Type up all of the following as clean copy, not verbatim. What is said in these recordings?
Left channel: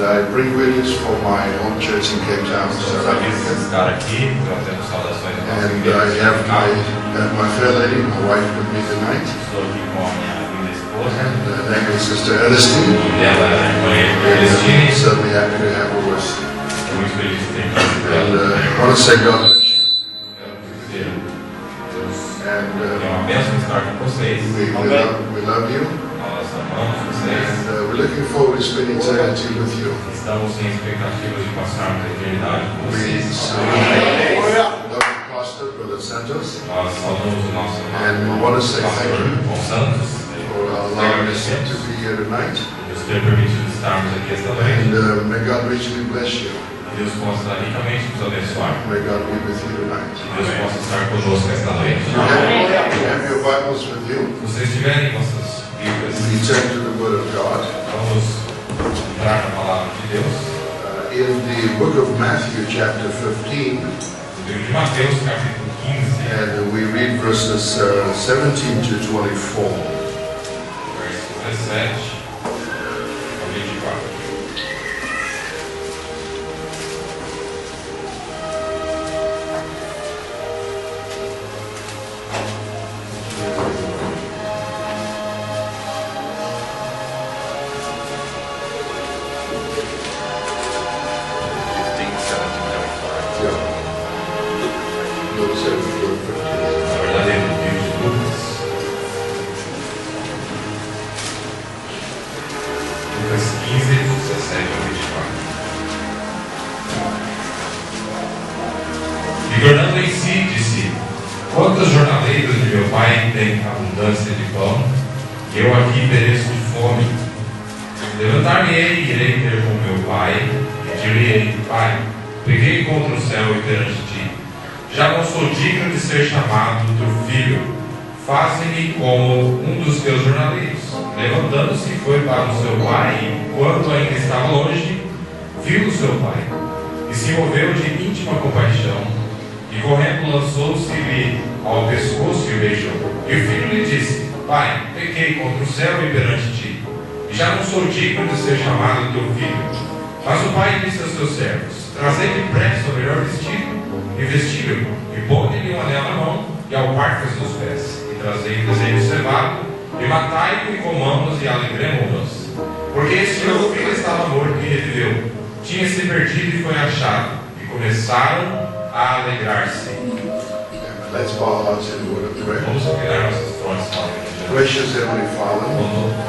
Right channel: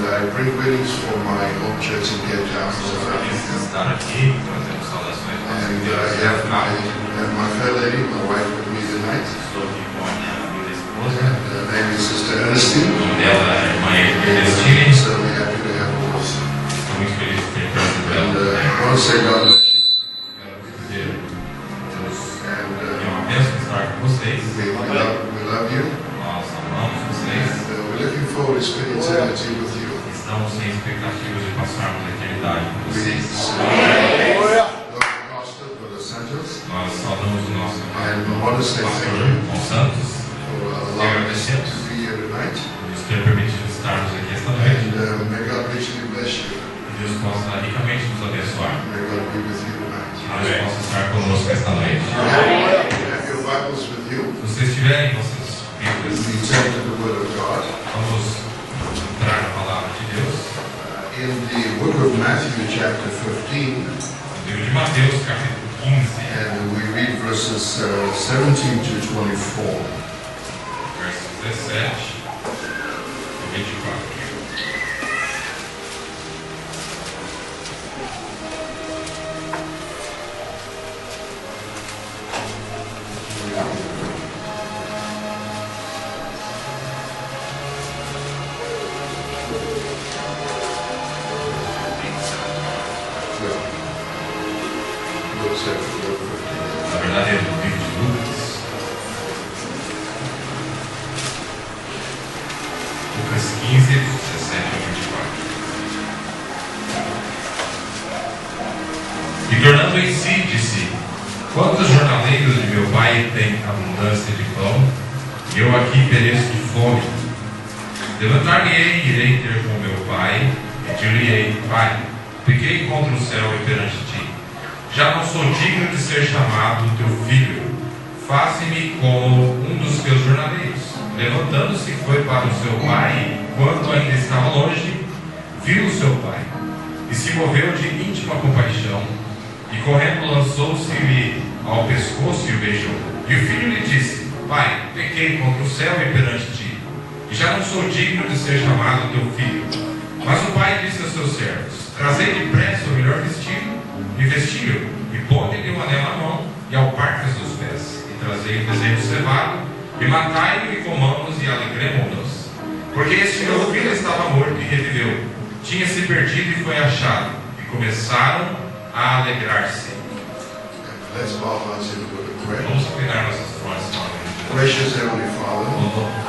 And I bring greetings for my home church in Cape Town, South Africa. And I have my fair lady, my wife, with me tonight. And her name is Sister Ernestine. And certainly happy to have her with us. And I want to say God bless you. And we love you. And we're looking forward to spending eternity with you. Estamos em expectativa de passarmos a eternidade com We vocês. love the pastor, Brother Santos. Nós saudamos o nosso And we want to say thank pastor, you João Santos, for allowing us to be here tonight. por nos ter permitido estarmos aqui esta noite. And may God richly bless you. Que Deus possa ricamente nos abençoar. May God be with you tonight. Que Deus possa estar conosco esta noite. You have your Bibles with you. Se vocês tiverem vossas Bíblias, We turn to the Word of God. vamos entrar na palavra de Deus. In the book of Matthew, chapter 15, No livro de Mateus, capítulo 15, and we read verses 17 to 24. verso 17 a 24. Yeah. Luke 7, Luke 15. Na verdade, é no livro de Lucas. Lucas 15, 17 a 24. E tornando em si, disse: Quantos jornaleiros de meu pai têm abundância de pão, e eu aqui pereço de fome? Levantar-me-ei e irei ter com meu pai, e dir-lhe-ei: Pai, peguei contra o céu e perante ti. Já não sou digno de ser chamado teu filho. Faze-me como um dos teus jornaleiros. Levantando-se, foi para o seu pai, e, quando ainda estava longe, viu o seu pai, e se moveu de íntima compaixão, e correndo lançou-se-lhe ao pescoço e o beijou. E o filho lhe disse: Pai, pequei contra o céu e perante ti, e já não sou digno de ser chamado teu filho. Mas o pai disse aos seus servos: Trazei depressa o melhor vestido, e vestiu-o, e ponde-lhe um anel na mão, e alparcas nos pés, e trazei o bezerro cevado, e matai-o, e comamos, e alegremo-nos. Porque este meu filho estava morto e reviveu, tinha-se perdido e foi achado, e começaram a alegrar-se. Let's bow our hearts in the word of prayer. Vamos inclinar nossas frontes para o Gracious Heavenly Father,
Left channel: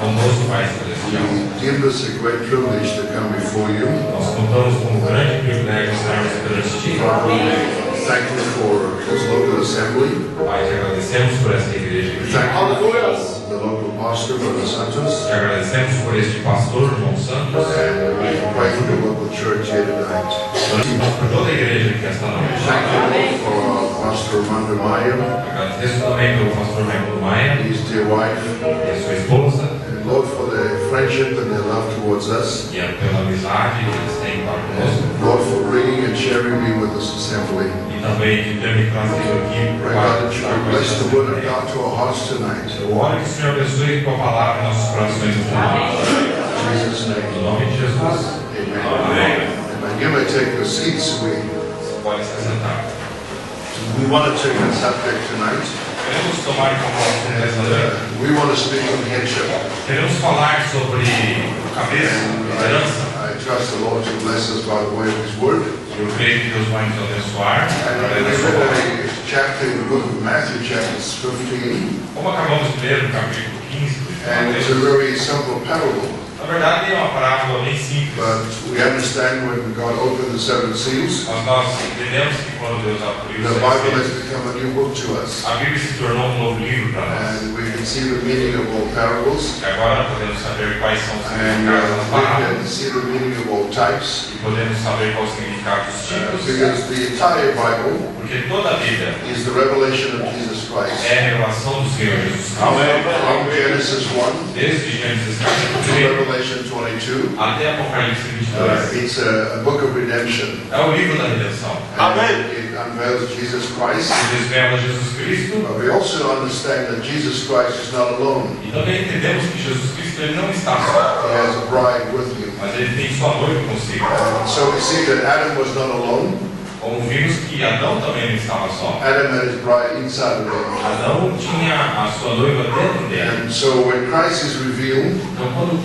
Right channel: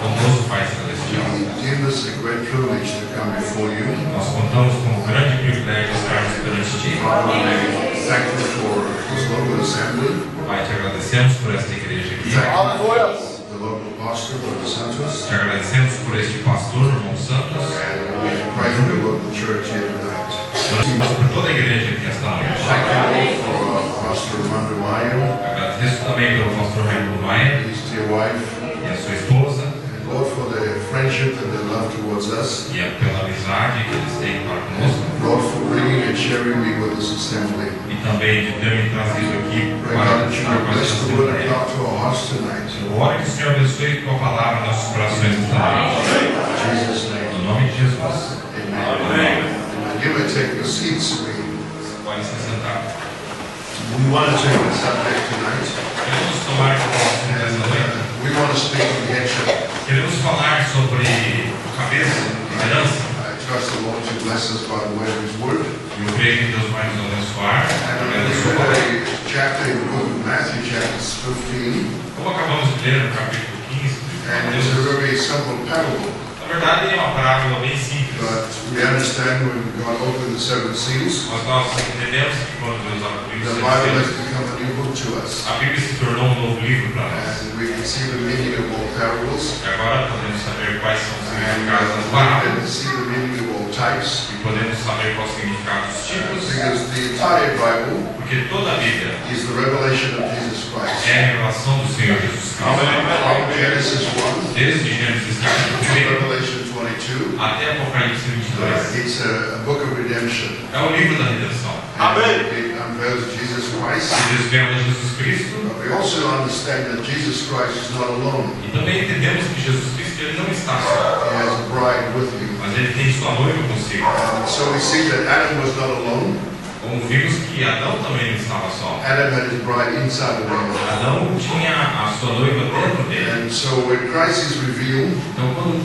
conosco, Pai Celestial. we deem this a great privilege to come before you. Nós contamos com um grande privilégio estarmos perante Ti. Father, we thank you for this local assembly. Pai, te agradecemos por esta igreja We aqui. thank you for the local pastor, Brother Santos. Te agradecemos por este pastor, João Santos. And we pray for the local church here tonight. Agradecemos por toda a igreja aqui esta noite. Thank you for Pastor Armando Maia, Agradeço também pelo pastor Raimundo Maia his dear wife, e a sua esposa, and Lord, for their friendship and their love towards us. e pela amizade que eles têm para conosco. Lord, for bringing and sharing me with this assembly. E também de ter me trazido aqui Pray para God that you estar will com bless esta the word of igreja. God to our hearts tonight. Eu oro que o Senhor abençoe tua palavra em nossos corações esta noite. In Jesus' name. No nome de Jesus. Amen. And you may take your seats. Você pode se sentar. We want to turn the subject tonight. Queremos tomar como assunto esta noite. We want to speak on headship. Queremos falar sobre cabeça, liderança. I trust the Lord to bless us by the way of His Word. Eu creio que Deus vai nos abençoar. And através da we sua palavra. read a chapter in the book of Matthew, chapter 15. Como acabamos de ler no capítulo 15 de And it's a Mateus, very simple parable. na verdade é uma parábola bem simples. But we understand when God opened the seven seas, Mas nós entendemos que quando Deus abriu the os Bible has céus, become a new book to us. a Bíblia se tornou um novo livro para nós. And we can see the meaning of all parables. E agora podemos saber quais são os And significados das we parábolas. can see the meaning of all types. E podemos saber qual o significado dos tipos. Because the entire Bible Porque toda a Bíblia is the revelation of Jesus Christ. é a revelação do Senhor Jesus Cristo. From Genesis 1 Desde Gênesis to capítulo 1 Revelation 22, até Apocalipse 22. it's a book of redemption. É o livro da redenção. And it unveils Jesus Christ. Que desvela Jesus Cristo. But we also understand that Jesus Christ is not alone. E também entendemos que Jesus Cristo ele não está só, He has a bride with him. mas mas ele tem sua noiva consigo. And so we see that Adam was not alone. Como vimos que Adão também não estava só. Adam had his bride inside of him. Adão tinha a sua noiva dentro dele. And so when Christ is revealed, Então quando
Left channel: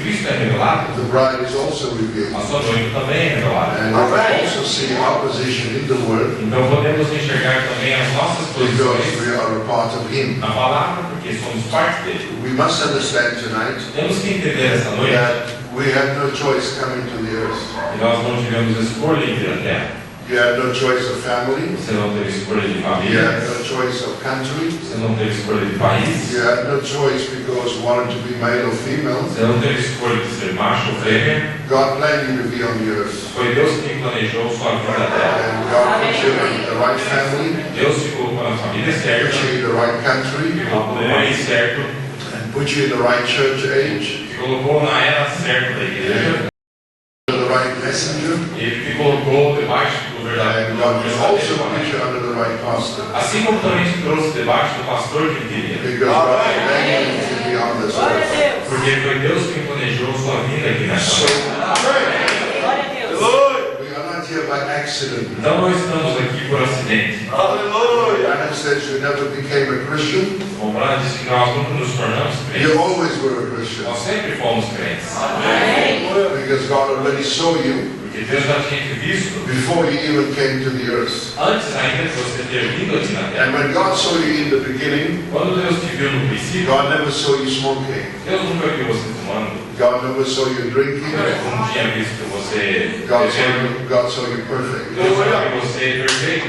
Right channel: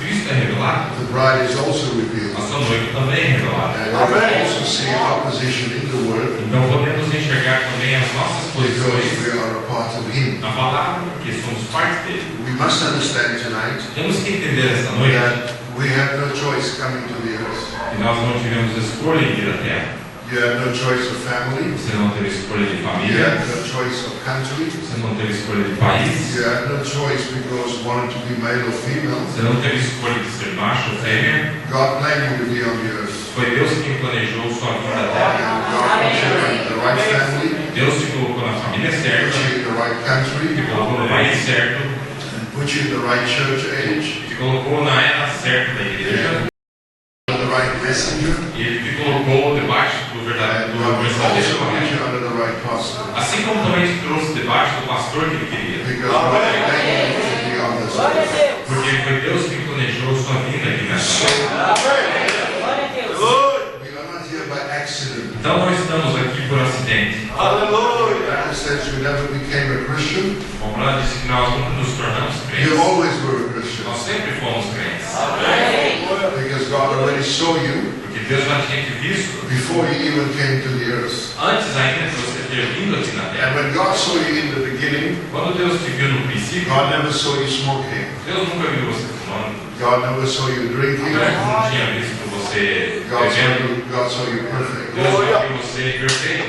Cristo é revelado, the bride is also revealed. a sua noiva também é revelada. And we also see our position in the Word Então podemos enxergar também as nossas because posições we are a part of Him. na palavra, porque somos parte dele. We must understand tonight Temos que entender esta noite that we have no choice coming to the earth. que nós não tivemos escolha em vir à terra. You have no choice of family. Você não teve escolha de You família, have no choice of country. você não teve escolha de país, You have no choice because you wanted to be male or female. você não teve escolha de ser macho ou fêmea. God planned you to be on the earth. Foi Deus quem planejou sua vida na terra. And God put you in the right family, Deus te colocou na família put certa, you in the right te country, colocou no país certo, and put you in the right church age, te colocou na era certa da igreja, the right messenger, e Ele te colocou debaixo do verdadeiro and God will also mensageiro. put you under the right pastor. Assim como também te trouxe debaixo do pastor que ele queria. Because God planned you to be on this earth. Porque foi Deus quem planejou sua vida aqui nessa So, terra. we are not here by accident. Então nós estamos aqui por acidente. Adam says you never became a Christian. Como ela disse que nós nunca nos tornamos You crentes. always were a Christian. Nós sempre fomos crentes. Because God already saw you Porque Deus já tinha te visto before you even came to the earth. antes ainda de você ter vindo aqui na terra. And when God saw you in the beginning, Quando Deus te viu no princípio, God never saw you smoking. Deus nunca viu você fumando. God never saw you drinking. Deus não tinha visto você bebendo. God saw you perfect. Deus só viu você perfeito.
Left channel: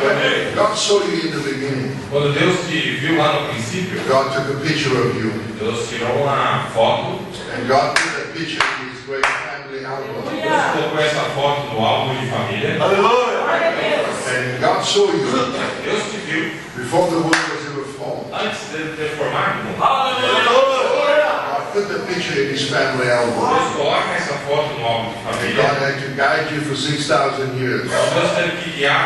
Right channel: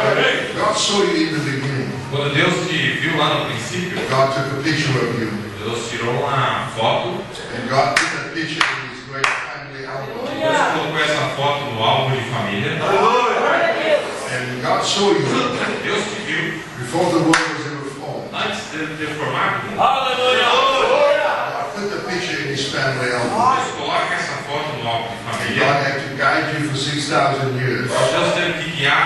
When God saw you in the beginning, Quando Deus te viu lá no princípio, God took a picture of you. Deus tirou uma foto. And God put that picture in His great family album. Deus colocou essa foto no álbum de família. And God saw you Deus te viu before the world was ever formed. antes de ele ter formado. God put the picture in His family album. Deus coloca essa foto no álbum de And família. God had to guide you for 6,000 years Deus teve que guiar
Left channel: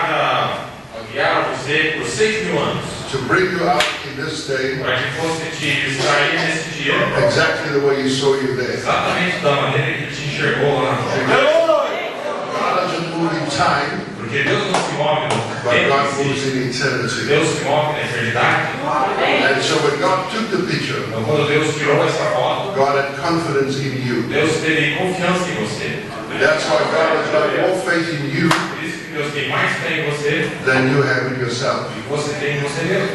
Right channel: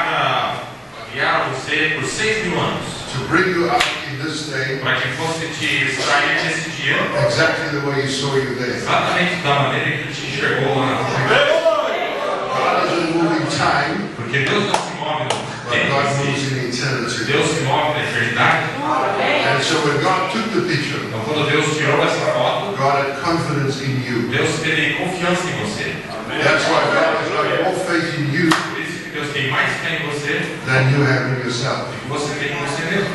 você por 6.000 anos. to bring you out in this day Para que fosse te extrair nesse dia. exactly the way He saw you there. Exatamente da maneira que ele te enxergou lá na frente. God doesn't move in time, Porque Deus não se move no but tempo God em si. moves in eternity. Deus se move na eternidade. And so when God took the picture, Então quando Deus tirou essa foto, God had confidence in you. Deus teve confiança em você. That's why God has got more faith in you Por isso que Deus tem mais fé em você than you have in yourself. do que você tem em você mesmo.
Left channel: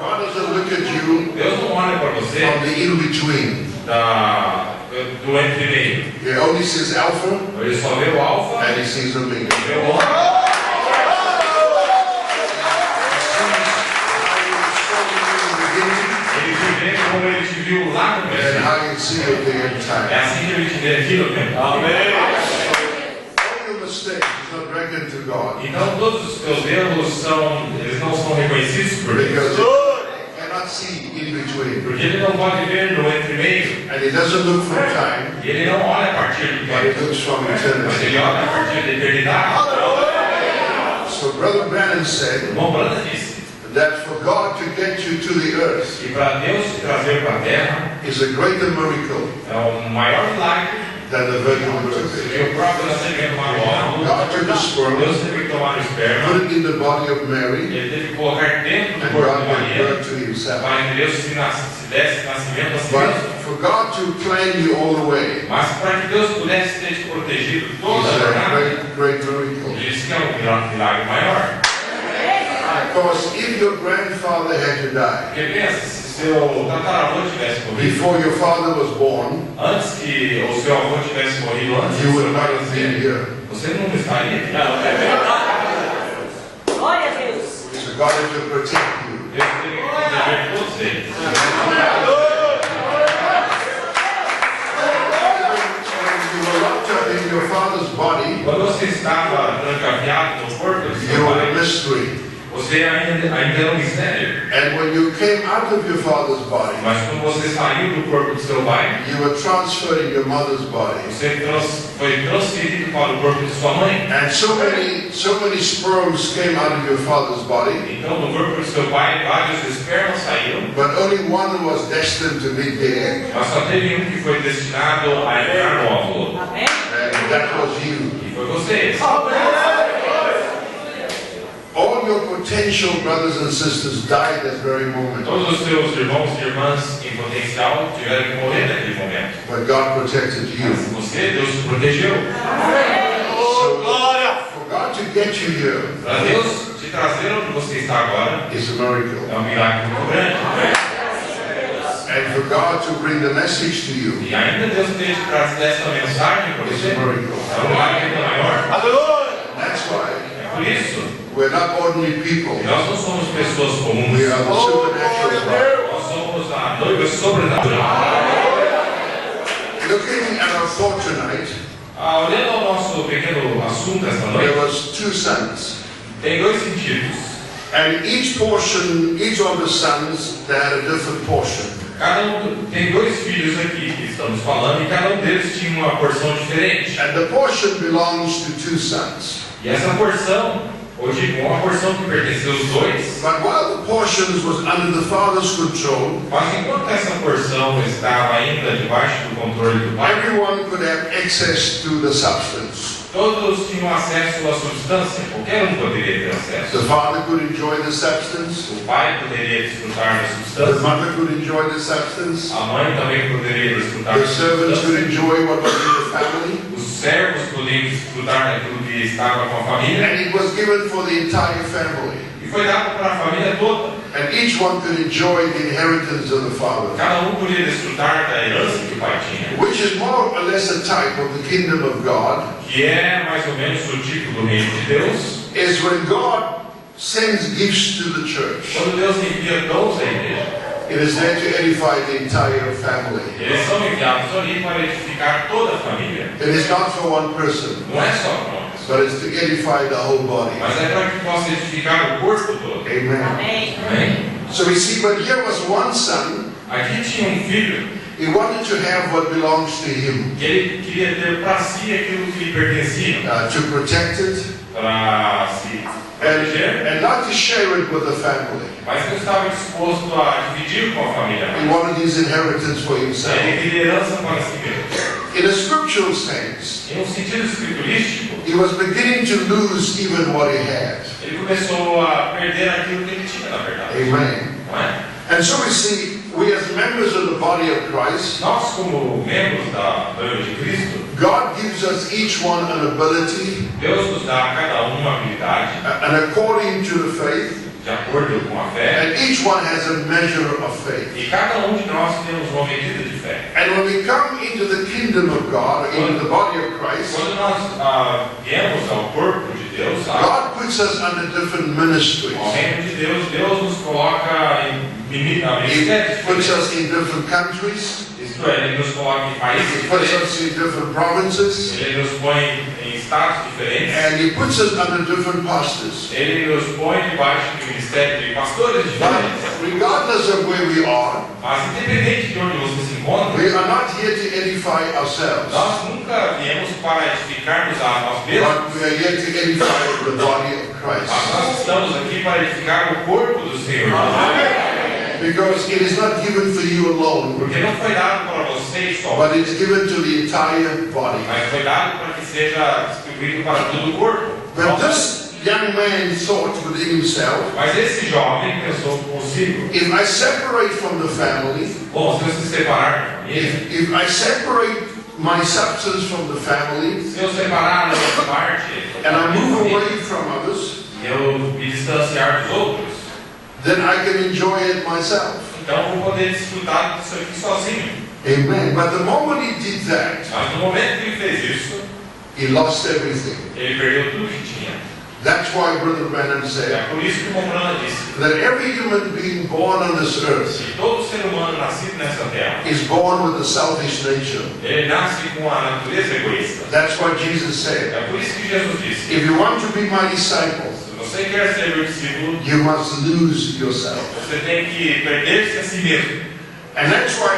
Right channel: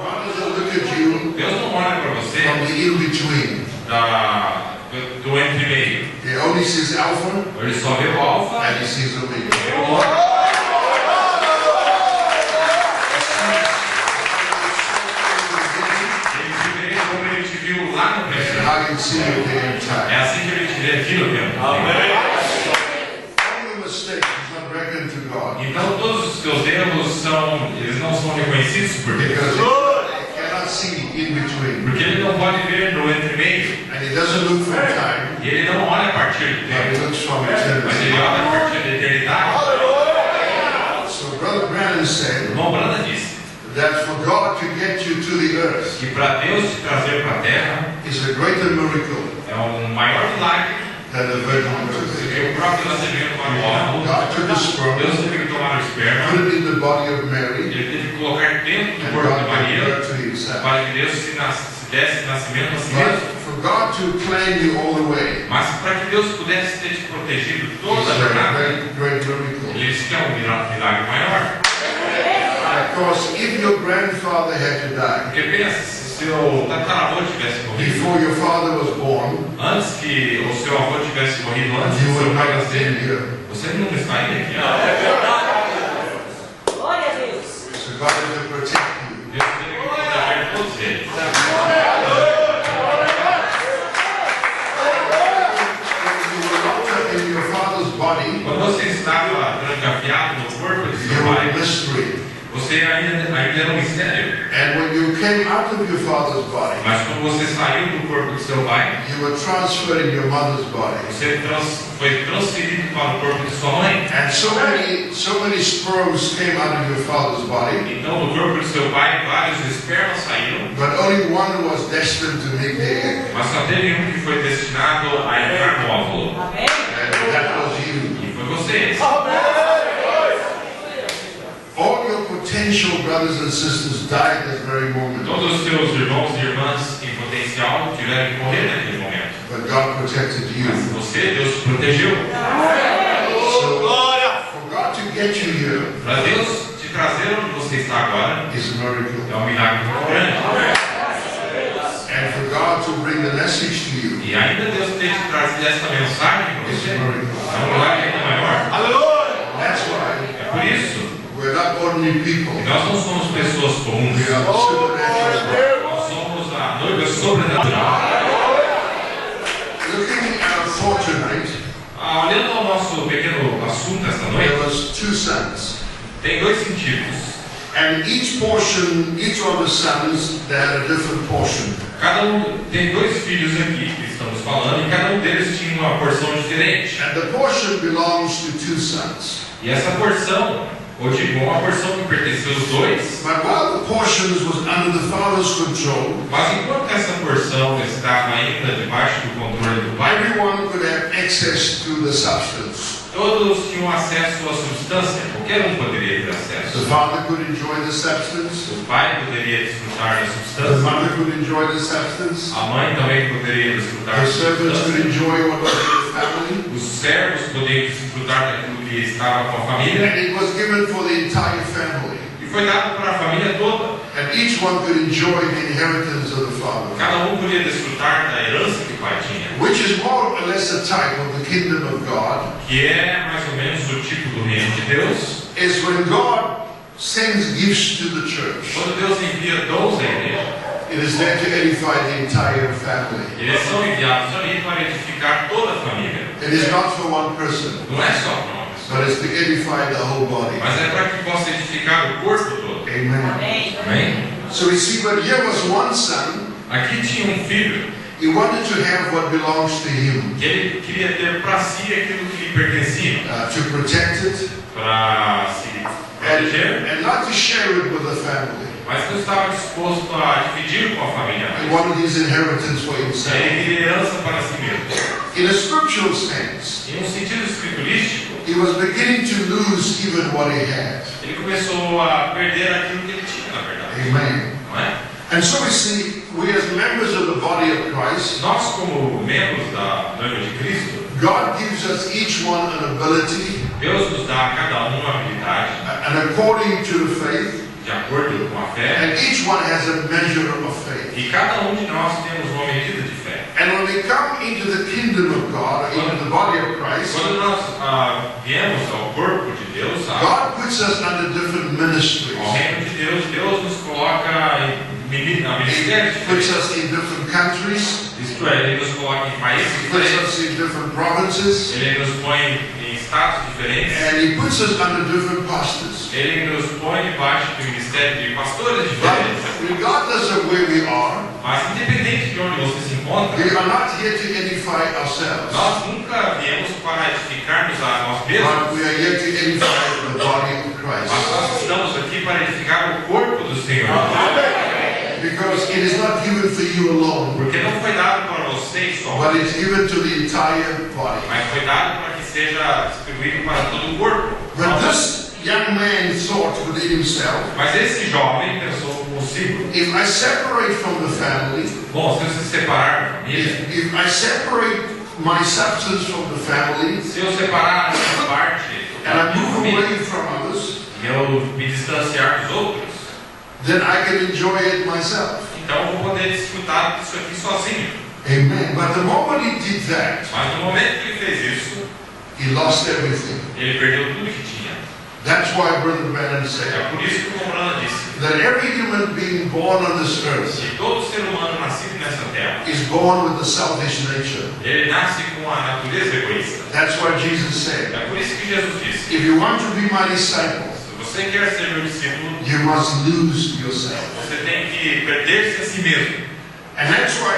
God doesn't look at you Deus não olha para você from the in-between. do entre meio. He only sees Alpha Ele só vê o alfa and He sees Omega. e vê o ômega. Ele te vê como ele te viu lá no And princípio. how you see your day and É time. assim que ele te vê aqui no tempo. All your mistakes is not reckoned to God Então todos os teus erros eles não são reconhecidos por Deus. because He cannot see in between. Porque ele não pode ver no entre meio. And He doesn't look from time, E ele não olha a partir do but He tempo. looks from Mas eternity. ele olha a partir da eternidade. So Brother Branham said Irmão Branda disse that for God to get you to the earth que para Deus te trazer para a terra is a greater miracle é um maior milagre than the virgin birth. do que o próprio nascimento manual. God took the sperm, Deus teve que tomar o esperma, put it in the body of Mary, ele teve que colocar dentro do and corpo de God gave Maria birth to Himself. para que Deus se desse nascimento a si But mesmo. for God to plan you all the way Mas para que Deus pudesse ter te protegido toda a is a jornada, great miracle. ele disse que é um milagre maior. Because if your grandfather had to die Porque pensa, se seu tataravô tivesse morrido, before your father was born, antes que o seu avô tivesse morrido, antes you do would seu pai not have been nascer, here. você não estaria aqui. Glória a Deus. So God had to protect you. Deus teve que proteger todos eles. So when you were locked up in your father's body, Quando você estava trancafiado no corpo de you seu were a pai, mystery. você ainda era um mistério. And when you came out of your father's body, Mas quando você saiu do corpo do seu pai, you were transferring your mother's body. você foi transferido para o corpo de sua mãe. And so many sperms came out of your father's body, Então, do corpo de seu pai, vários espermas saíram, but only one was destined to meet the egg, mas só teve um que foi destinado a entrar no óvulo, and that was you. que foi você. All your potential brothers and sisters died at that very moment, Todos os seus irmãos e irmãs em potencial tiveram que morrer naquele momento. but God protected you. Mas você, Deus te protegeu. So, for God to get you here Para Deus te trazer onde você está agora, is a miracle. é um milagre muito grande. And for God to bring the message to you E ainda Deus ter te trazido essa mensagem para is você, a é miracle. um milagre ainda maior. That's why É por isso, we're not ordinary people. nós não somos pessoas comuns. We are the supernatural bride. Nós somos a noiva sobrenatural. Looking at our thought tonight, Olhando ao nosso pequeno assunto esta there noite, was two sons. tem dois sentidos. And each of the sons, they had a different portion. Tem dois filhos aqui que estamos falando e cada um deles tinha uma porção diferente. And the portion belongs to two sons. E essa porção, ou digo, uma porção que pertenceu aos dois, But while the portions was under the father's control, mas enquanto essa porção estava ainda debaixo do controle do pai, everyone could have access to the substance. todos tinham acesso à substância, qualquer um poderia ter acesso. The father could enjoy the substance. O pai poderia desfrutar da The substância, mother could enjoy the substance. a mãe também poderia desfrutar The da servants could substância, enjoy what was in the family. os servos poderiam desfrutar daquilo que estava com a família, And it was given for the entire family. e foi dado para a família toda. And each one could enjoy the inheritance of the father, Cada um podia desfrutar da herança que o pai tinha, which is more or less a type of the kingdom of God. que é mais ou menos o tipo do reino de Deus. Is when God sends gifts to the church, Quando Deus envia dons à igreja, it is there to edify the entire family. eles são enviados ali para edificar toda a família. It is not for one person, Não é só para uma pessoa, but it's to edify the whole body. mas é para que possa edificar o corpo todo. Amen. Amém? So we see, but here was one son. Aqui tinha um filho He wanted to have what belongs to him, que ele queria ter para si aquilo que lhe pertencia, to protect it, para se proteger, and not to share it with the family. mas não estava disposto a dividir com a família. He wanted his inheritance for himself. Ele queria herança para si mesmo. In a scriptural sense, Em um sentido escriturístico, he was beginning to lose even what he had. ele começou a perder aquilo que ele tinha, na verdade. Amen. Não é? And so we see, we as members of the body of Christ, Nós, como membros da noiva de Cristo, God gives us each one an ability, Deus nos dá a cada um uma habilidade and according to the faith, de acordo com a fé, and each one has a measure of faith. e cada um de nós temos uma medida de fé. And when we come into the kingdom of God, into the body of Christ, Quando nós viemos ao corpo de Deus, God puts us under different ministries. ao reino de Deus, Deus nos coloca em ministérios He puts diferentes. us in different countries. Isto é, Ele nos coloca em países He puts diferentes, us in different provinces. Ele nos põe em estados diferentes, And He puts us under different pastors. Ele nos põe debaixo de ministério de pastores diferentes. But regardless of where we are, Mas independente de onde você se encontra, we are not here to edify ourselves, nós nunca viemos para edificar-nos a nós mesmos, but we are here to edify the body of mas Christ. nós estamos aqui para edificar o corpo do Senhor. Because it is not given for you alone, Porque não foi dado para vocês só, but it's given to the entire body. mas foi dado para que seja distribuído para todo o corpo. When this young man thought within himself, Mas esse jovem pensou consigo: if I separate from the family, bom, se eu se separar da família, if I separate my substance from the family, se eu separar a minha parte and I da minha move família, away from others, e eu me distanciar dos outros, then I can enjoy it myself. então eu vou poder desfrutar disso aqui sozinho. Amen. But the moment he did that, Mas no momento que ele fez isso, he lost everything. ele perdeu tudo que tinha. That's why Brother Branham É said por isso que o Romano disse that every human being born on this earth que todo ser humano nascido nessa terra, is born with a selfish nature. ele nasce com a natureza egoísta. That's what Jesus said. É por isso que Jesus disse: If you want to be my disciple, se você você quer ser meu discípulo, you must lose yourself. você tem que perder-se a si mesmo. And that's why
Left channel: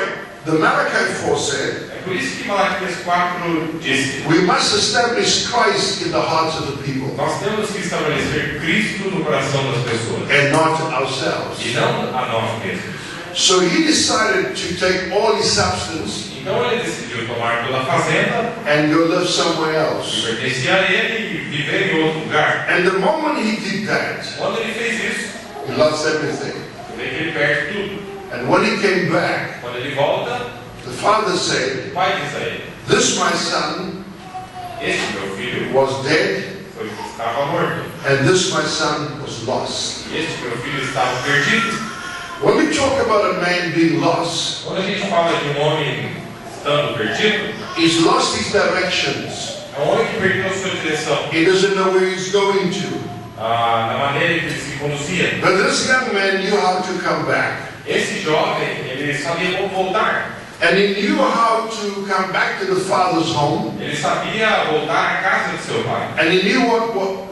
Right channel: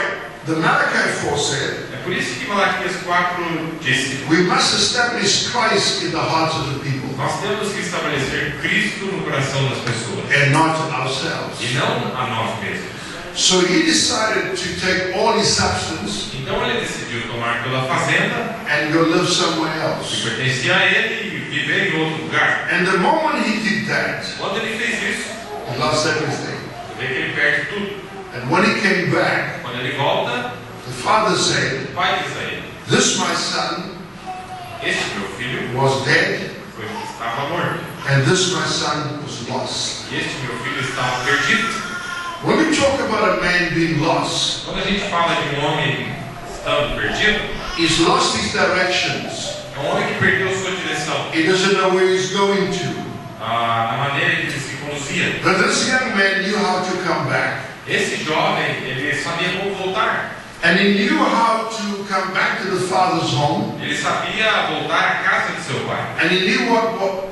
the Malachi 4 said, É por isso que Malaquias 4 disse: we must establish Christ in the hearts of the people nós temos que estabelecer Cristo no coração das pessoas and not ourselves. e não a nós mesmos. So he decided to take all his substance Então ele decidiu tomar toda a fazenda and go live somewhere que else. pertencia a ele e viver em outro lugar. And the moment he did that, Quando ele fez isso, he lost everything. você vê que ele perde tudo. And when he came back, Quando ele volta, the father said, o pai diz a ele: this my son este meu filho was dead, estava morto, and this my son was lost. e este meu filho estava perdido. When we talk about a man being lost, Quando a gente fala de um homem estando perdido, he's lost his directions. é um homem que perdeu sua direção, He doesn't know where he's going to. na maneira em que ele se conduzia. But this young man knew how to come back. Esse jovem, ele sabia como voltar. And he knew how to come back to the father's home. Ele sabia voltar à casa de seu pai. And he knew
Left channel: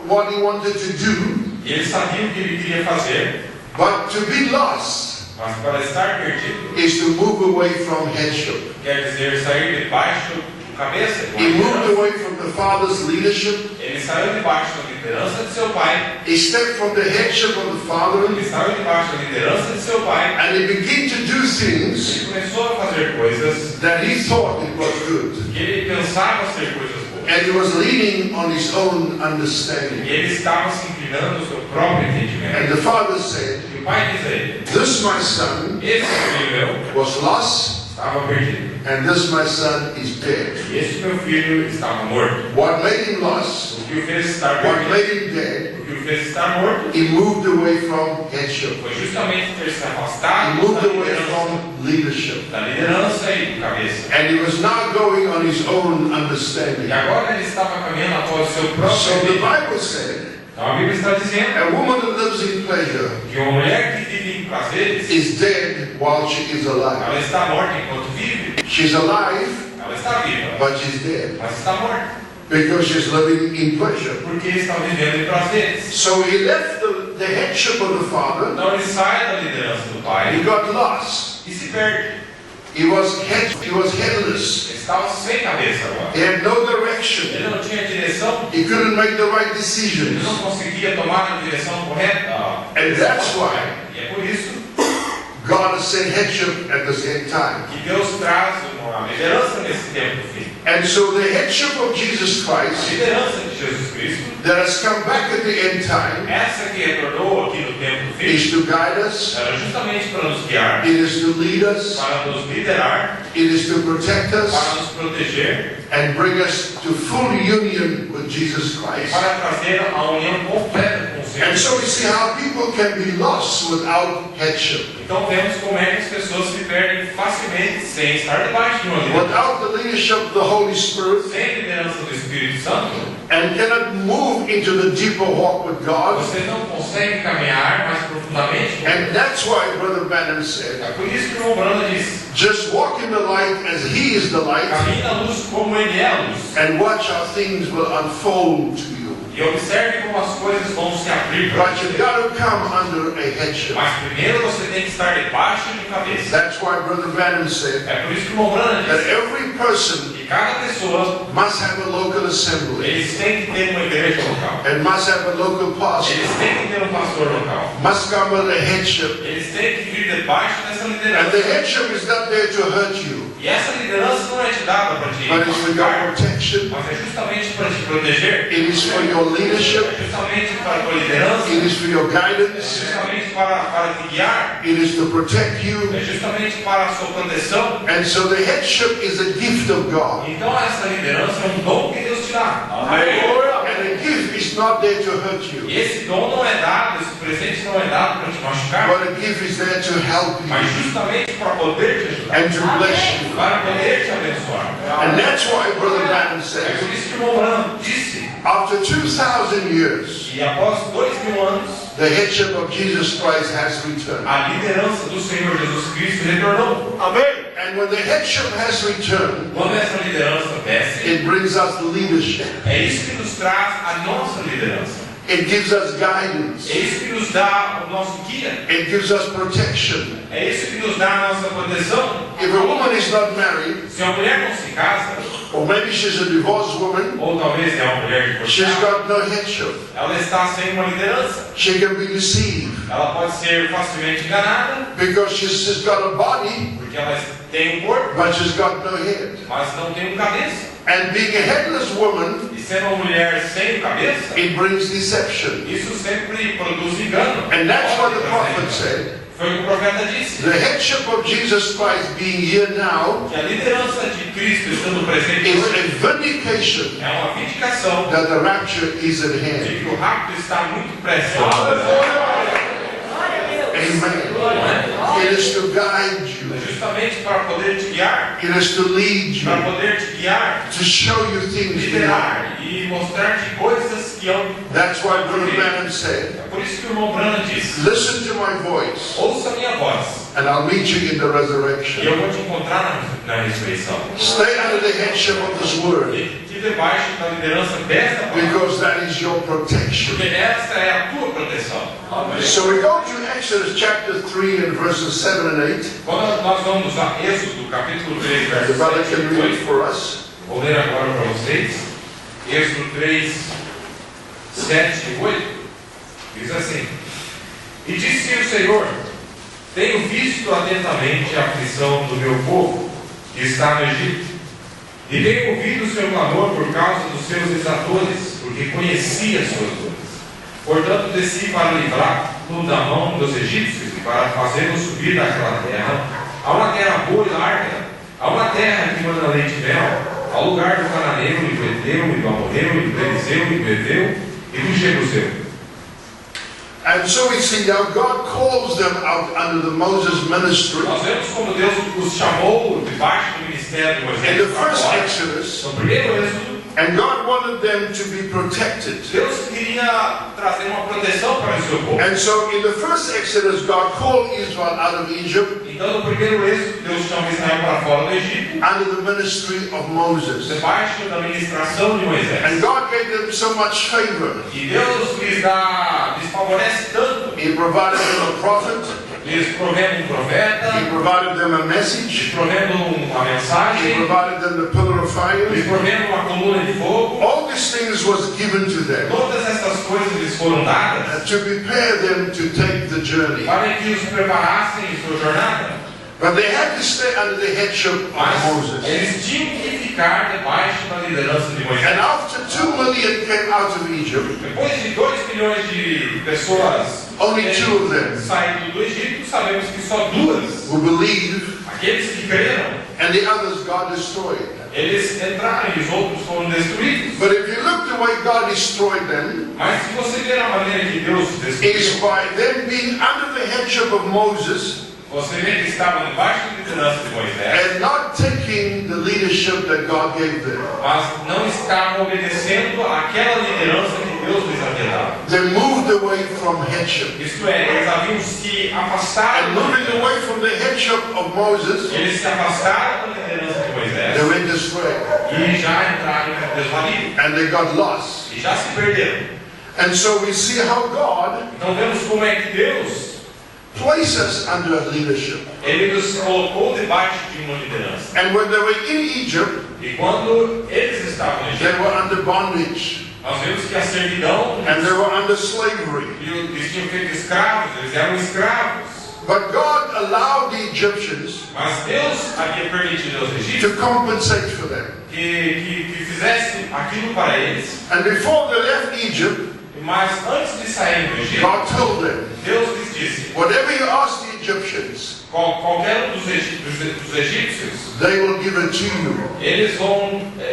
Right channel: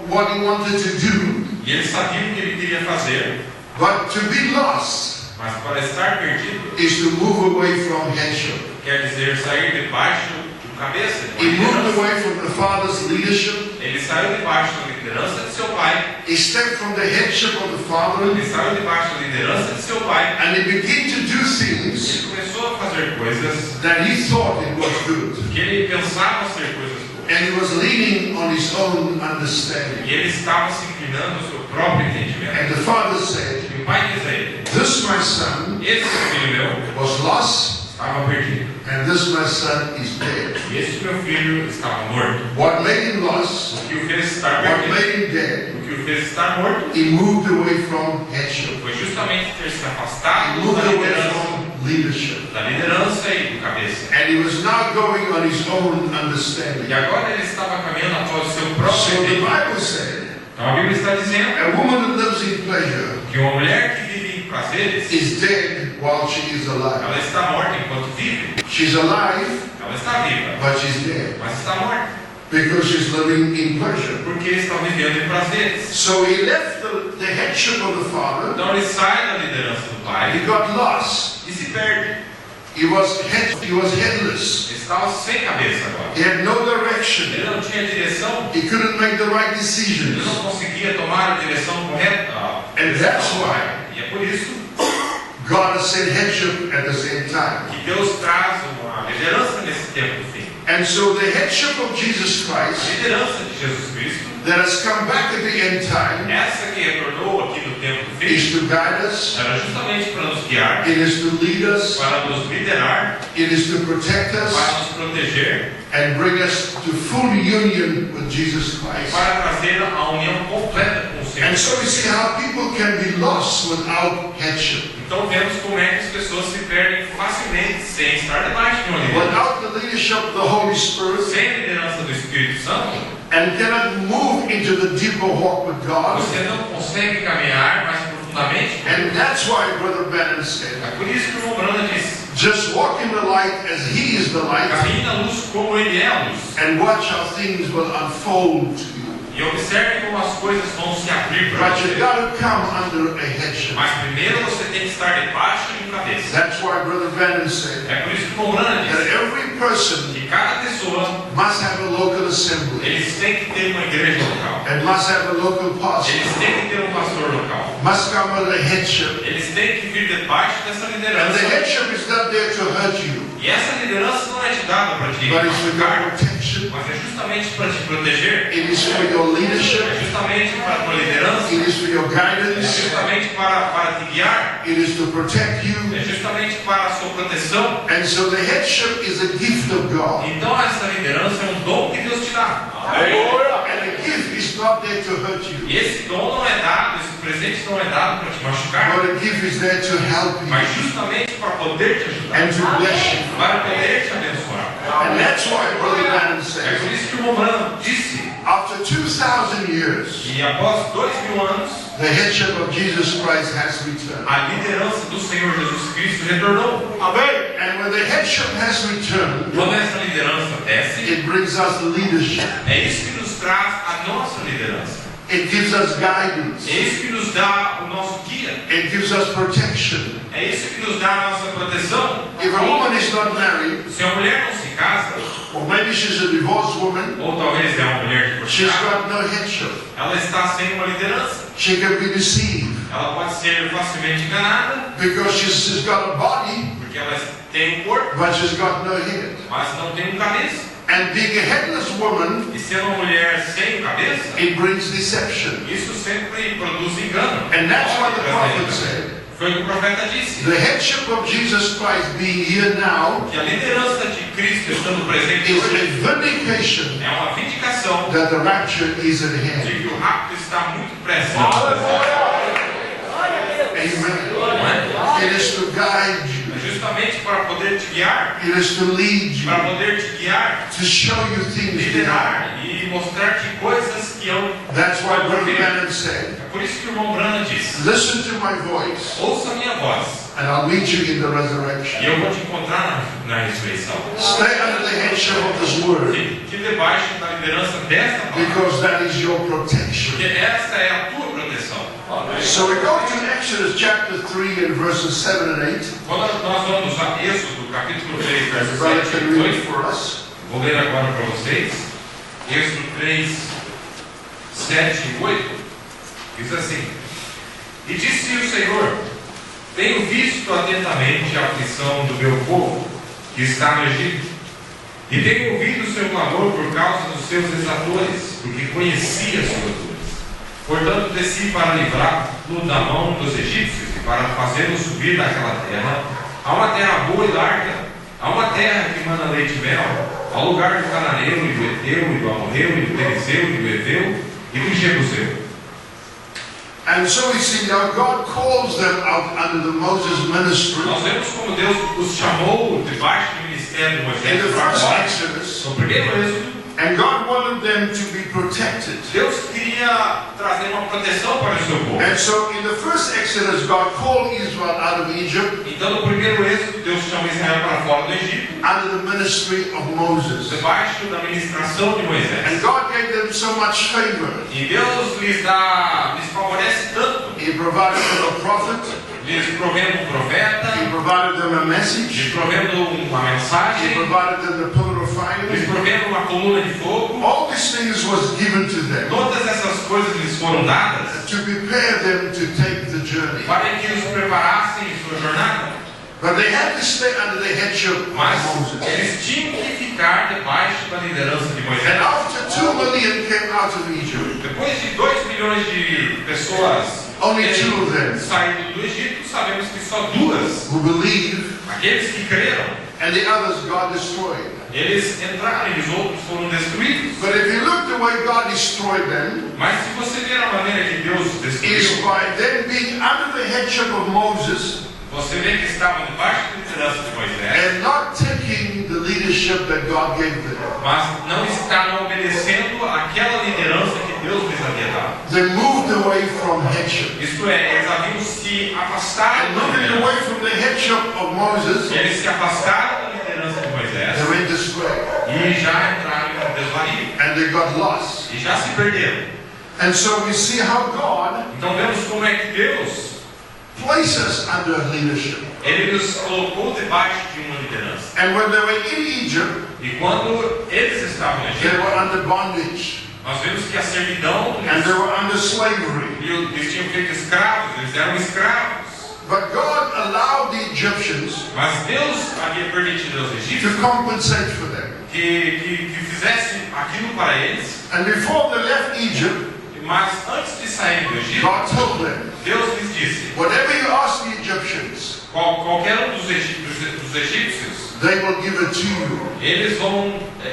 what he wanted to do. E ele sabia o que ele queria fazer. But to be lost Mas para estar perdido, is to move away from headship. quer dizer sair debaixo do cabeça. He moved away from the father's leadership. Ele saiu debaixo da liderança de seu pai. He stepped from the headship of the father. Ele saiu debaixo da liderança de seu pai. And he began to do things Ele começou a fazer coisas that he thought it was good. que ele pensava ser coisas boas. And he was leaning on his own understanding. E ele estava se inclinando ao seu próprio entendimento. And the father said, E o pai diz a ele: this my son esse filho meu was lost, estava perdido. and this my son is dead. E este meu filho estava morto. What made him lost, O que o fez estar what perdido, made him dead, o que o fez estar morto, he moved away from headship. foi justamente ter se He afastado moved da away liderança, from leadership. e do cabeça. And he was now going on his own E understanding. agora ele estava caminhando após o seu próprio So the entendimento. Bible said, Então a Bíblia está dizendo a woman that lives in pleasure que uma mulher que vive em prazeres, is dead while she is alive. ela está morta enquanto vive. She's alive, Ela está viva, but she's dead mas está morta, because she's living in pleasure. porque está vivendo em prazeres. So he left the headship of the father. Então ele sai da liderança do He pai got lost. e se perde. He was headless. Ele estava sem cabeça agora. He had no direction. Ele não tinha direção, He couldn't make the right ele decisions. não conseguia tomar a direção correta. And that's why E é por isso God has sent headship at the same time. que Deus traz uma liderança nesse tempo do fim. And so the headship of Jesus A Christ liderança de Jesus Cristo, that has come back at the end time essa que retornou aqui no tempo do fim, is to guide us, era justamente para nos guiar, it is to lead us, para nos liderar, it is to protect us, para nos proteger, and bring us to full union with Jesus Christ. para trazer a união completa com o Senhor. And so we see how people can be lost without headship. Então vemos como é que as pessoas se perdem facilmente sem estar debaixo de uma liderança, Without the leadership of the Holy Spirit, sem a liderança do Espírito Santo. and cannot move into the deeper walk with God. Você não consegue caminhar mais profundamente. And that's why Brother Branham said, É por isso que o irmão Branda disse: just walk in the light as He is the light, caminhe na luz como ele é a luz. and watch how things will unfold to you. E observe como as coisas vão se abrir para But you've você. got to come under a headship. Mas primeiro você tem que estar debaixo de cabeça. That's why Brother Branham said É por isso que o irmão Branda that disse every person que cada pessoa, must have a local assembly, eles têm que ter uma igreja local. and must have a local pastor, Eles têm que ter um pastor local. must come under a headship. Eles têm que vir debaixo dessa And the liderança. headship is not there to hurt you, E essa liderança não é te dada para te but it's for your machucar, protection, mas é justamente para te proteger. it is for your leadership, É justamente para a tua liderança. it is for your É guidance, justamente para te guiar. it is to protect you. É justamente para a sua proteção. And so the headship is a gift of God. Então essa liderança é um dom que Deus te dá. And a gift is not there to hurt you, E esse dom não é dado, esse presente não é dado para te machucar, but a gift is there to help mas you justamente para poder te ajudar, and to bless you. para poder te abençoar. And that's why Brother Branham É says, por isso que o irmão Branham disse after 2,000 years, que após 2000 anos, the headship of Jesus Christ has returned. a liderança do Senhor Jesus Cristo retornou. Amen. And when the headship has returned, Quando essa liderança desce, it brings us leadership. é isso que nos traz a nossa liderança. It gives us guidance. É isso que nos dá o nosso guia. It gives us protection. É isso que nos dá a nossa proteção. If a woman is not married, Se a mulher não se casa, or maybe she's a divorced woman, ou talvez é uma mulher she's divorciada, got no headship. ela está sem uma liderança. She can be deceived Ela pode ser facilmente enganada, because she's got a body, porque ela tem um corpo, but she's got no head. mas não tem um cabeça. And being a headless woman, E sendo uma mulher sem cabeça, it brings deception. isso sempre produz engano. And that's what the Pode trazer prophet engano. said. Foi o que o profeta disse. The headship of Jesus Christ being here now Que a liderança de Cristo estando presente is hoje a vindication é uma vindicação that the rapture is at de hand. que o rapto está muito presente. Amen. It is to guide you. É justamente para poder te guiar, It is to lead para you, poder te guiar, to show you things to happen. liderar e mostrar-te coisas que hão. That's why Brother Branham said, É por isso que o irmão Branham disse: listen to my voice, ouça a minha voz and I'll meet you in the e resurrection. eu vou te encontrar na ressurreição. Stay under the headship of His Word, Que debaixo da liderança desta palavra, because that is your protection. porque essa é a tua proteção. So we go to Exodus chapter 3 and verses 7 and 8. Quando nós vamos a Êxodo, capítulo 3, The verso brother 7 can e read 8, it for us. vou ler agora para vocês. Êxodo 3, 7 e 8, diz assim: E disse o Senhor: Tenho visto atentamente a aflição do meu povo, que está no Egito, e tenho ouvido o seu clamor por causa dos seus exatores, porque conheci as suas dores. Portanto, desci para livrá-lo da mão dos egípcios e para fazê-lo subir daquela terra, a uma terra boa e larga, a uma terra que manda leite e mel, ao lugar do cananeiro e do heteu e do amorreu e do perizeu e do heveu e do jebuseu. And so we see now God calls them out under the Moses ministry. Nós vemos como Deus os chamou debaixo do ministério de In Moisés the para first fora. Exodus, No primeiro êxodo, and God wanted them to be protected. Deus queria trazer uma proteção para o seu povo. And so in the first Exodus, God called Israel out of Egypt Então, no primeiro êxodo, Deus chama Israel para fora do Egito, under the ministry of Moses. debaixo da ministração de And Moisés. God gave them so much favor. E Deus lhes favorece tanto. He provided them a prophet. Lhes provendo um He profeta, provided them a lhes message. provendo uma He mensagem, provided them the pillar of lhes fire. provendo uma coluna de fogo. All these things was given to them Todas estas coisas lhes foram dadas to prepare them to take the journey. para que os preparassem em sua jornada. But they had to stay under the headship of Mas Moses. eles tinham que ficar debaixo da liderança de And Moisés. after 2 million came out of Egypt, Depois de 2 milhões de pessoas only 2 of them saído do Egito, sabemos que só 2, who believed, aqueles que creram, and the others God destroyed. eles entraram e os outros foram destruídos. But if you look the way God destroyed them, Mas se você ver a maneira que Deus it is destruiu, by them being under the headship of Moses você vê que estavam debaixo da liderança de Moisés, and not taking the leadership that God gave them. mas não estavam obedecendo àquela liderança que Deus lhes havia dado. They moved away from headship. Isto é, eles haviam se afastado And da moving liderança. away from the headship of Moses, Eles se afastaram da liderança de they Moisés went astray e já entraram em desvario. and they got lost. E já se perderam. And so we see how God Então vemos como é que Deus, places us under leadership. Ele nos colocou debaixo de uma liderança. And when they were in Egypt, E quando eles estavam no they Egito, were under bondage nós vemos que a servidão, and they were under slavery. eles tinham feito escravos, eles eram escravos. But God allowed the Egyptians Mas Deus havia permitido aos to egípcios compensate for them. que fizessem aquilo para eles. And before they left Egypt, Mas antes de sair do Egito, God told them, Deus lhes disse: whatever you ask the Egyptians, qualquer um dos egípcios, they will give it to you.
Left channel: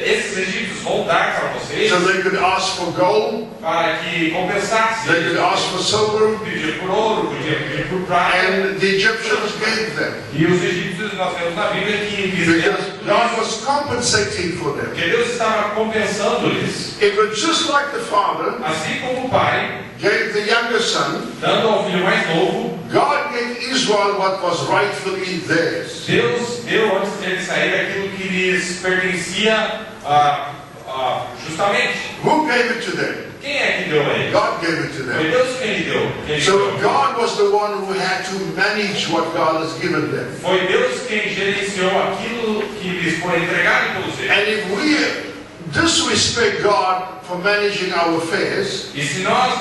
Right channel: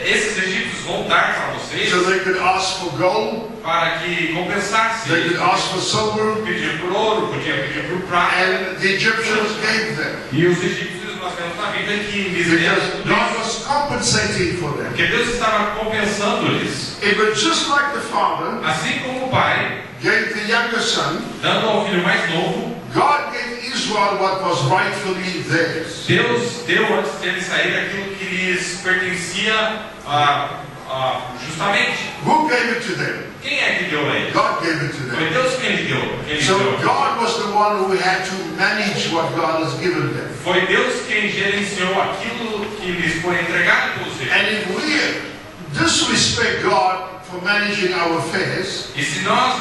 esses egípcios vão dar para vocês, So they could ask for gold, para que compensasse. they could ask for silver, Pedir por ouro, podia pedir por prata. and the Egyptians gave them. E os egípcios, nós vemos na Bíblia que Because God was compensating for them. porque Deus estava compensando-lhes. It was just like the father Assim como o pai, gave the younger son, dando ao filho mais novo, God gave Israel what was rightfully theirs. Deus deu antes de eles saírem aquilo que lhes pertencia justamente. Who gave it to them? Quem é que deu a ele? God gave it to Foi them. Deus quem lhe deu. So God was the one who had to manage what God has given them. Foi Deus quem gerenciou aquilo que lhes foi entregado pelos filhos. And if we disrespect God for managing our affairs, E se nós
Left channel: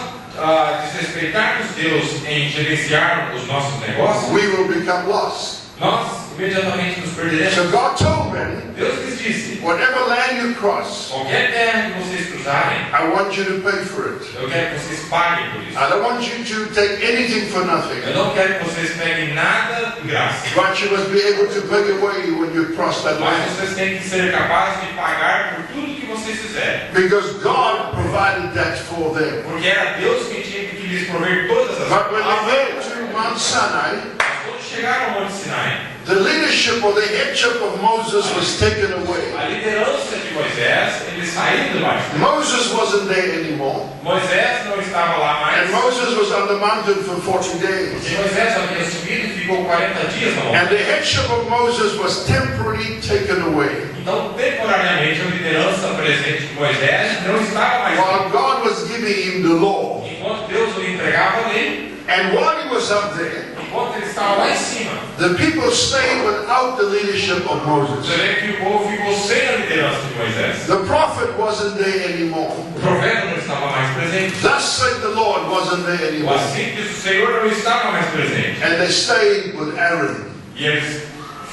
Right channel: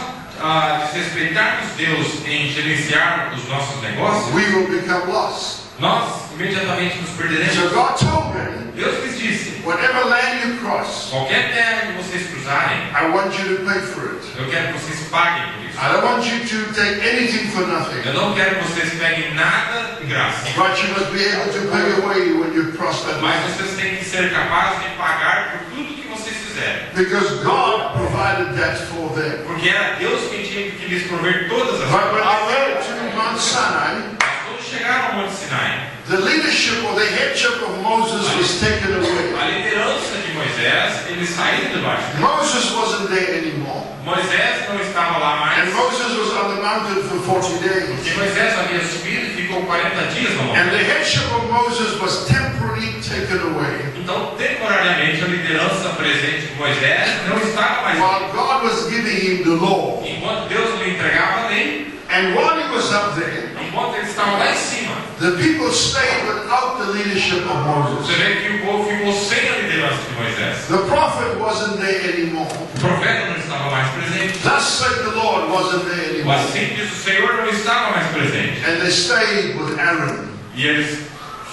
desrespeitarmos Deus em gerenciar os nossos negócios, we will become lost. nós imediatamente nos perderemos. So God told them, Deus lhes disse: whatever land you cross, qualquer terra que vocês cruzarem, I want you to pay for it. eu quero que vocês paguem por isso. I don't want you to take anything for nothing. Eu não quero que vocês peguem nada de graça. But you must be able to pay away when you cross that Mas land. vocês têm que ser capazes de pagar por tudo que vocês fizerem. Because God provided that for them. Porque era Deus que tinha que lhes prover todas as But when coisas. they went to Mount Sinai, Mas quando chegaram ao Monte Sinai, the leadership or the headship of Moses was taken away. a liderança de Moisés, eles saíram debaixo. Moses wasn't there anymore. Moisés não estava lá mais. And Moses was on the mountain for 40 days. E Moisés havia subido e ficou 40 dias no And monte. the headship of Moses was temporarily taken away. Então, temporariamente, a liderança presente de Moisés não estava mais While lá. God was giving him the law. Enquanto Deus lhe entregava a lei, And while he was up there, enquanto ele estava lá em cima, the people stayed without the leadership of Moses. você vê que o povo ficou sem a liderança de Moisés. The prophet wasn't there anymore. O profeta não estava mais presente. Thus said the Lord wasn't there anymore. Assim diz o Senhor, não estava mais presente. And they stayed with Aaron. E eles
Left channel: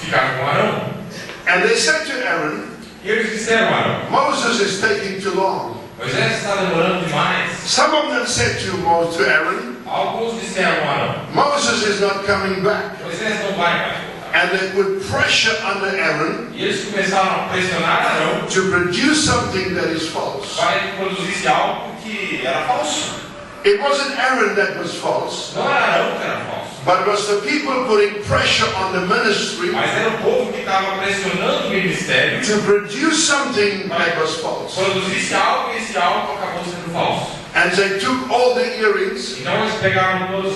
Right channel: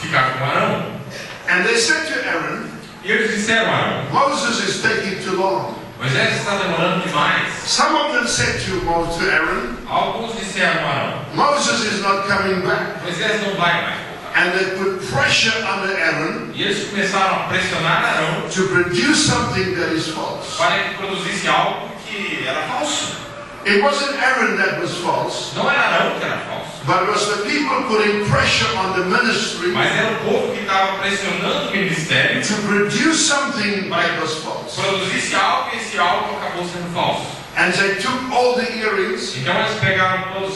ficaram com Arão. And they said to Aaron, E eles disseram a Arão: Moses is taking too long. Moisés está demorando demais. Some of them said to Aaron, Alguns disseram a Arão: Moses is not coming back. Moisés não vai mais voltar. And they put pressure under Aaron E eles começaram a pressionar Arão to produce something that is false. para que produzisse algo que era falso. It wasn't Aaron that was false, Não era Arão que era falso, but it was the people putting pressure on the ministry mas era o povo que estava pressionando o ministério to produce something that was false. produzisse algo e esse algo acabou sendo falso. And they took all the earrings, Então eles pegaram todos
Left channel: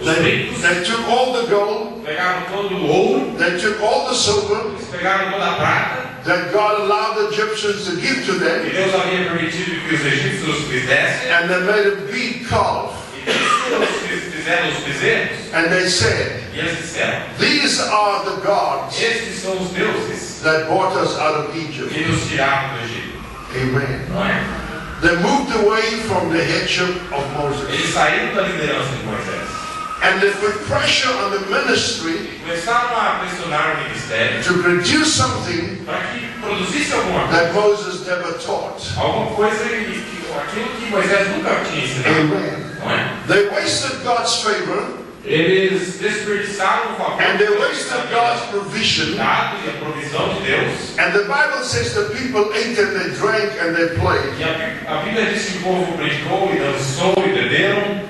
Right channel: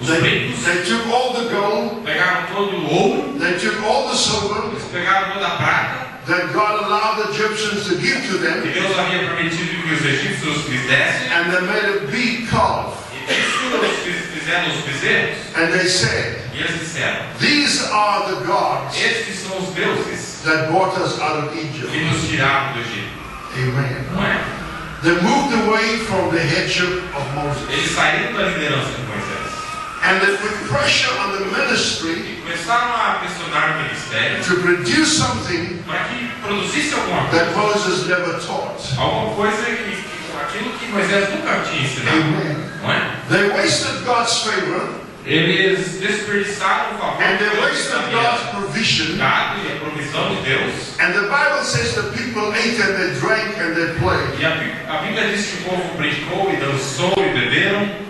os brincos, they took all the gold, pegaram todo o ouro, they took all the silver eles pegaram toda a prata that God allowed the Egyptians to give to que them, Deus havia permitido que os egípcios lhes dessem, and they made a big calf. e fizeram os bezerros, And they said, e eles disseram: these are the gods estes são os deuses that brought us out of Egypt. que nos tiraram do Egito. Amen. Não é? They moved away from the headship of Moses. Eles saíram da liderança de Moisés And they put pressure on the ministry e começaram a pressionar o ministério to produce something para que produzisse alguma that coisa, Moses never taught. aquilo que Moisés nunca tinha ensinado. Amen. Não é? They wasted God's favor Eles desperdiçaram o favor and they que Deus wasted havia God's provision. dado e a provisão de Deus. And the Bible says the people ate and they drank and they played. E a Bíblia diz que o povo brincou e dançou e beberam.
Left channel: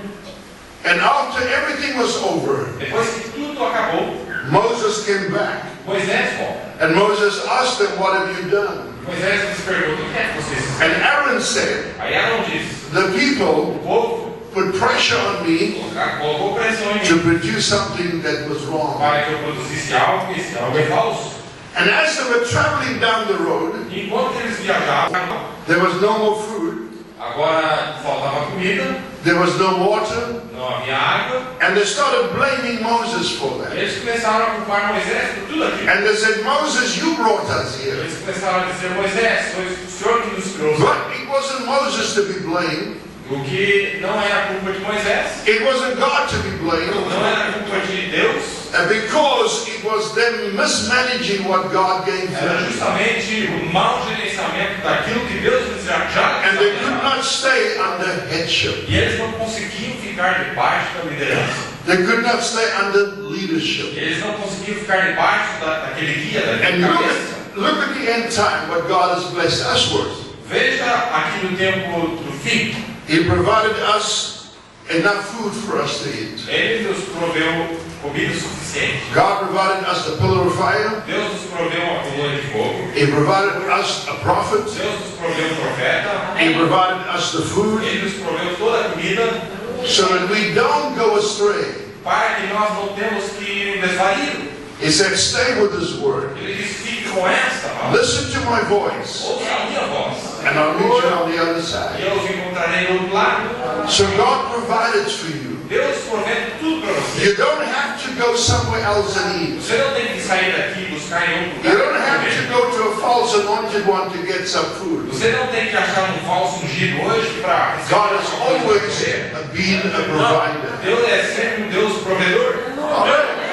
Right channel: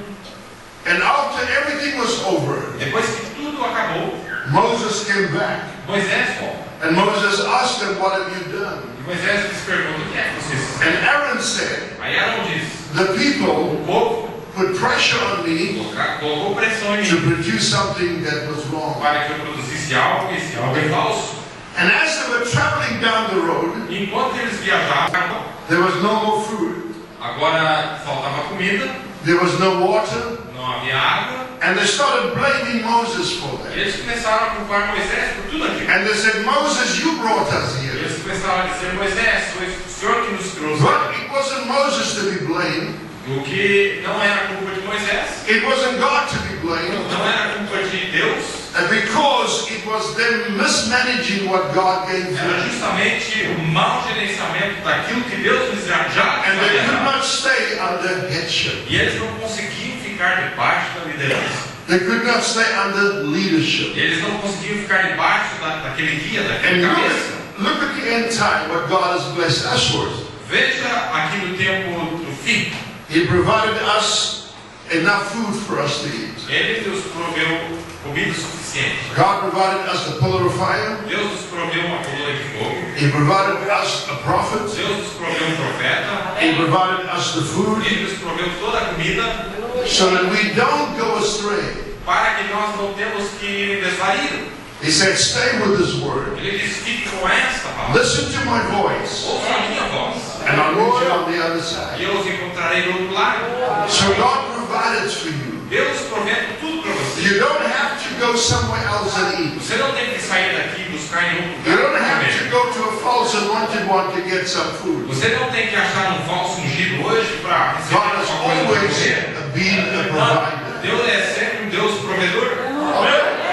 And after everything was over, Depois que tudo acabou, Moses came back. Moisés volta. And Moses asked them, what have you done? E Moisés lhes pergunta: o que é que vocês fizeram? And Aaron said, Aí Arão diz: the people o povo put pressure on me colocou pressão em to mim produce something that was wrong. para que eu produzisse algo e esse algo é falso. And as they were traveling down the road, Enquanto eles viajavam, there was no more food, agora faltava comida, there was no water, não havia água. and they started blaming Moses for that. Eles começaram a culpar Moisés por tudo aquilo. And they said, Moses, you brought us here. Eles começaram a dizer: Moisés, foi o Senhor que nos trouxe. But it wasn't Moses to be blamed. O que não era culpa de Moisés, It wasn't God to be blamed. não era culpa de Deus, Because it was them mismanaging what God gave era them. justamente o mau gerenciamento daquilo que Deus lhes já And they havia could dado. not stay under headship. E eles não conseguiam ficar debaixo da liderança. They could not stay under leadership. Eles não conseguiam ficar debaixo daquele guia, And daquele cabeça. look at the end time, what God has blessed us with. Veja aqui no tempo do fim. He provided us enough food for us to eat. Ele nos proveu comida suficiente. God provided us a pillar of fire. Deus nos proveu uma coluna de fogo. He provided us a prophet. Deus nos proveu profeta. He provided us the food Ele nos proveu toda a comida so that we don't go astray. para que nós não temos que desvair. He said, stay with His word. Ele disse: fique com esta palavra. Listen to my voice. Ouça a minha voz. I'll meet you on the other e side. eu os encontrarei do outro lado. So God provided for you. Deus provendo tudo para você. You don't have to go somewhere else and eat. Você não tem que sair daqui e buscar em outro You don't lugar. have to go to a false anointed one to get some food. Você não tem que achar um falso ungido hoje para receber God has alguma coisa para always comer. been a Não, provider. Deus é sempre um Deus provedor.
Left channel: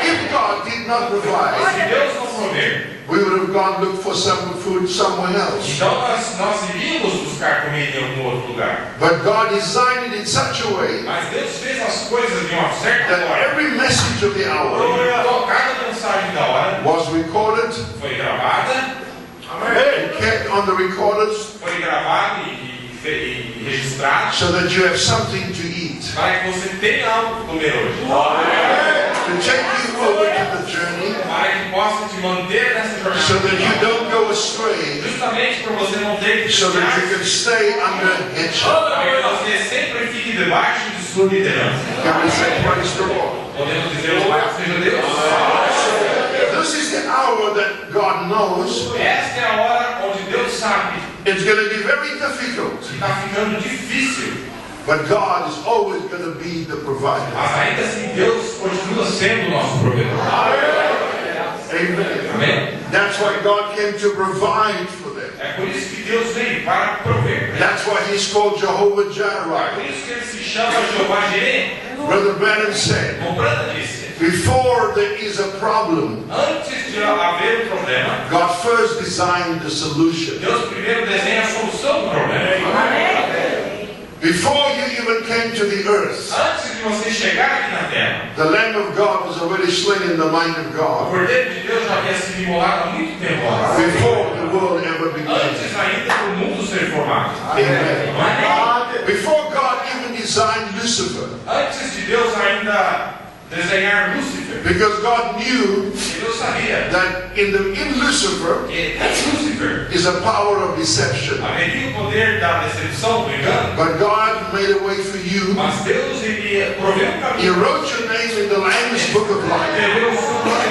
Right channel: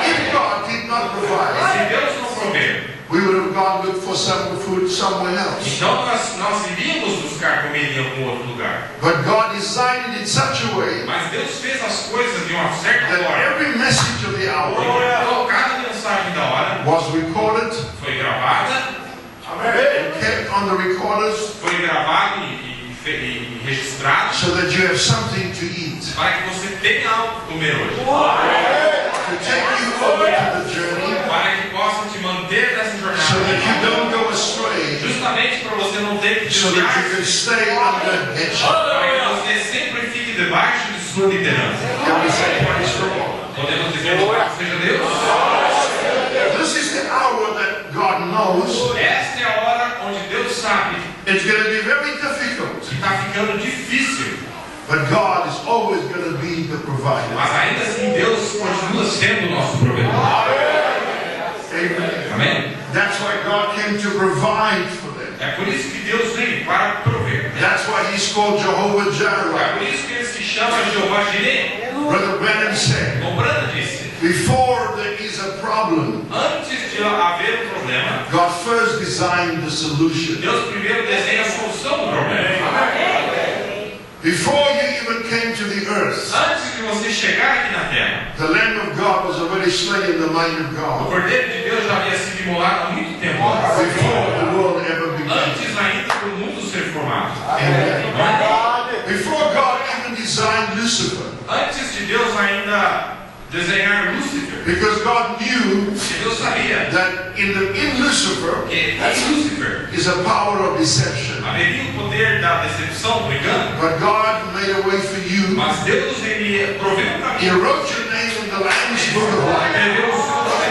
If God did not provide, Se Deus não prover, we would have gone look for some food somewhere else. então nós iríamos buscar comida em algum outro lugar. But God designed it in such a way Mas Deus fez as coisas de uma certa that forma. every message of the hour Então, cada mensagem da hora was recorded, foi gravada, and kept on the recorders, foi gravado e registrado so that you have something to eat. para que você tenha algo para comer hoje. To take you over to the journey, Para que possa te manter nessa so that you jornada. don't go astray, Justamente para você não ter que so that you desviar, can stay under headship. para que você sempre fique debaixo de sua liderança. Can we say praise the Lord? Podemos dizer louvado seja Deus. This is the hour that God knows Esta é a hora onde Deus sabe it's going to be very difficult, que está ficando difícil, but God is always going to be the provider. mas ainda assim Deus continua sendo o nosso provedor. Amen. Amém? That's why God came to provide for them. É por isso que Deus veio para prover. That's why He's called Jehovah É Jireh. por isso que ele se chama Jeová Jireh. Brother Branham said, Como Branda disse, before there is a problem, antes de haver um problema, God first designed the solution. Deus primeiro desenha a solução do problema. Before you even came to the earth, Antes de você chegar aqui na terra, the Lamb of God was already slain in the mind of o God. Cordeiro de Deus já havia sido imolado há muito tempo Before antes. the world ever began. Antes ainda do mundo ser formado. Amen. Before God even designed Lucifer, Antes de Deus ainda desenhar Lúcifer, because God knew porque Deus sabia that in Lucifer que em Lúcifer is a power of deception. haveria o poder da decepção, do engano, But God made a way for you. mas Deus iria prover um He caminho. wrote your name in the Lamb's Book of Life Escreveu o seu nome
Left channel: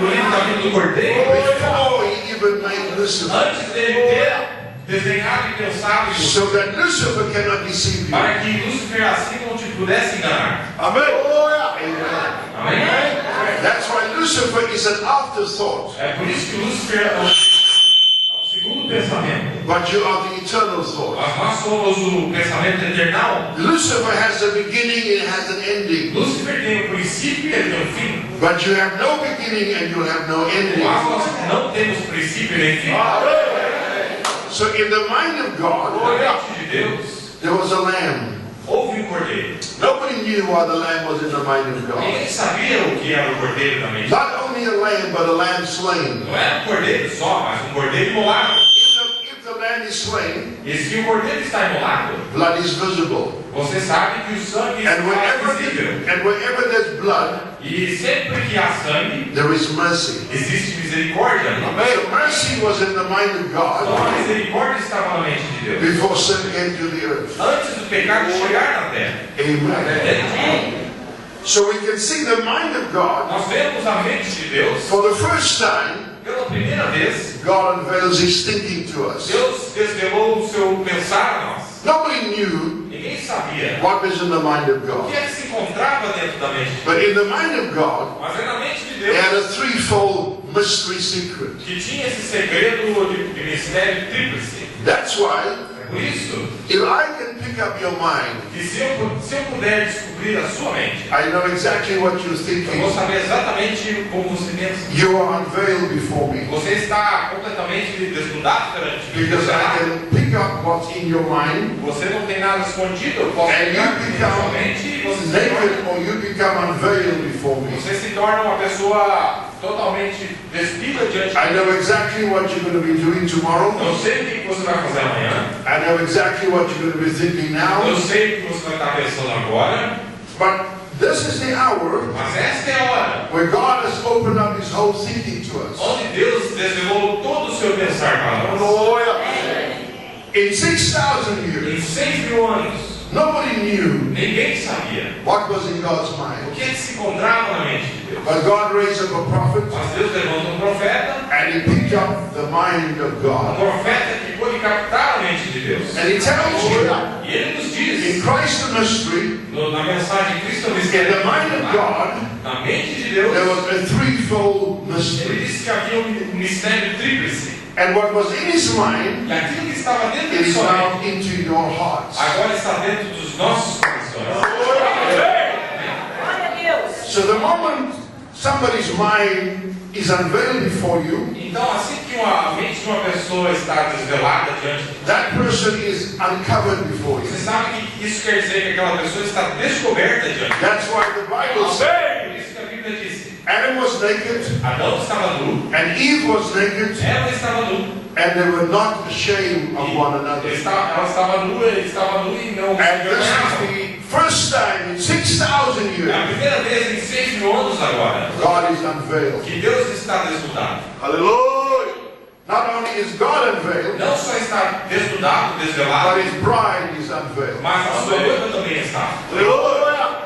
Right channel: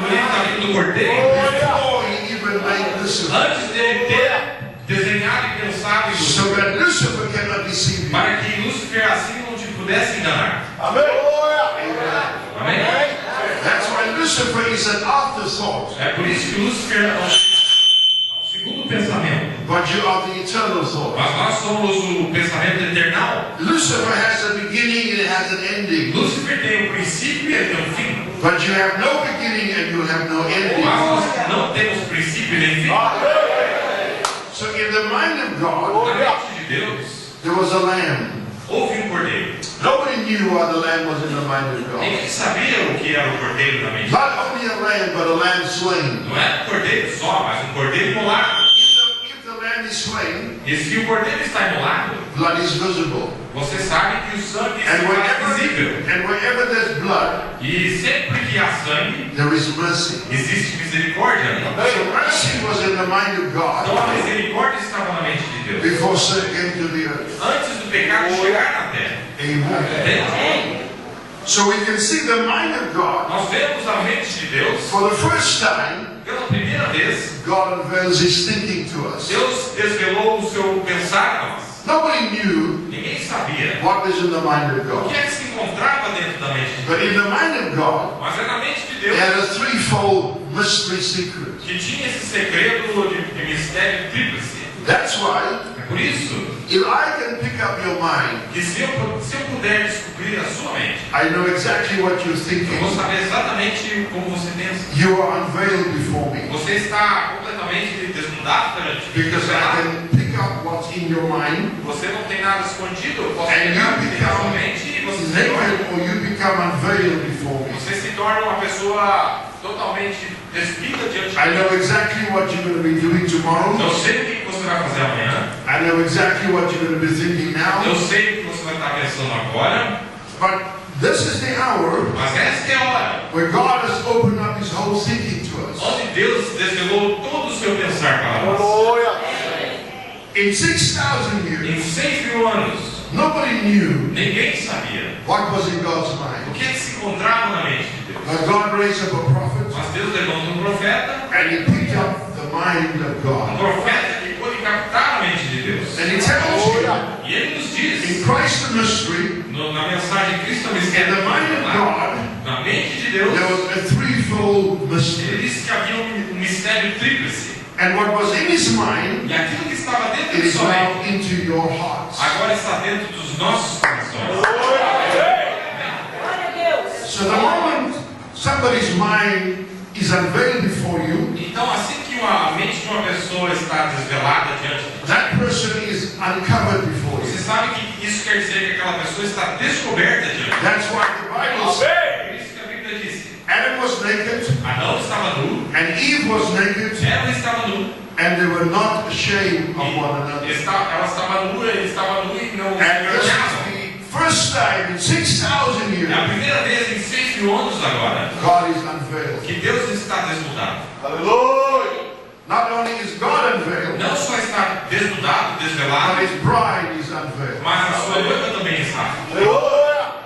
no livro da vida do Cordeiro, before He even made Lucifer, antes dele ter desenhado e pensado em so Lúcifer, that Lucifer cannot deceive you. para que Lúcifer assim não te pudesse enganar. Amen. Amém? That's why Lucifer is an afterthought, É por isso que Lúcifer é um segundo pensamento. but you are the eternal thought. Mas nós somos o pensamento eternal. Lucifer has a beginning and it has an ending, Lúcifer tem um princípio e ele tem um fim. but you have no beginning and you have no ending. Mas nós não temos princípio nem fim. So in the mind of God, Na mente de Deus, there was a lamb. houve um cordeiro. Nobody knew why the lamb was in the mind of God. Ninguém sabia o que era o cordeiro na mente. Not only a lamb, but a lamb slain. Não era um cordeiro só, mas um cordeiro imolado. If the lamb is slain, E se o cordeiro está imolado, blood is visible. você sabe que o sangue And está visível. wherever there's blood, E sempre que há sangue, there is mercy. existe misericórdia. So mercy was in the mind of Então God a misericórdia estava na mente de Deus. before sin came to the earth. Antes do pecado chegar na terra. Amen. Amém? So we can see the mind of God. Nós vemos a mente de Deus, For the first time, pela primeira vez, God unveils His thinking to us. Deus desvelou o seu pensar a nós. Nobody knew Ninguém sabia what was in the mind of o God. que é que se encontrava dentro da mente de Deus. But in the mind of God, Mas é na mente de He had Deus a threefold mystery secret. que tinha esse segredo de mistério tríplice. That's why, É por isso if I can pick up your mind, que se eu puder descobrir a sua mente, I know exactly what you're eu vou thinking. saber exatamente como você pensa. You are unveiled before me. Você está completamente desnudado perante mim. Because I can pick up what's in your mind, Você não tem nada escondido. Eu posso And pegar you o que tem na become sua mente e você se torna, naked, or you become unveiled before me. você se torna uma pessoa totalmente despida diante de I Deus. know exactly what you're going to be doing tomorrow. Eu sei o que você vai fazer amanhã. I know exactly what you're going to be thinking Eu now. sei o que você vai estar pensando agora. But this is the hour Mas esta é a hora where God has opened up His whole thinking to us. onde Deus desvelou todo o seu pensar para nós. In 6,000 Em years, 6.000 anos, nobody knew ninguém sabia what was in God's o mind. que se encontrava na mente de Deus. But God raised up a prophet, Mas Deus levanta profeta, and he picked up the mind of um God. profeta que pôde captar a mente de Deus. Deus. And He tells you, E Ele nos diz, in Christ the mystery, na mensagem Cristo é o in mistério, the mind of God, na mente de there Deus, was a threefold Ele mystery. disse que havia um mistério tríplice. And what was in His mind, E aquilo que estava dentro it de is sua now mente, into your hearts. agora está dentro dos nossos corações. So the moment somebody's mind is unveiled before you, Então, assim que a mente de uma pessoa está desvelada diante de ti, that person is uncovered before you. você sabe que isso quer dizer que aquela pessoa está descoberta diante de ti. That's why the Bible says Por isso que a Bíblia disse, Adam was naked Adão estava nu, and Eve was naked, Eva estava nu, and they were not ashamed of one another. ela estava nua, ele estava nu e não se And this is envergonhavam. the first time in 6,000 É years a primeira vez em 6.000 anos agora God is unveiled. que Deus está desnudado. Hallelujah! Not only is God unveiled, Não só está desnudado, desvelado, but His bride is unveiled. mas a sua noiva também está. Hallelujah!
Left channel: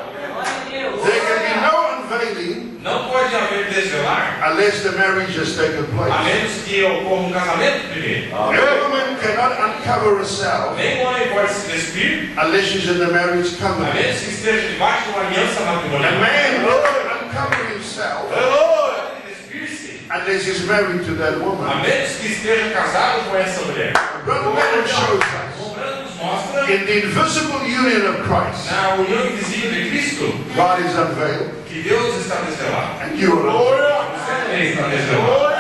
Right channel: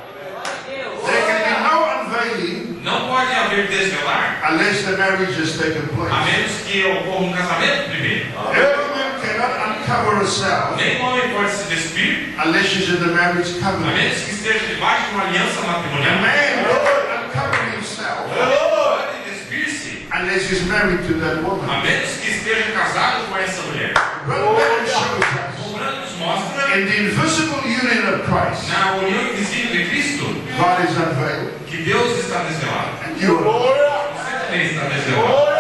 There can be no unveiling Não pode haver desvelar unless the marriage has taken a place. menos que ocorra um casamento primeiro. A woman cannot uncover herself Nem o homem pode se despir unless she's in the marriage a covenant. menos que esteja debaixo de uma aliança A matrimonial. man cannot uncover himself Pode despir-se unless he's married to that a woman. menos que esteja casado com essa mulher. Brother Branham shows us O Branham nos mostra in the invisible union of Christ, na união invisível de Cristo God is unveiled. que Deus está desvelado. And you are. Você também está desvelado.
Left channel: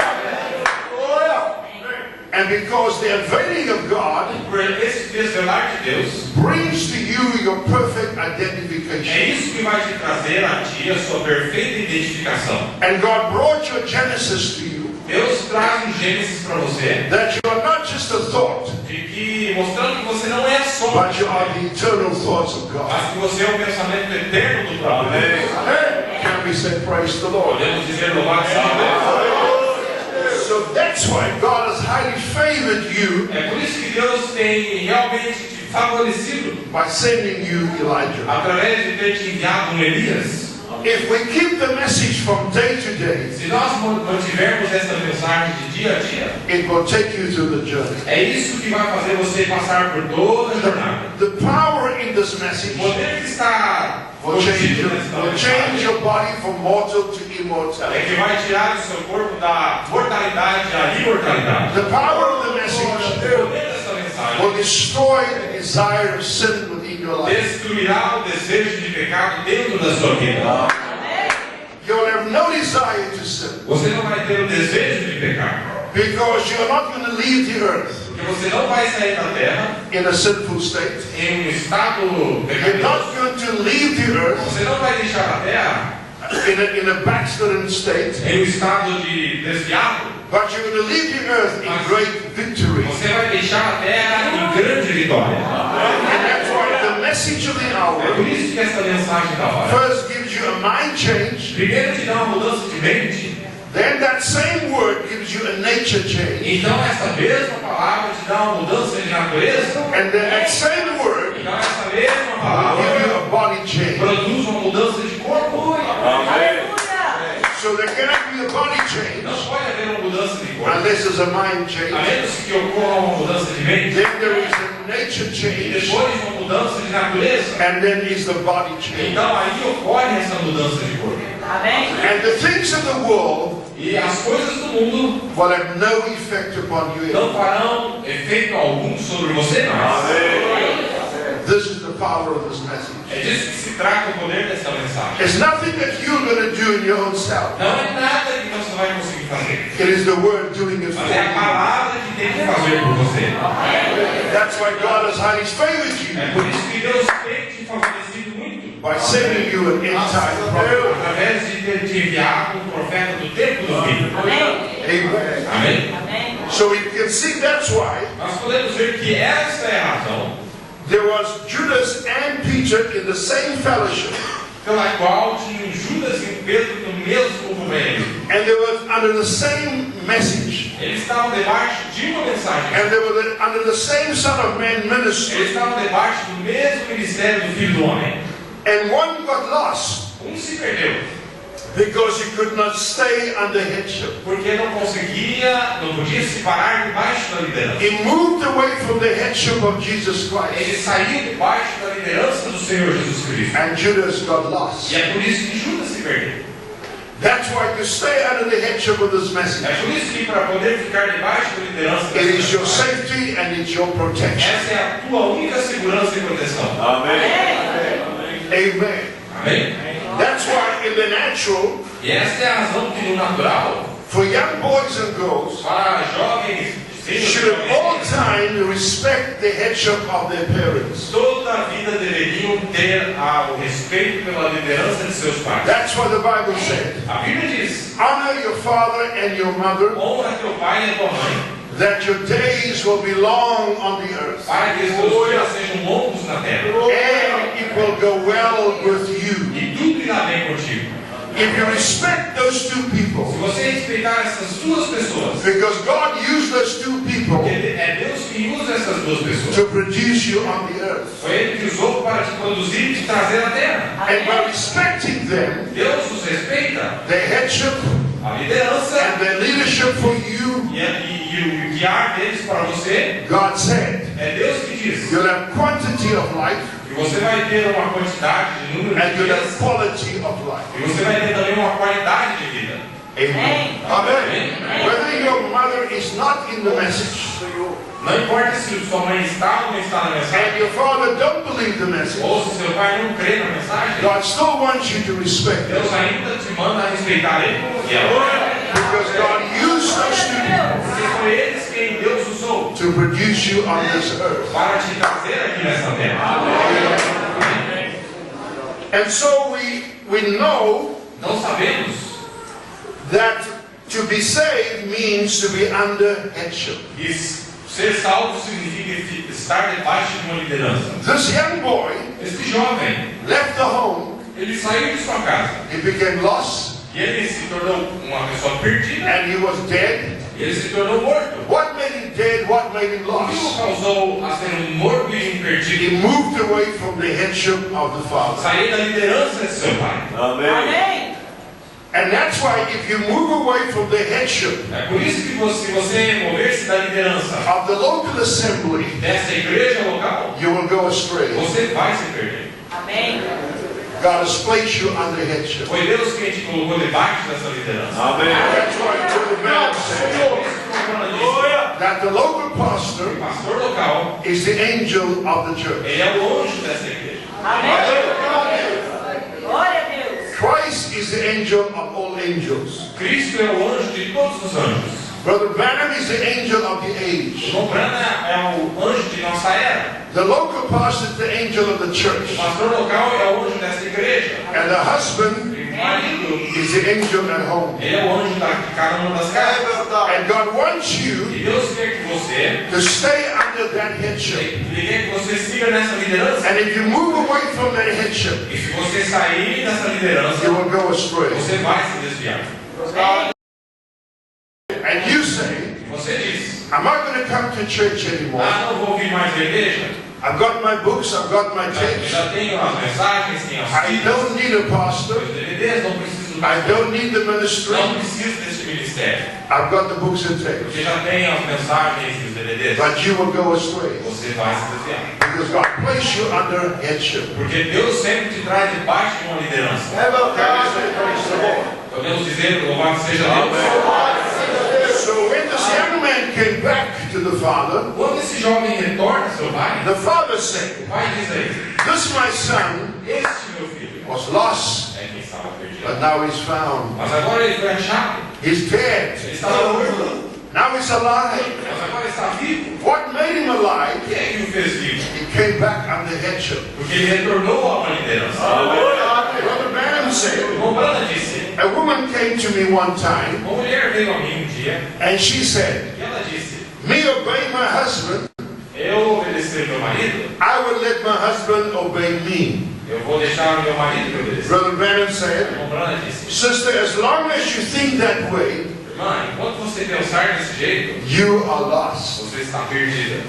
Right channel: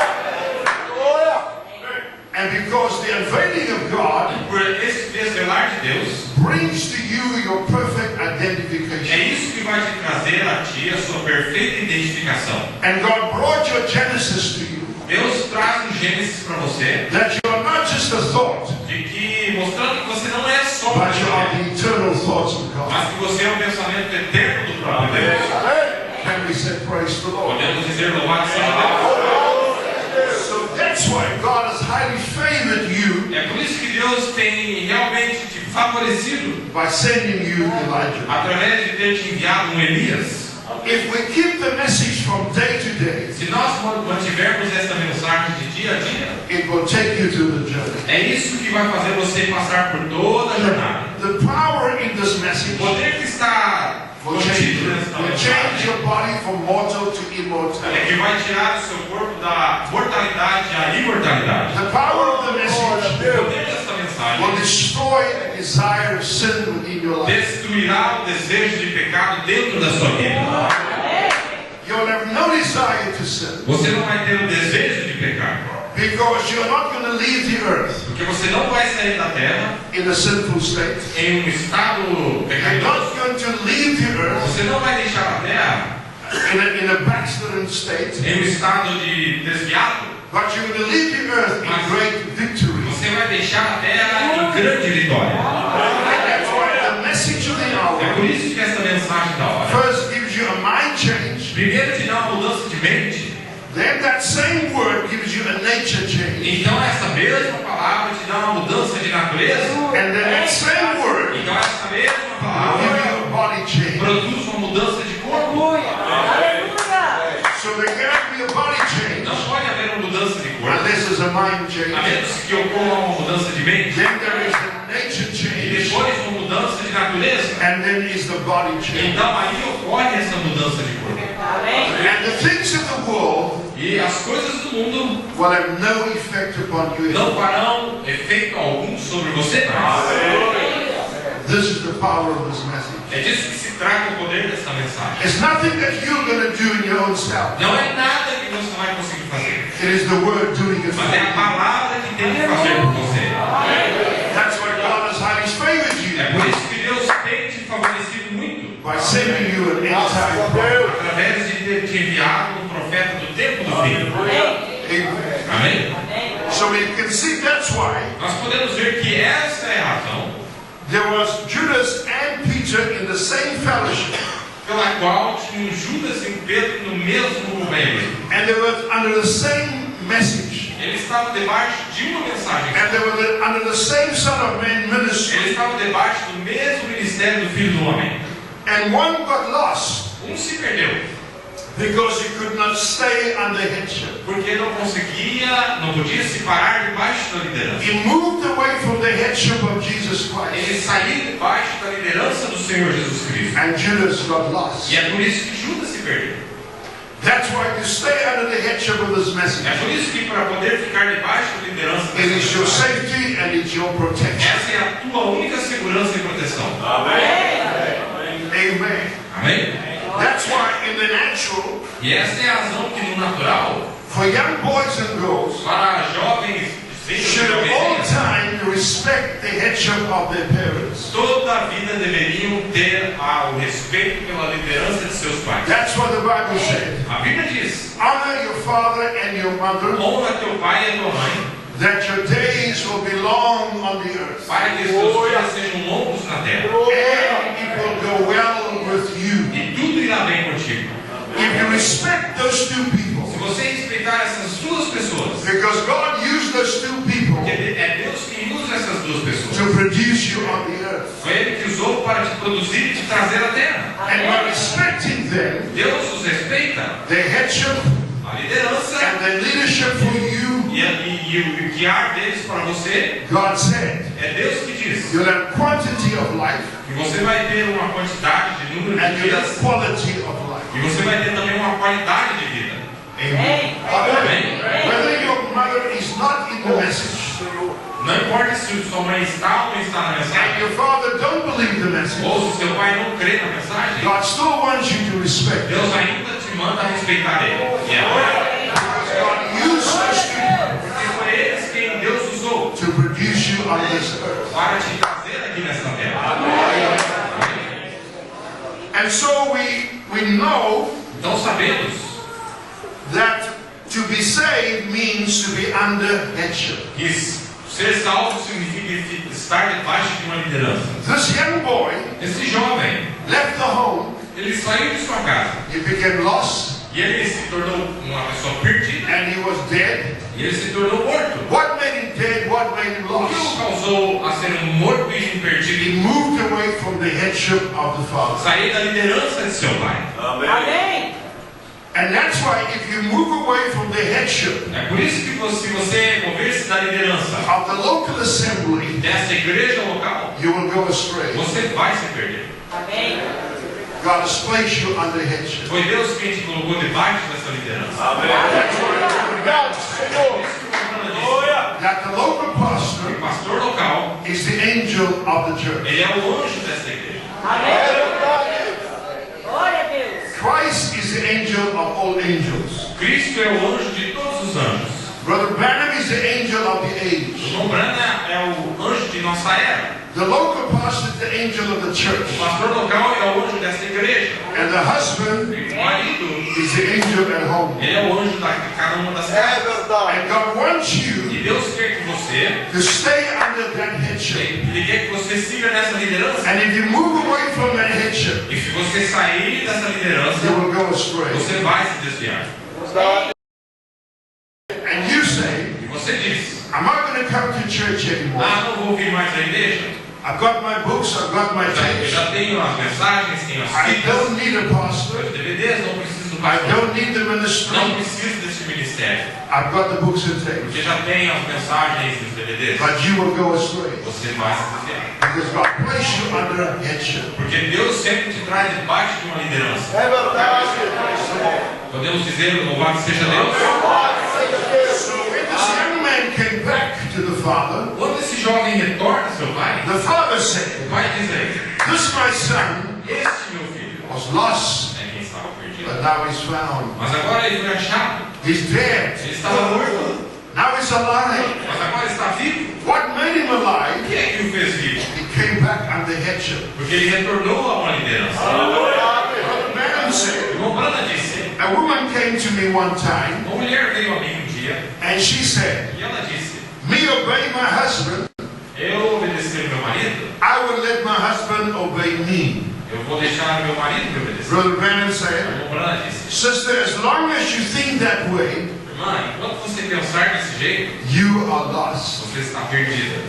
And because the unveiling of God Por esse desvelar de Deus, brings to you your perfect é identification. isso que vai te trazer a ti a sua perfeita identificação. And God brought your Genesis to you. Deus traz um Gênesis para você, That you are not just a thought, de que mostrando que você não é só um but you are pensamento, the eternal thoughts of God. mas que você é o pensamento eterno do próprio Deus. Can we say praise the Lord? Podemos dizer louvado seja Deus. So that's why God has highly favored you É por isso que Deus tem realmente te favorecido by sending you Elijah. através de ter te enviado um Elias. If we keep the message from day to day, Se nós mantivermos essa mensagem de dia a dia, it will take you to the journey. é isso que vai fazer você passar por toda a jornada. The power in this O message poder que está will change, contido nessa will change mensagem your body from mortal to é immortality. que vai tirar do seu corpo da mortalidade à imortalidade. The power of the O message poder dessa will mensagem destroy the desire of sin within your life. destruirá o desejo de pecado dentro da sua vida. You will have no desire to sin Você não vai ter o desejo de pecar, because you're not going to leave the earth porque você não vai sair da terra in a sinful state. em um estado You're pecaminoso. not going to leave the earth Você não vai deixar a terra in a backslidden state, em um estado de desviado, but you're going to leave the earth in great victory. você vai deixar a terra em grande vitória. And that's why the message of the É hour por isso que essa mensagem da hora first gives you a mind change, primeiro te dá uma mudança de mente, then that same word gives you a nature change, então essa mesma palavra te dá uma mudança de natureza, and then that same word então essa mesma will palavra give you a body change. produz uma mudança de corpo. So there cannot be a body change Não pode haver uma mudança de corpo, unless there's a mind a change. menos que ocorra uma mudança de mente, Then there is a nature e change, depois uma mudança de natureza. and then is the body change. Então aí ocorre essa mudança de corpo. And the things of the world E as coisas do mundo will have no effect upon you. não farão efeito algum sobre você mais. This is the power of this message. É disso que se trata o poder dessa mensagem. It's nothing that you're going to do in your own self. Não é nada que você vai conseguir fazer, It is the word doing it for mas é a you. palavra que tem que fazer por você. That's why God has highly favored you É por isso que Deus tem te favorecido muito, by sending you an end-time prophet. através de ter te enviado um profeta do tempo do fim. Amen. Amém? So we can see that's why Nós podemos ver que essa é a razão there was Judas and Peter in the same fellowship, pela qual tinham Judas e Pedro no mesmo companheirismo. and they were under the same message, Eles estavam debaixo de uma mensagem. and they were under the same Son of Man Eles ministry, estavam debaixo do mesmo ministério do Filho do Homem. and one got lost Se perdeu, because he could not stay under headship. porque não podia se parar debaixo debaixo da liderança. He moved away from the headship of Jesus Ele Christ. saiu debaixo da liderança do Senhor Jesus Cristo. And Judas got lost. E é por isso que Judas se perdeu. That's why to stay under the headship of this message, É por isso que para poder ficar debaixo da liderança it is your dessa safety and it's your protection. essa é a tua única segurança e proteção. Amen. Amém? That's why in the natural, E essa é a razão que no natural, for young boys and girls, para jovens, should at all jovens, time respect the headship of their parents. toda a vida deveriam ter o respeito pela liderança de seus pais. That's what the Bible says. A Bíblia diz: Honor your father and your mother, honra teu pai e a tua mãe, that your days will be long on the earth, para que os teus dias sejam longos na terra. and it will go well with you. E tudo irá bem contigo. If you respect those two Se people, você respeitar essas duas pessoas, because God used those two people porque é Deus que usa essas duas pessoas. to produce you on the earth, Foi Ele que usou para te produzir e te trazer à terra. and by respecting them, Deus os respeita, their headship a liderança and their leadership for you, e o guiar deles para você. God said, É Deus que diz you'll have quantity of life que você vai ter uma quantidade de número and de you'll have dias quality of life. e você vai ter também uma qualidade de vida. Amen. Amém? Whether your mother is not in the message Não importa se sua mãe está ou não está na and mensagem, your father don't believe the message, ou se seu pai não crê na mensagem, God still wants you to respect them, Deus ainda te manda respeitar ele. E é because God used those two people porque foi eles quem Deus usou to produce you on this earth. para te trazer aqui nesta terra. And so we know Então sabemos that to be saved means to be under headship. que ser salvo significa estar debaixo de uma liderança. This young boy Este jovem, left the home, ele saiu de sua casa he became lost, e ele se tornou uma pessoa perdida and he was dead. e ele se tornou morto. What made him dead? What made him O que o lost? causou a ser morto e perdido? He moved away from the headship of the Father. Sair da liderança de seu pai. Amém. And that's why if you move away from the headship É por isso que se você mover-se da liderança of the local assembly, dessa igreja local, you will go astray. você vai se perder. Amém. God has placed you under headship. Foi Deus quem te colocou debaixo dessa liderança. That's why Brother Branham said Por isso que o Fernando disse, that the local pastor o pastor local, is the angel of the church. ele é o anjo dessa igreja. Amém. Glória a Deus. Christ is the angel of all angels. Cristo é o anjo de todos os anjos. Brother Branham is the angel of the O age. João Brana é o anjo de nossa era. The local pastor is the angel of the O church. pastor local é o anjo dessa igreja. And the husband E o marido, is the angel at home. ele é o anjo de cada uma das casas. And God wants you E Deus quer que você, to stay under that headship. ele quer que você siga nessa liderança. And if you move away from that headship, E se você sair dessa liderança, you will go astray. você vai se desviar. And you say, E você diz, I'm not going to come to church anymore. não vou vir mais à igreja. I've got my books, I've got my Eu tapes. já tenho as mensagens, tenho as I fitas, don't need a pastor. os DVDs, não preciso do I pastor. don't need the ministry. Não preciso desse ministério. I've got the books and tapes. Porque já tem as mensagens e os DVDs. But you will go astray. Você vai se desviar. Because God placed you under headship. Porque Deus sempre te traz debaixo de uma liderança. Podemos dizer, louvado seja Deus. So when this young man came back to the father, Quando esse jovem retorna ao seu pai, the father said, o pai diz a ele, this my son este meu filho was lost, é quem estava perdido. but now he's found. Mas agora ele foi achado. He's dead. Ele estava morto. Now he's alive. Mas agora está vivo. What made him alive? O que é que o fez vivo? He came back under headship. Porque ele retornou a uma liderança. Brother Branham O said, irmão Brana disse, a woman came to me one time uma mulher veio a mim um dia and she said, e ela disse, me obey my husband, eu obedeci meu marido, I will let my husband obey me. eu vou deixar meu marido me obedecer. Brother Branham O said, irmão Brana disse, sister, as long as you think that way, irmã, enquanto você pensar desse jeito, you are lost. você está perdida.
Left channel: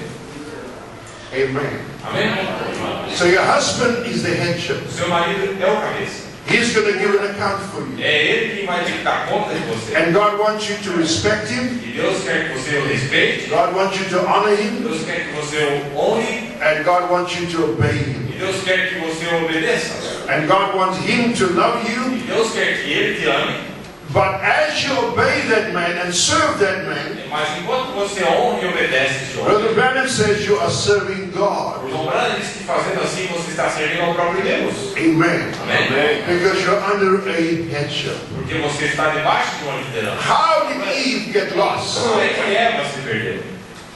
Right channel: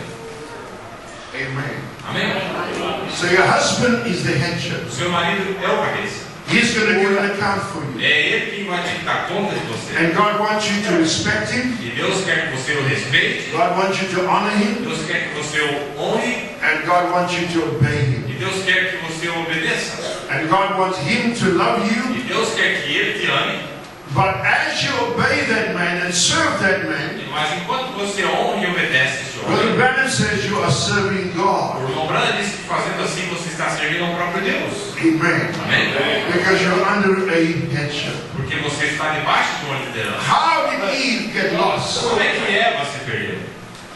Amen. Amém? So your husband is the headship. O seu marido é o cabeça. He's going to give an account for you. É Ele que vai te dar conta de você. And God wants you to respect Him. E Deus quer que você o respeite. God wants you to honor Him. Deus quer que você o honre. And God wants you to obey Him. E Deus quer que você o obedeça. And God wants Him to love E you. Deus quer que Ele te ame. But as you obey that man and serve that man, Mas enquanto você honra e obedece esse Brother homem, Branham says you are serving o God. irmão Branham diz que fazendo assim você está servindo ao próprio Deus. Amen. Amém? Because you're under a headship. Porque você está debaixo de uma liderança. How did Eve get lost? Como é que Eva se perdeu?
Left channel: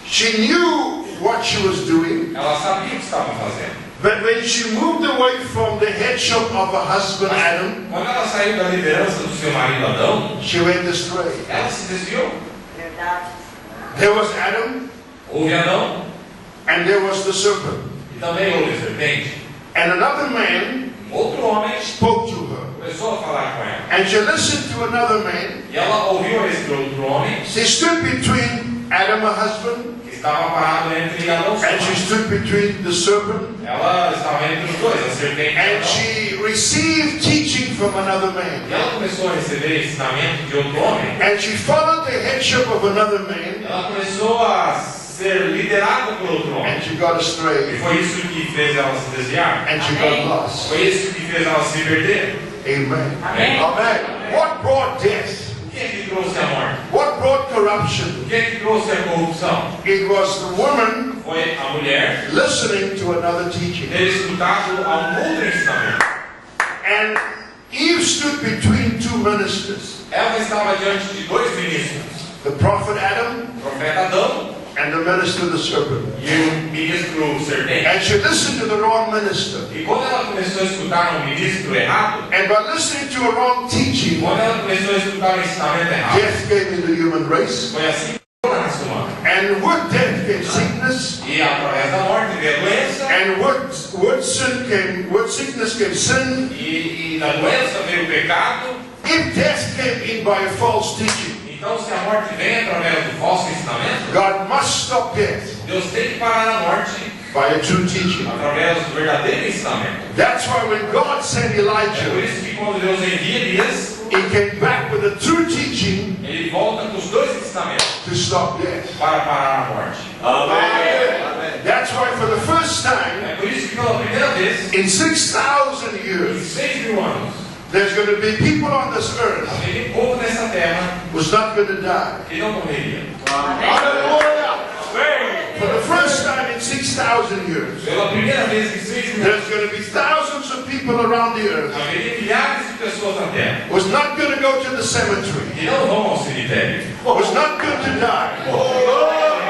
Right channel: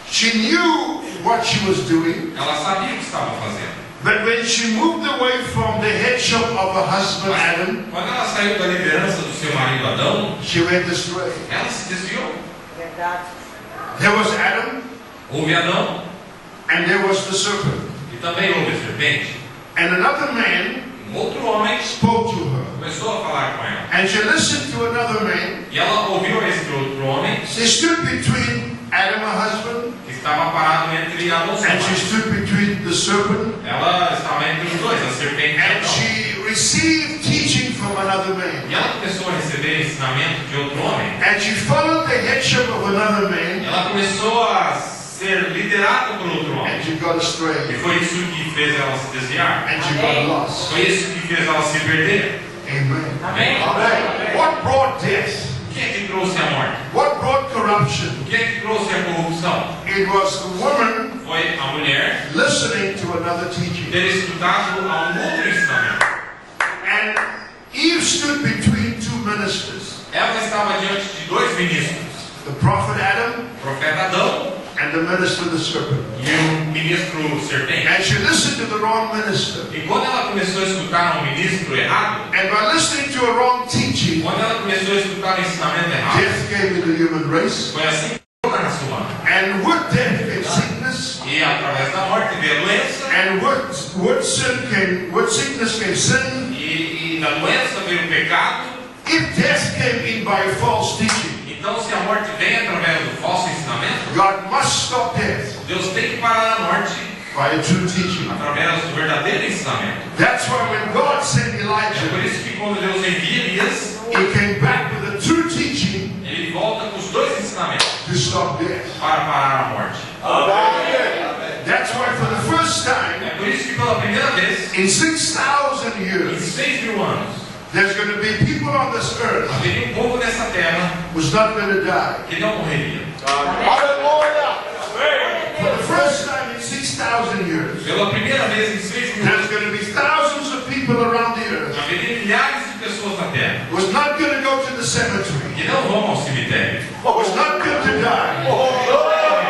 She knew what she was doing, Ela sabia o que estava fazendo. but when she moved away from the headship of her husband Adam, Quando ela saiu da liderança do seu marido Adão, she went astray. ela se desviou. Verdade. There was Adam, Houve Adão and there was the serpent. e também houve a serpente. And another man Outro homem spoke to her. começou a falar com ela. And she listened to another man. E ela ouviu esse outro homem She stood between Adam, her husband, que estava parado entre Adão e seu and she marido. stood between the serpent. Ela estava entre os dois, a serpente e And Adão. she received teaching from another man. E ela começou a receber ensinamento de outro homem. And she followed the headship of another man, Ela começou a ser liderada por outro homem. and she got E astray, foi isso que fez ela se desviar. and she got lost. Foi isso que fez ela se perder. Amen. Amém. Amen. What brought death? O que é que trouxe a morte? What brought corruption? O que é que trouxe a corrupção? It was the woman Foi a mulher listening to another teaching. ter escutado a outro ensinamento. And Eve stood between two ministers, Ela estava diante de dois ministros, the prophet Adam o profeta Adão and the minister the serpent. e o ministro serpente. And she listened to the wrong minister. E quando ela começou a escutar um ministro errado, And by listening to a wrong teaching, quando ela começou a escutar um ensinamento errado, death came into the human race. foi assim que toda a raça humana. And with death came sickness. E através da morte veio a doença, And with sickness came sin. e da doença veio o pecado. If death came in by false teaching, Então, se a morte vem através do falso ensinamento, God must stop death Deus tem que parar a morte by a true teaching. através do verdadeiro ensinamento. That's why when God sent É por Elijah, isso que quando Deus envia Elias, he came back with a true teaching ele volta com os dois ensinamentos to stop death. para parar a morte. That's why for the first time É por isso que pela primeira vez, in 6,000 em years, 6.000 anos, there's going to be people on this earth haveria um povo nessa terra who's not going to die. que não morreria. For the first time in 6,000 years, Pela primeira vez em 6.000 anos, there's going to be thousands of people around the earth haveria milhares de pessoas na terra who's not going to go to the cemetery, que não vão ao cemitério. who's not going to die.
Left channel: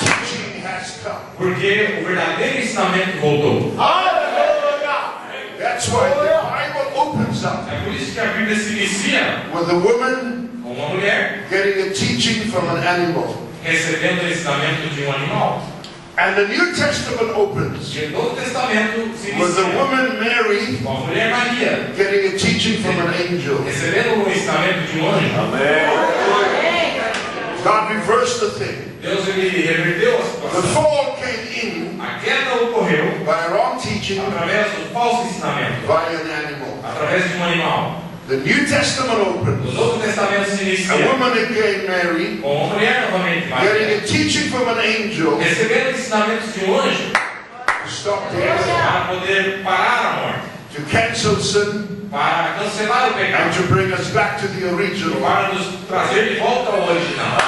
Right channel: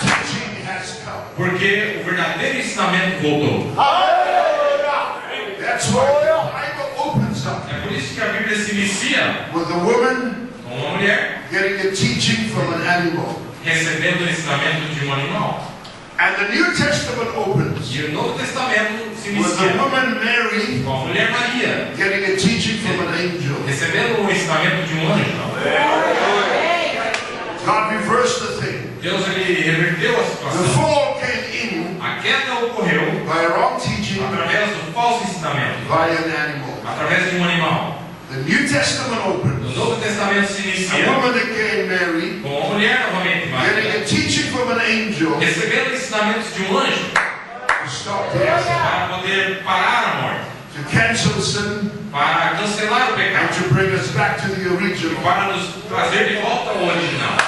Teaching has come. Porque o verdadeiro ensinamento voltou. That's why the Bible opens up É por isso que a Bíblia se inicia with a woman com uma mulher getting a teaching from an animal. recebendo o ensinamento de um animal. And the New Testament opens E o Novo Testamento se with the inicia woman Mary com a mulher Maria getting a teaching from an angel. recebendo o ensinamento de um anjo. God reversed the thing. Deus ele reverteu a The situação. fall came in A queda ocorreu by a wrong teaching através do falso ensinamento, by an animal. através de um animal. The New Testament O opens. Novo Testamento se A inicia woman again, Mary, com uma mulher novamente getting Maria, a teaching from an angel recebendo ensinamentos de um anjo to stop death, para poder parar a morte, to cancel sin, para cancelar o and pecado, to bring us back to the e original. para nos trazer de volta ao original.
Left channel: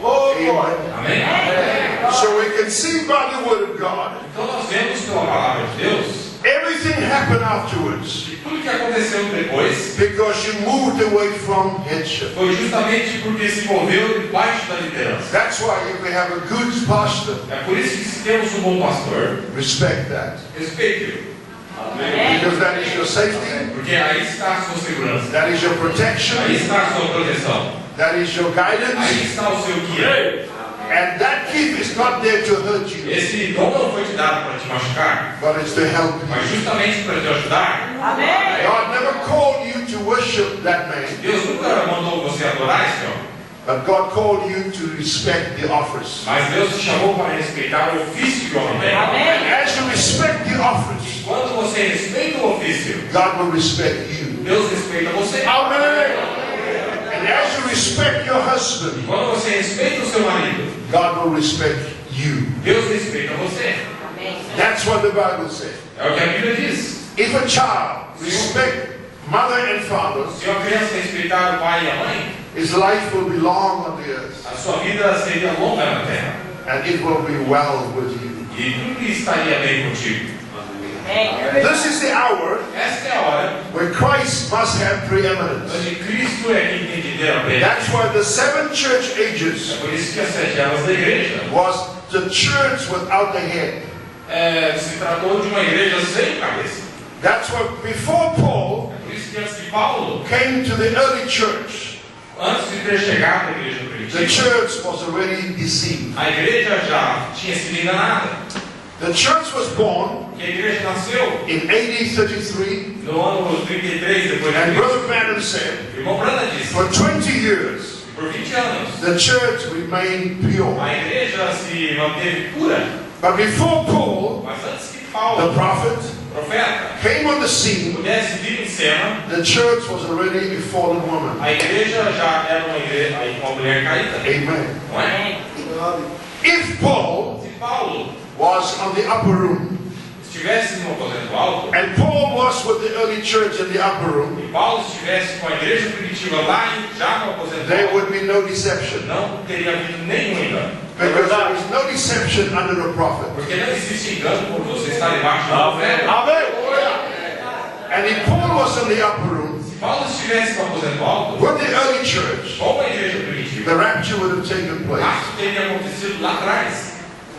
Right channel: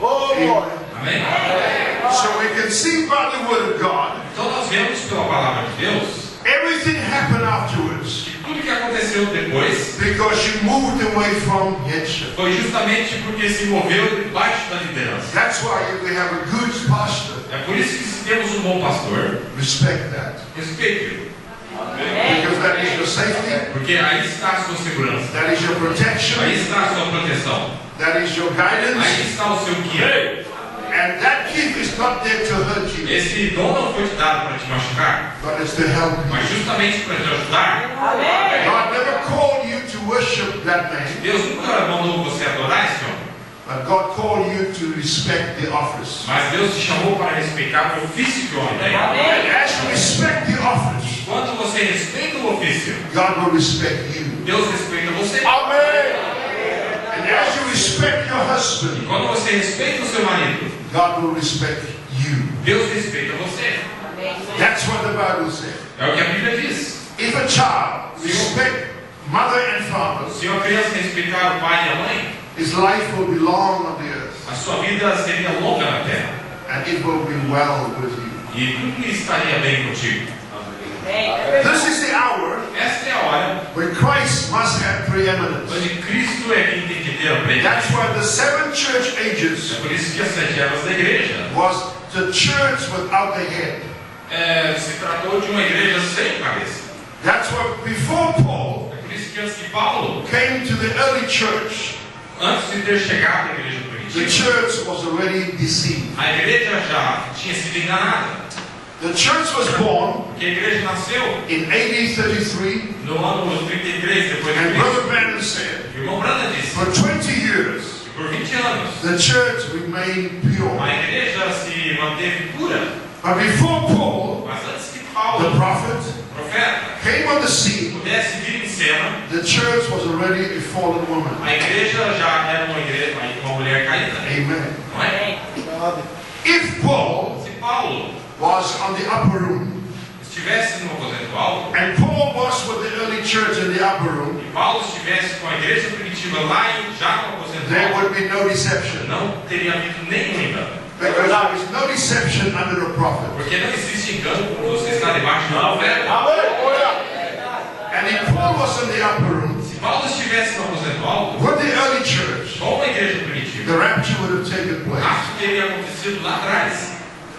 Amen. Amém? So we can see by the word of God, Então nós vemos pela palavra de Deus everything happened afterwards que tudo que aconteceu depois because you moved away from headship. foi justamente porque se moveu debaixo da liderança. That's why if we have a good pastor, É por isso que se temos um bom pastor, respect that. respeite-o, Because that is your safety, porque aí está a sua segurança, that is your aí protection, está a sua proteção, that is your guidance, aí está o seu guia. and that gift is not there to hurt you, Esse dom não foi te dado para te machucar, but it's to help you. mas justamente para te ajudar. Amém. God never called you to worship that man, Deus nunca mandou você adorar esse homem, but God called you to respect the office. mas Deus te chamou para respeitar o ofício que o homem tem. And as you respect the office, Quando você respeita o ofício, God will respect you. Deus respeita você. Amen. And as you respect your husband, E quando você respeita o seu marido, God will respect you. Deus respeita você. That's what the Bible says. É o que a Bíblia diz. If a child respect mother and father, Se uma criança respeitar o pai e a mãe, his life will be long on the earth, a sua vida seria longa na terra. and it will be well with you. E tudo estaria bem contigo. This is the hour Esta é a hora when Christ must have preeminence. onde Cristo é quem tem que ter a presença. That's why the 7 church É ages por isso que as 7 eras da igreja was the church without a head. se tratou de uma igreja sem cabeça. That's why before Paul É por isso que antes de Paulo, came to the early church, antes de ter chegado à igreja the primitiva, church was already deceived. a igreja já tinha sido enganada. The church was born Porque a igreja nasceu in AD 33, no ano 33 depois de and Cristo. Brother Branham said, O irmão Branham disse for 20 years, que por 20 anos the church remained pure. a igreja se manteve pura. But before Paul, Mas antes que the Paulo, prophet, o profeta, came on the scene, pudesse vir em cena, the church was already a fallen woman. a igreja já era uma mulher caída. Amen. Não é? If Paul Se Paulo was on the upper room, estivesse no aposento alto, and Paul was with the early church in the upper room, e Paulo estivesse com a igreja primitiva lá e já no aposento there alto, would be no deception. não teria havido nenhum engano. Because there is no deception under the prophet. Porque não existe engano por você estar debaixo do profeta. And if Paul was in the upper room Se Paulo estivesse no aposento alto, with the early church, com a igreja primitiva, the rapture would have taken place. acho que teria acontecido lá atrás.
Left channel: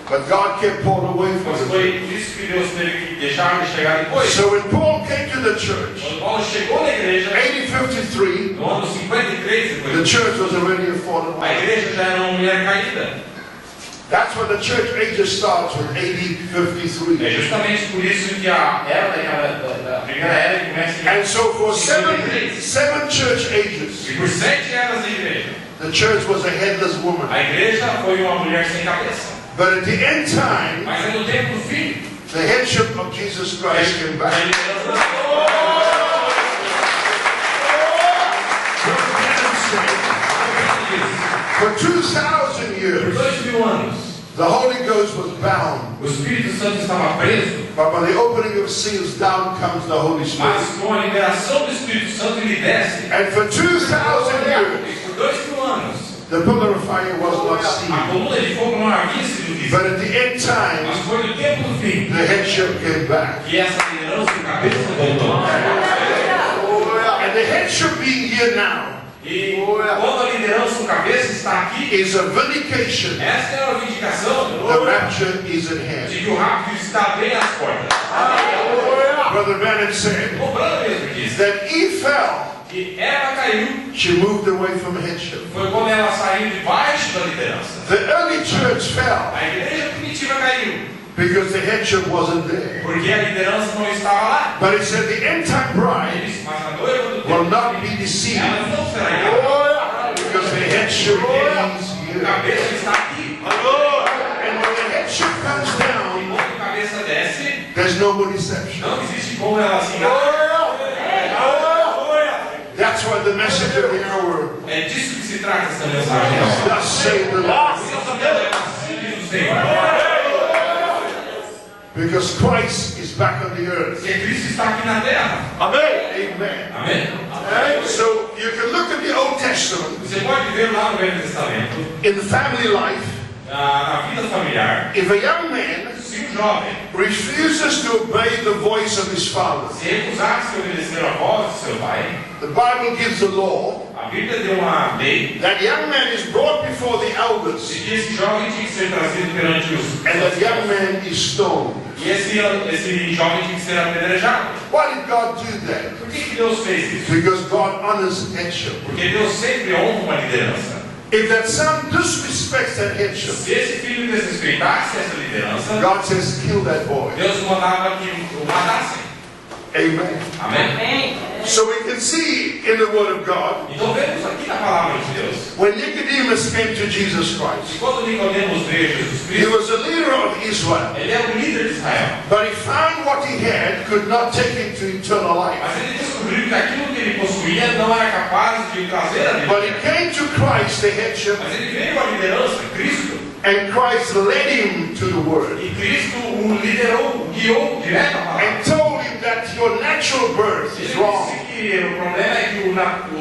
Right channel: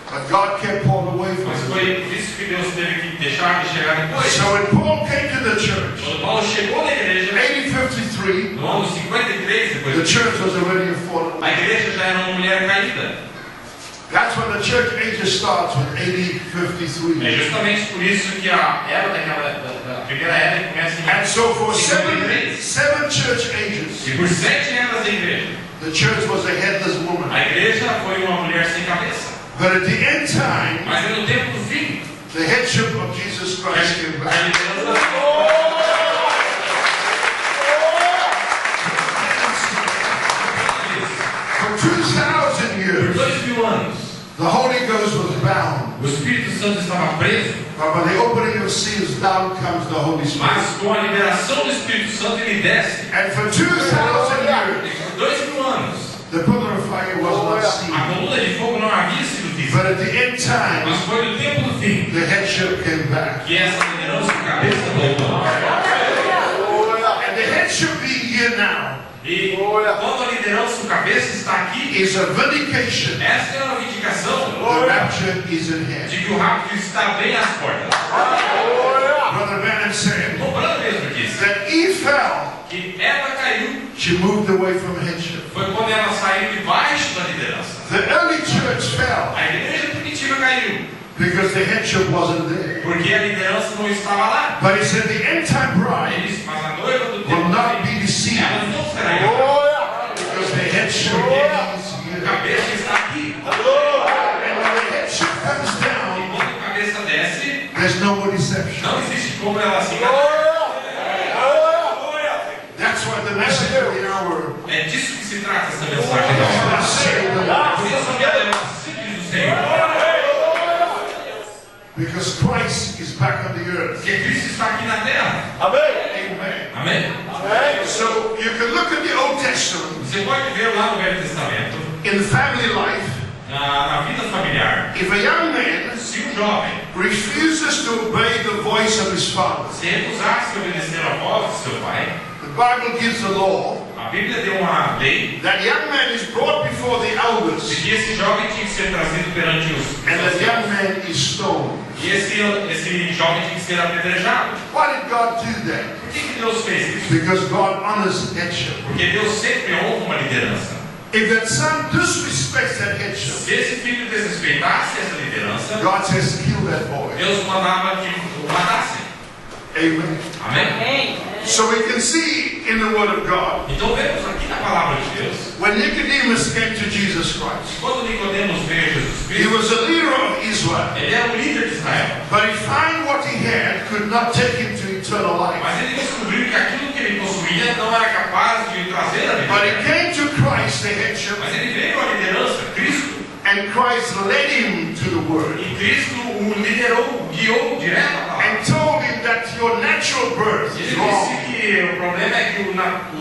But God kept Paul away from Mas it. foi por isso que Deus teve que deixar de chegar depois. So when Paul came to the church, Quando Paulo chegou na igreja, 1853, no ano 53 depois the de church was already a fallen a woman. igreja já era uma mulher caída. That's when the church ages starts with AD É 53. justamente por isso que a era da primeira era começa em And so for 53. seven church ages, E por 7 eras da igreja, the church was a headless woman. a igreja foi uma mulher sem cabeça. But at the end time, Mas no tempo do fim, the headship of Jesus Christ came a back. liderança For 2,000 por years, 2000 anos, the Holy Ghost was bound. o Espírito Santo estava preso, But by the opening of seals, down comes the Holy Spirit. mas com a liberação do Espírito Santo ele desce. And for 2,000 E years, por 2000 anos, the pillar of fire was not a seen. coluna de fogo não havia sido vista. But at the end time, Mas foi no tempo do fim the headship came back. que essa liderança de cabeça voltou. And the headship being here now E quando a liderança do cabeça está aqui, is a vindication. essa é uma vindicação The rapture is at hand. de que o rápido está bem às portas. Brother Bennett said Lembrando mesmo disso, that Eve fell. que ela caiu She moved away from headship. foi quando ela saiu debaixo da liderança. The early church fell A igreja primitiva caiu because the headship wasn't there. porque a liderança não estava lá. But he said the end time bride Ele disse, mas a noiva do will tempo not be deceived ela não será enganada. because the headship is O here. cabeça está aqui. And when the headship comes E down, quando a cabeça desce, there's no more deception. não existe como ela se enganar. That's why the message of the hour É disso que se trata essa mensagem. thus saith the Lord. Do Senhor. Because Christ is back on the earth. Porque Cristo está aqui na terra. Amen. Amém? So you can look at the Old Testament Você pode ver lá no Velho Testamento, in family life. na vida familiar, If a young man se um jovem refuses to obey the voice of his father, se recusar-se a obedecer a voz do seu pai, the Bible gives the law a Bíblia deu uma lei that young man is brought before the elders de que esse jovem tinha que ser trazido perante os and that young man is stoned. e esse jovem tinha que ser apedrejado. Why did God do that? Por que Deus fez isso? Because God honors headship. Porque Deus sempre honra uma liderança. If that son disrespects that headship, Se esse filho desrespeitasse essa liderança, God says, kill that boy. Deus mandava que o matassem. Amen. Amém? Amém. So we can see in the Word of God Então vemos aqui na palavra de Deus When Nicodemus came to Jesus E Christ, quando Nicodemos veio Jesus he Cristo, was a leader of Israel, ele era o líder de Israel. but he found what he had could not take him to eternal life. Mas ele descobriu que aquilo que ele possuía não era capaz de trazer a vida. But he came to Christ, the headship, Mas ele veio à liderança, Cristo, and Christ led him to the Word e Cristo o liderou, o guiou direto à palavra. and told him that your natural birth is Ele wrong. disse que o problema é que o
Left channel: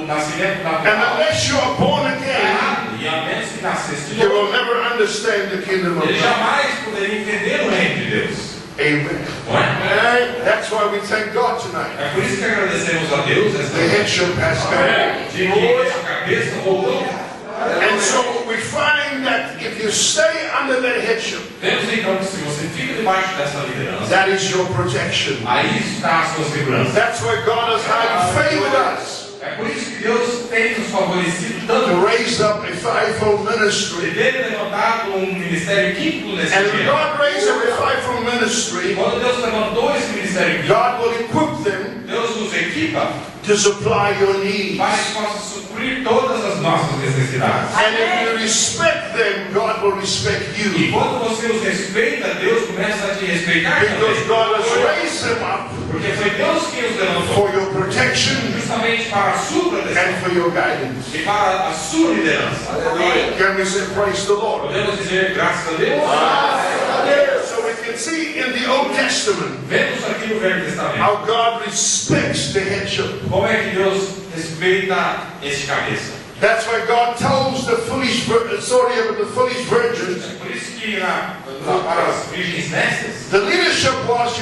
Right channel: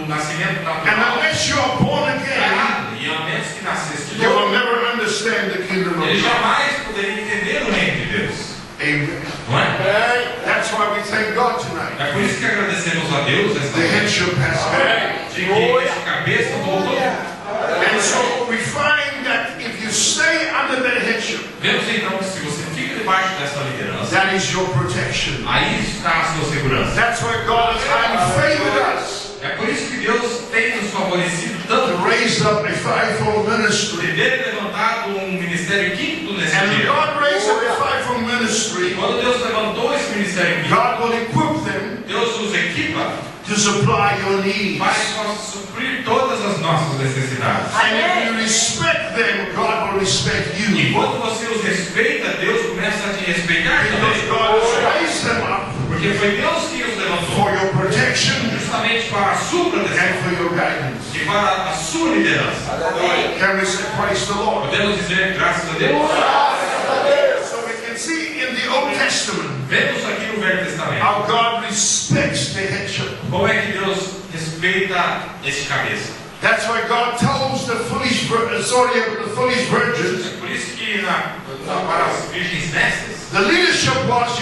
nascimento And natural unless you are born é again, errado. E a menos que nascesse de you will novo, never understand the kingdom of ele God. jamais poderia entender o reino de Deus. Amen. Não é? That's why we thank God tonight. É por isso que agradecemos a Deus esta The headship has come. de que essa cabeça voltou. And so we find that if you stay under that headship, Vemos então que se você fica debaixo dessa liderança, that is your protection. aí está a sua segurança. That's why God has highly favored us. É por isso que Deus tem nos favorecido tanto. Raised up a fivefold Ele ministry. teve levantado ministério quíntuplo nesse And if dia. God raised up a fivefold E ministry, quando Deus levantou esse ministério quíntuplo, God will equip them Deus os equipa to supply your needs. para que possa suprir todas as nossas necessidades. And if you respect them, God will respect E you. quando você os respeita, Deus começa a te respeitar Because também. God has raised them up Porque foi Deus quem os levantou, for your protection justamente para a sua proteção and for your guidance. e para a sua liderança. Can we say praise the Lord? Podemos dizer graças a Deus? So we can see in the Old Testament Vemos aqui no Velho Testamento how God respects the headship. como é que Deus respeita esse cabeça. That's why God tells the foolish virgins, É por isso que para as virgens nestas, the leadership was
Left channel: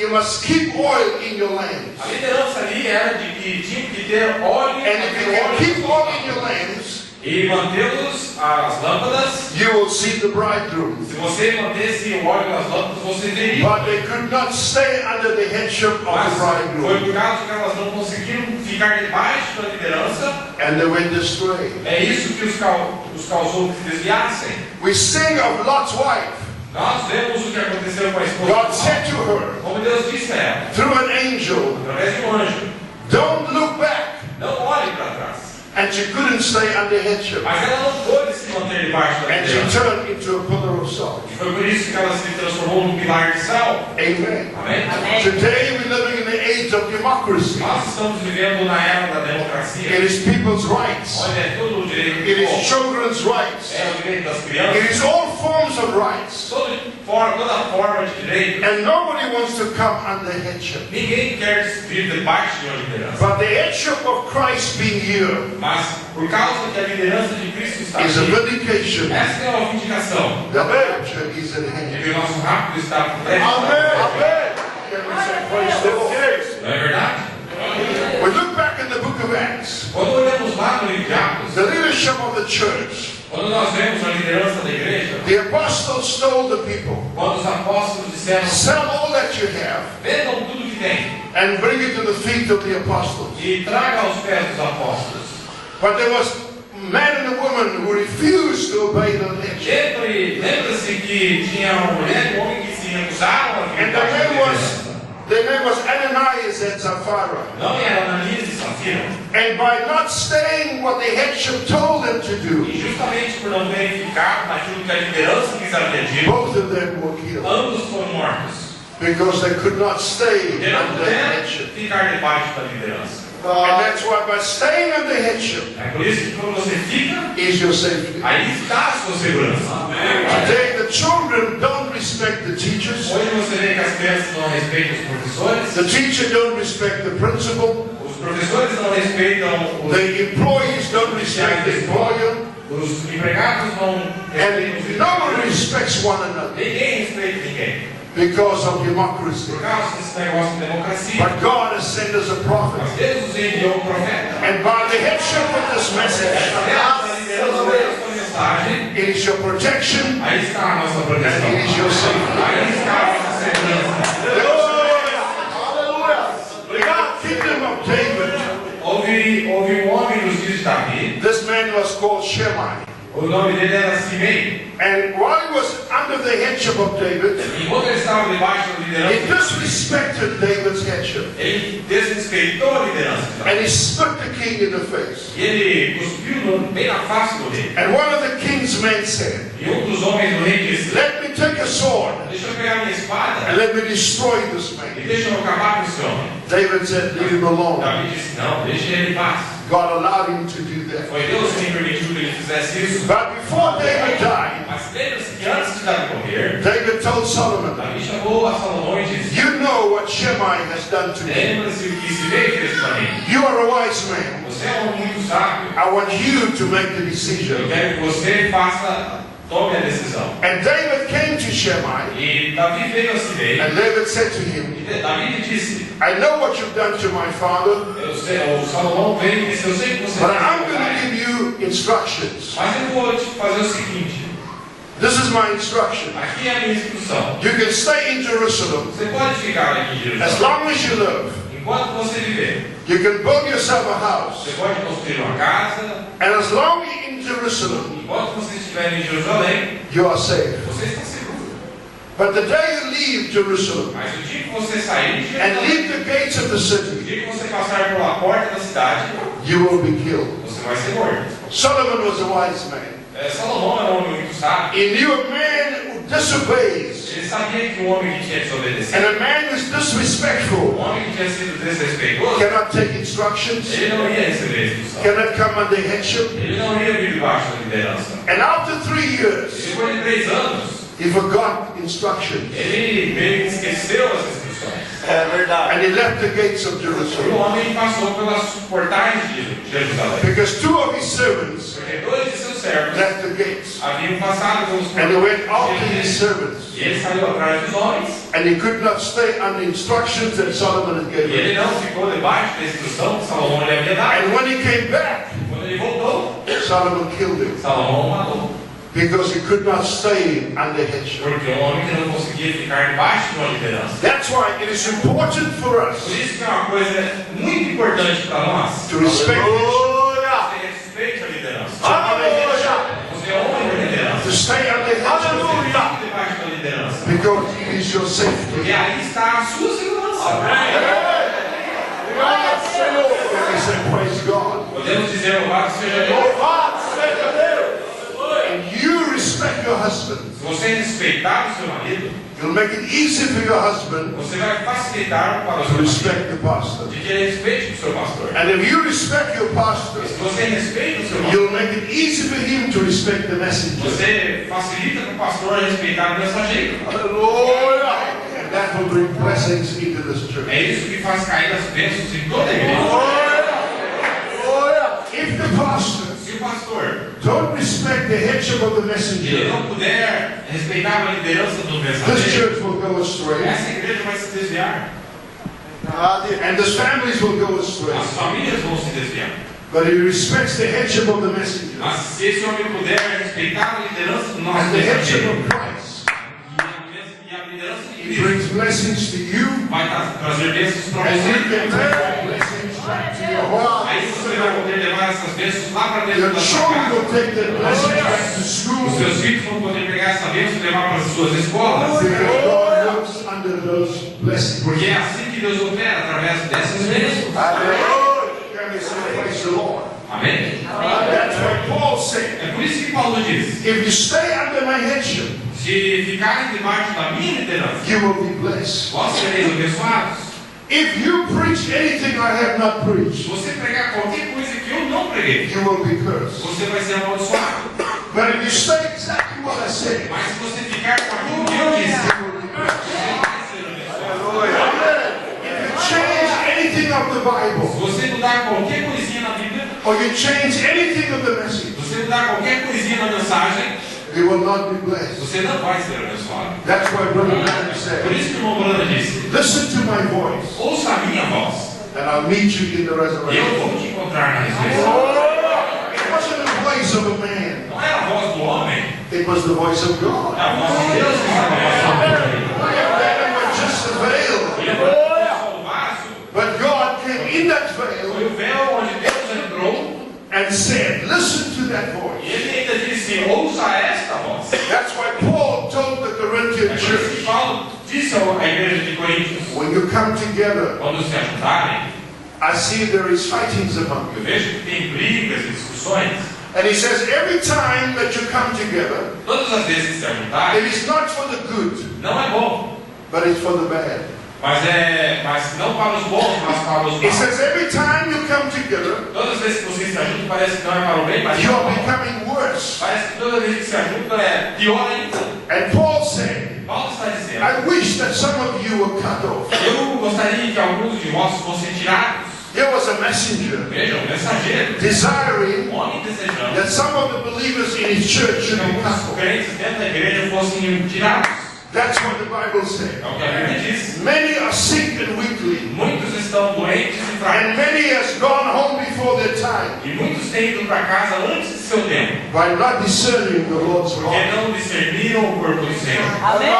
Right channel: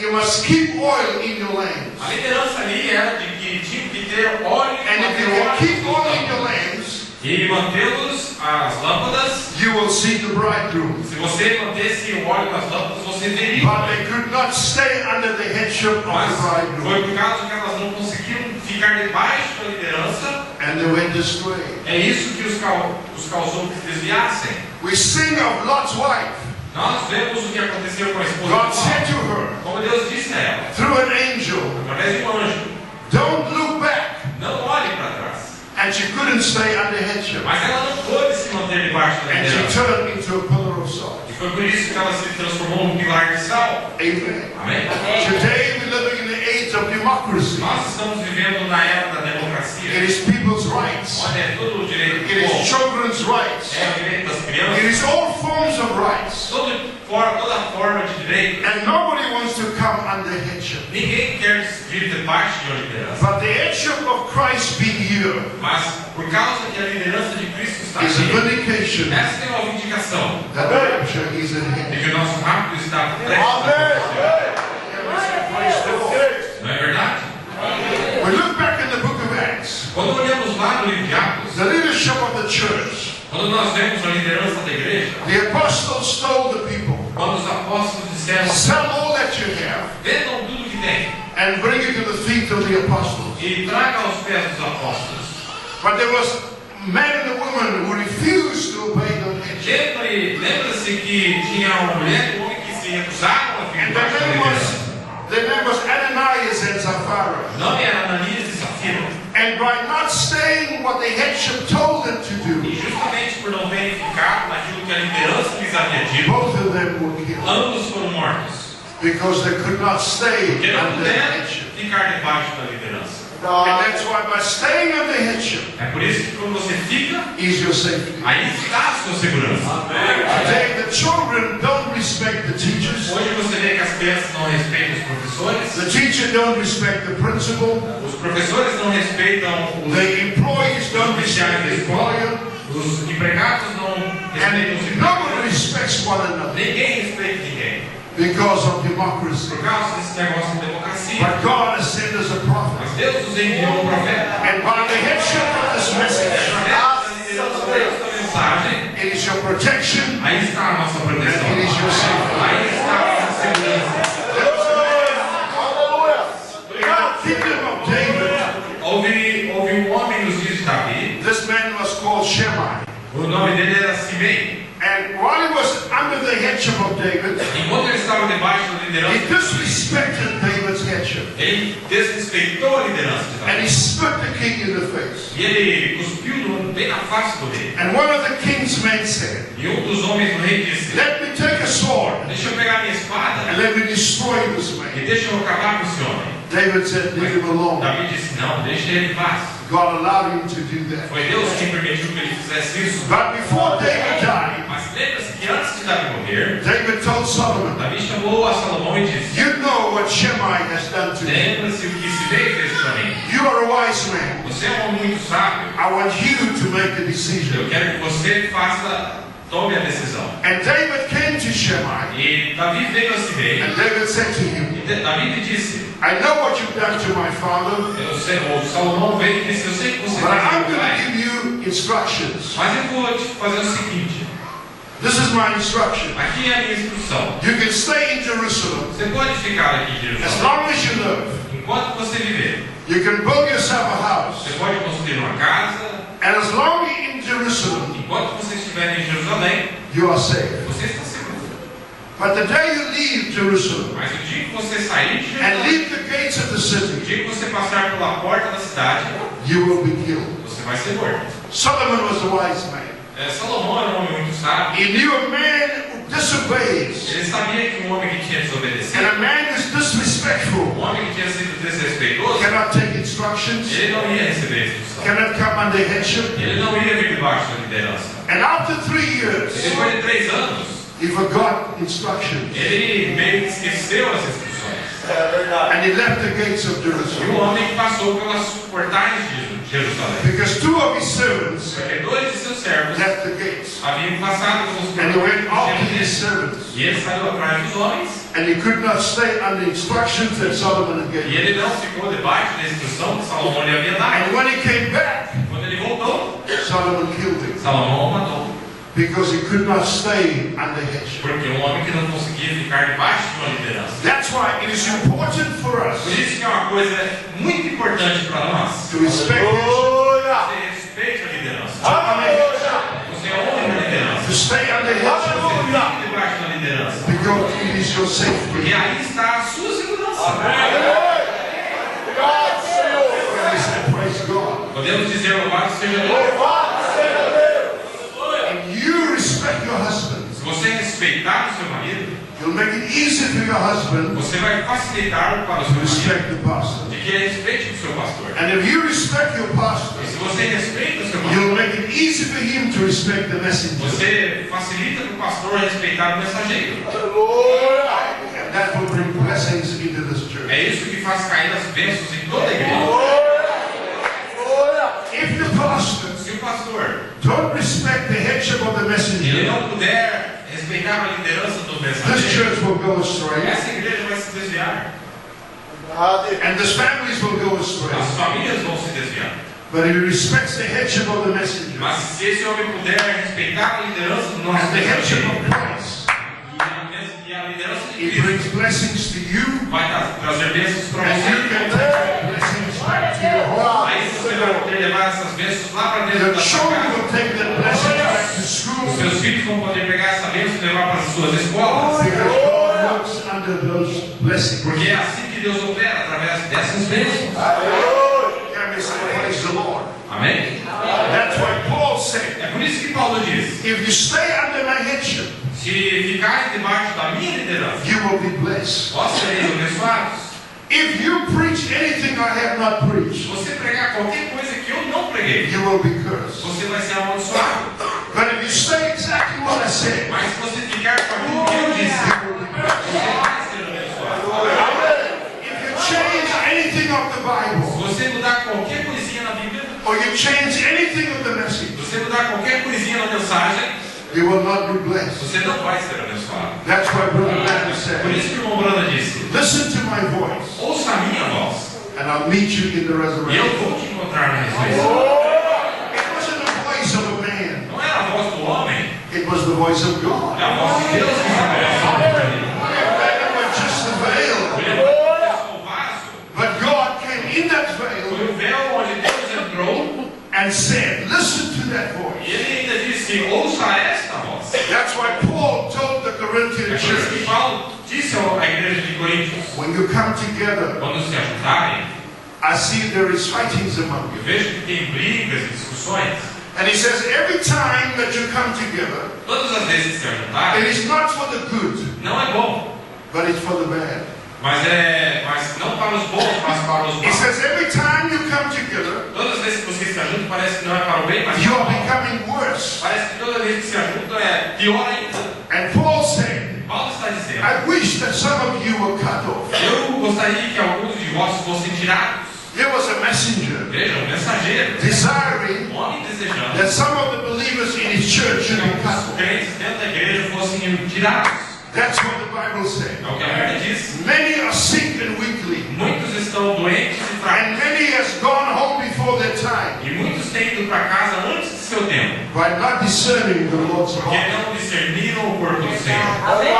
you must keep oil in your lamps. a liderança ali era de que tinha que ter óleo, And if you manter can óleo keep nos oil in your lâmpadas. lamps, E mantê-los, as lâmpadas, you will see the bridegroom. se você mantesse o óleo nas lâmpadas, você veria. But they could not stay under the headship of Mas the foi bridegroom. por causa que elas não conseguiram ficar debaixo da liderança. And they went astray. É isso que os causou que desviassem. We sing of Lot's wife. Nós vemos o que aconteceu com a esposa God de said Ló. to her, Como Deus disse a ela, through an angel, através de um anjo, don't look back. não olhe para trás. And she couldn't stay under headship. Mas ela não pôde se manter debaixo da And she liderança. turned into a pillar of salt. E foi por isso que ela se transformou num pilar de sal. Amen. Amém? Today we're living in the age of democracy. Nós estamos vivendo na era da democracia. It is people's rights. Onde é todo o direito It do is povo. children's rights. É o direito das It crianças. is all forms of rights. Toda forma de direito. And nobody wants to come under headship. Ninguém quer vir debaixo de uma liderança. But the headship of Christ being here Mas por causa que a liderança de Cristo está is a aqui, vindication essa é uma vindicação that the rapture is at de hand. que o nosso rápido está por trás. Praise the Lord. Não é verdade? We look back in the book of Acts. Quando olhamos lá no livro de Atos, The leadership of the church. quando nós vemos a liderança da igreja, The apostles told the people, quando os apóstolos disseram, sell all that you have vendam tudo que tem and bring it to the feet of the apostles. e tragam aos pés dos apóstolos. But there was men and women who refused to obey the headship. Lembra-se que tinha uma mulher e um homem que se recusaram a vir And debaixo da liderança. their name was Ananias and Sapphira. Não era Ananias e Safira. And by not staying what the headship told them to E do, justamente por não terem ficado naquilo que a liderança lhes havia dito, both of them were killed ambos foram mortos. because they could not stay Porque não under the puderam headship. ficar debaixo da liderança. And that's why by staying under headship É por isso que quando você fica, is your safety. aí está a sua segurança. Today the children don't respect the teachers. Hoje você vê que as crianças não respeitam os professores, The teacher don't respect the principal. os professores não respeitam The employees don't respect the employer. os empregados não respeitam os And nobody respects one another Ninguém respeita ninguém. because of democracy. Por causa desse negócio de democracia. But God has sent us a prophet. Mas Deus nos enviou um profeta. And by the headship of this message, Através da liderança desta mensagem, it is your protection aí está a nossa proteção. and it is your safety. Aí está a nossa segurança. The kingdom of David, Houve um homem nos dias de Davi. this man was called Shimei. O nome dele era Simei. And while he was under the headship of David, Enquanto ele estava debaixo da he liderança, disrespected David's headship. ele desrespeitou a liderança de And Davi. he spit the king in the face. E ele cuspiu bem na face men said, E um dos homens do rei disse: let me take a sword deixa eu pegar minha espada and let me destroy this e man. deixa eu acabar com esse homem. David said, leave him alone. Davi disse: não, deixa ele em paz. God allowed him to do that. Foi Deus quem permitiu que ele fizesse isso. But before David died, Mas lembra-se que antes de Davi morrer, David told Solomon, Davi chamou a Salomão e disse: you know what Shimei has done to me. lembra-se o que Simei fez para mim. You are a wise man. Você é um homem muito sábio. I want you to make the Eu decision. quero que você tome a decisão. And David came to Shimei, E Davi veio a Simei. and David said to him, E Davi lhe disse: I know what you've done to my father, eu sei, o Salomão veio e disse: eu sei que você but fez I'm isso, going to pai, give you instructions. mas eu vou te fazer o seguinte: This is my instruction. aqui é a minha instrução. You can stay in Jerusalem Você pode ficar aqui em as Jerusalém long as you live. enquanto você viver. You can build yourself a house. Você pode construir uma casa. And as long as you're in Jerusalem, Enquanto você estiver em Jerusalém, you are safe. você está seguro. But the day you leave Jerusalem Mas o dia que você sair de and Jerusalém, leave the gates of the o city, dia que você passar pela porta da cidade, you will be killed. você vai ser morto. Solomon was a wise man. Salomão era um homem muito sábio. He knew a man who disobeys Ele sabia que um homem que tinha and desobedecido, a man who's disrespectful um homem que tinha sido desrespeitoso, cannot take instructions, ele não ia receber instrução. cannot come under headship. Ele não ia vir debaixo da liderança. And after 3 E years, depois de 3 anos, he forgot instructions ele meio que esqueceu as instruções. and he left the gates of E o Jerusalem homem passou pelas portais de Jerusalém. because 2 of his servants Porque 2 de seus servos left the gates. haviam passado pelos And he went portais after de his Jerusalém. servants. E ele saiu atrás dos homens. And he could not stay under instructions that Solomon had E given ele him. não ficou debaixo da instrução que Salomão lhe havia dado. And when he came back, Quando ele voltou, Solomon killed him Salomão o matou. because he could not stay under headship. Porque um homem que não conseguia ficar debaixo de uma liderança. That's why it is important for us Por isso que é uma coisa muito importante para nós. to respect headship, Você respeite a liderança. Você é homem da liderança. to stay under headship, Fique debaixo da liderança. because it is your E safety. aí está a sua segurança. I say, praise God. Podemos dizer louvado seja Deus. And you respect your husband. Se você respeitar o seu marido, It'll make it easy for your husband você vai facilitar para o to seu marido respect the pastor. de que ele respeite o seu pastor. And if you respect your pastor, E se você respeita o seu pastor, you'll make it easy for him to respect the messenger. você facilita para o pastor respeitar o mensageiro. And that will bring blessings into this church. É isso que faz cair as bênçãos em toda a igreja. If the pastor Se o pastor don't respect the headship of the ele messenger, não puder respeitar a liderança do this mensageiro, church will go astray, essa igreja vai se desviar. and the families will go astray. As famílias vão se desviar. But if he respects the headship of the messenger Mas se esse homem puder respeitar a liderança do nosso and the headship mensageiro, of Christ, e a liderança de it Cristo brings blessings to you, vai trazer bênçãos para and you você. can take that blessings back to your home. Aí você vai poder levar essas bênçãos lá para dentro Your da sua children casa. will take that blessings back to Os school, seus filhos vão poder pegar essa bênção e levar para as suas escolas. because God works under those blessings. Porque é assim que Deus opera, através dessas bênçãos. Can we say praise the Lord? Amém? That's what Paul said. É por isso que Paulo diz: If you stay under my headship, se ficarem debaixo da minha liderança, you will be blessed. vós sereis abençoados. If you preach anything I have not Se preached, você pregar qualquer coisa que eu não preguei, you will be cursed. você vai ser amaldiçoado. But if you say exactly what I said, Mas se você ficar com aquilo que eu disse, you will be blessed. você vai ser abençoado. If you change anything of the Se Bible, você mudar qualquer coisinha na Bíblia, or you change anything of the message, se você mudar qualquer coisinha na mensagem, you will not be blessed. você não vai ser abençoado. That's why Brother Branham Por said, isso que o irmão Branda disse: listen to my voice, ouça a minha voz, and I'll meet you in the e eu resurrection. vou te encontrar na ressurreição. It wasn't the voice of a man, Não era a voz do homem, it was the voice of God. é a voz de Deus que estava falando ali. That was just a veil, Ele não foi só o vaso, but God came in that veil foi o véu onde Deus entrou, and said, listen to that e voice. ele ainda disse: ouça esta voz. That's why Paul told the É Corinthian por isso que church, Paulo disse à igreja de Coríntios: when you come together, quando se ajuntarem, I see there is fightings among eu you. vejo que tem brigas e discussões. And he says every time that you come together, Todas as vezes que se ajuntarem, it is not for the good, não é bom, but it's for the bad. mas não para os bons, mas para os He maus. says every time you come together, Todas as vezes que vocês se ajuntam, parece que não é para o bem, mas you para o are mal. becoming worse. Parece que toda vez que se ajuntam é pior ainda. And Paul said, Paulo está dizendo, I wish that some of you were cut off. eu gostaria que alguns de vós fossem tirados. There was a messenger Vejam, mensageiro, desiring homem desejando that some of the believers in his church should be que cut os off. crentes dentro da igreja fossem tirados. That's what the Bible said. É o que a Bíblia diz. Many are sick and weakly, Muitos estão doentes e fracos. and many has gone home before their time E muitos têm ido para casa antes de seu tempo. by not discerning the Lord's Porque law não discerniram o corpo do Senhor. Amém.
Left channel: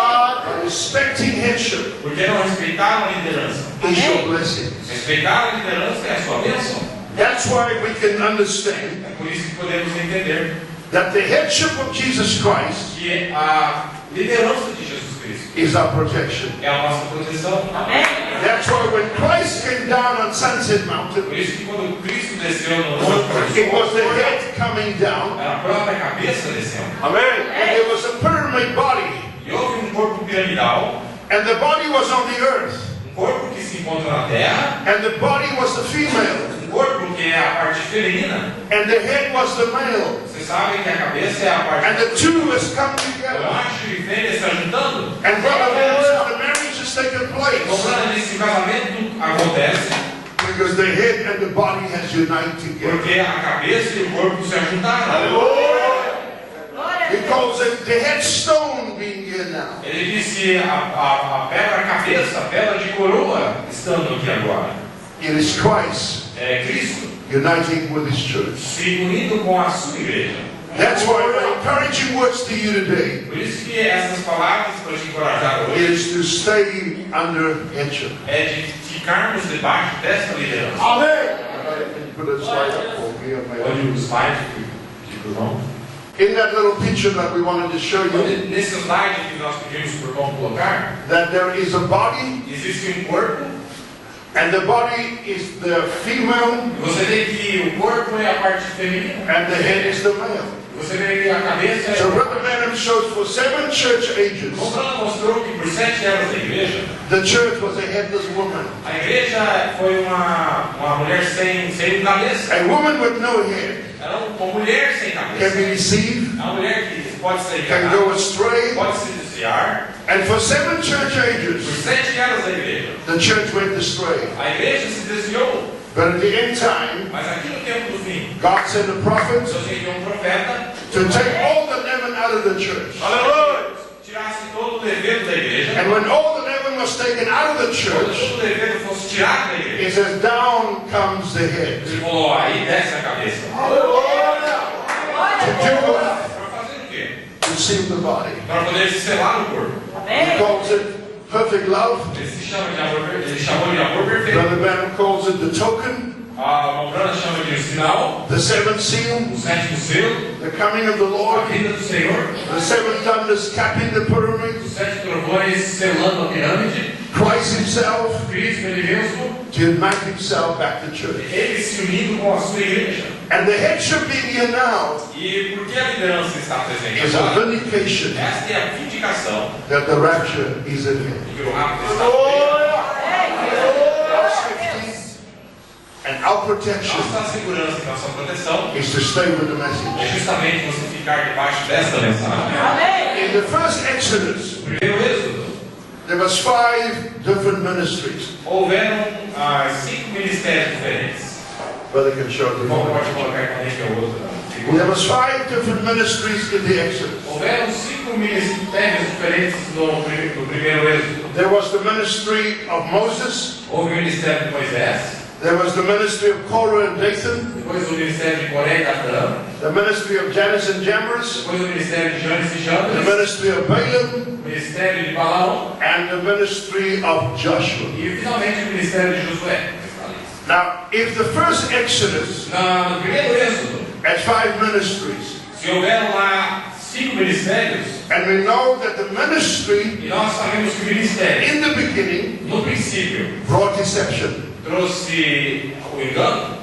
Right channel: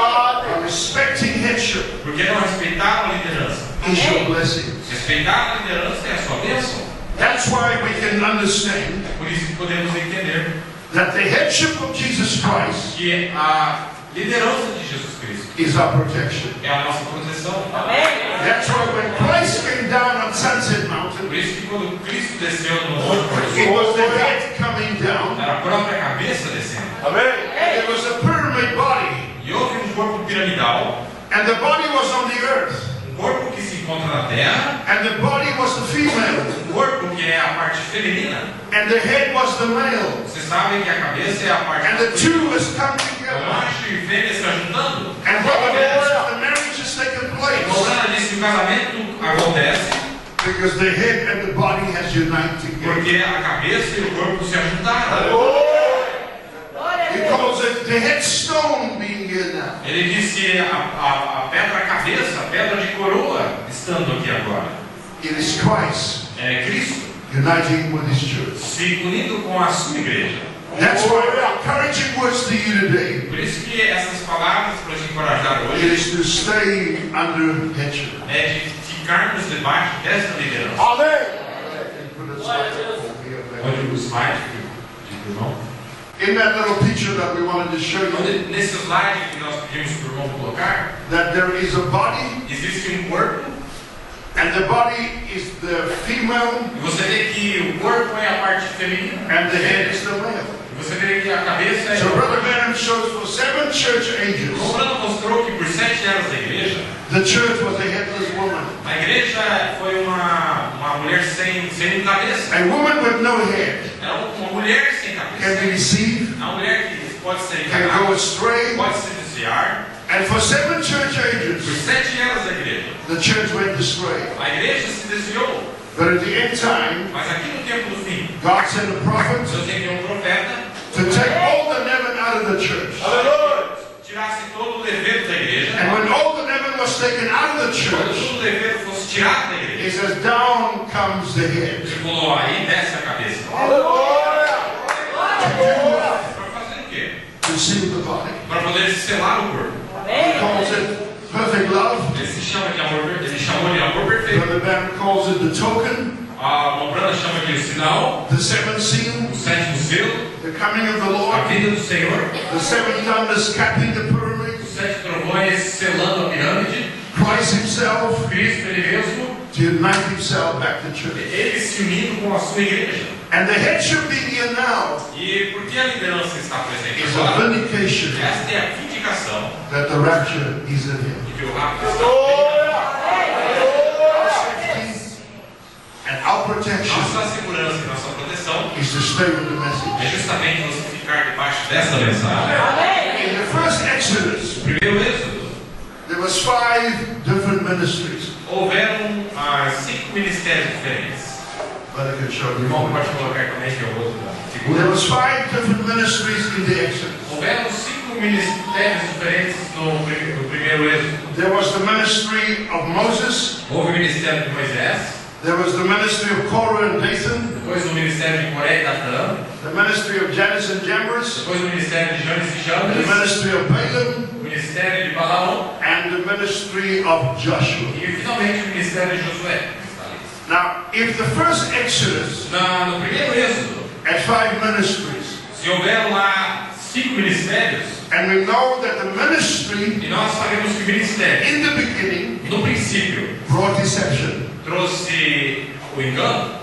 and respecting headship Porque não respeitaram a liderança. is your blessings. Respeitar a liderança é a sua bênção. That's why we can understand É por isso que podemos entender that the headship of Jesus Christ que a liderança de Jesus Cristo is our protection. é a nossa proteção. Amém. That's why when Christ came down on Sunset Mountain, Por isso que quando Cristo desceu no monte, it was the head coming down, era a própria cabeça descendo. and there was a pyramid body, E houve um corpo piramidal, and the body was on the earth, um corpo que se encontra na terra, and the body was the female, um corpo que é a parte feminina. and the head was the male, Vocês sabem que a cabeça é a parte and the masculina. two has come O together. macho e fêmea estão juntando. And brother, the marriage has taken place Comprando nesse casamento acontece because the head and the body has united together. porque a cabeça e o corpo se ajuntaram. Glória a He Deus. calls it the headstone being here now. Ele disse a pedra cabeça, a pedra de coroa, estando aqui agora. It is Christ É Cristo uniting with his church. se unindo com a sua igreja. That's why my encouraging words to you today Por isso que essas palavras para te encorajar hoje is to stay under headship. é de ficarmos debaixo desta liderança. Put a slide up for me, man. Olha o slide de irmão. In that little picture that we wanted to show you, Nesse slide que nós pedimos para o irmão colocar, that there is a body, existe um corpo. and the body is the female, E você vê que o corpo é a parte feminina. and the head is the male. E você vê que a cabeça é. So Brother Branham shows for 7 church ages, O Romano mostrou que por 7 anos da igreja, the church was a headless woman. a igreja foi uma mulher sem cabeça. A woman with no head Era uma mulher sem can cabeça. deceive, É uma mulher que pode ser can enganada, go astray, pode se desviar. and for 7 church Por ages, 7 anos da igreja, the church went astray. a igreja se desviou. But at the end time, Mas aqui no tempo do fim, God sent a prophet Deus enviou um profeta to take all the leaven out of the church. que tirasse todo o levedo da igreja. And when all the leaven was taken out of the Quando church, todo o levedo fosse tirado da he igreja, says, down comes the head. ele falou, aí desce a cabeça. To do what? Para fazer o quê? To seal the body. Para poder selar o corpo. He Amém. calls it perfect love. Ele se chama de amor, ele chamou de amor perfeito. Brother Branham calls it the token, A Mombrana chama de o sinal, the seventh seal, o sétimo selo, the coming of the a Lord, vinda do Senhor, the seven thunders capping the pyramid, os 7 trovões selando a pirâmide, Christ himself Cristo ele mesmo, to unite himself back to church. ele se unindo com a sua igreja. And the headship being here now E por que a liderança está presente is a agora? vindication Esta é a vindicação that the rapture is in him. de que o rápido está perto. Our safety and our protection Nossa segurança e nossa proteção is to stay with the message. é justamente você ficar debaixo desta mensagem. Amém. In the first Exodus, Primeiro êxodo, there was 5 different ministries. houveram 5 ministérios diferentes. Brother can show O you. irmão pode colocar também que é o outro. There was 5 different ministries in the Exodus. Houveram 5 ministérios diferentes no primeiro êxodo. There was the ministry of Moses. Houve o ministério de Moisés, There was the ministry of Korah and Dathan. depois o ministério de Coré e Datã, The ministry of Jannes and Jambres. depois o ministério de Janes e The Chambres, ministry of Balaam. o ministério de Balaão And the ministry of Joshua. e finalmente o ministério de Josué. Now, if the first Exodus No primeiro êxodo, had 5 ministries, se houveram lá 5 ministérios, and we know that the ministry e nós sabemos que o ministério, in the beginning no princípio, brought deception, trouxe o engano,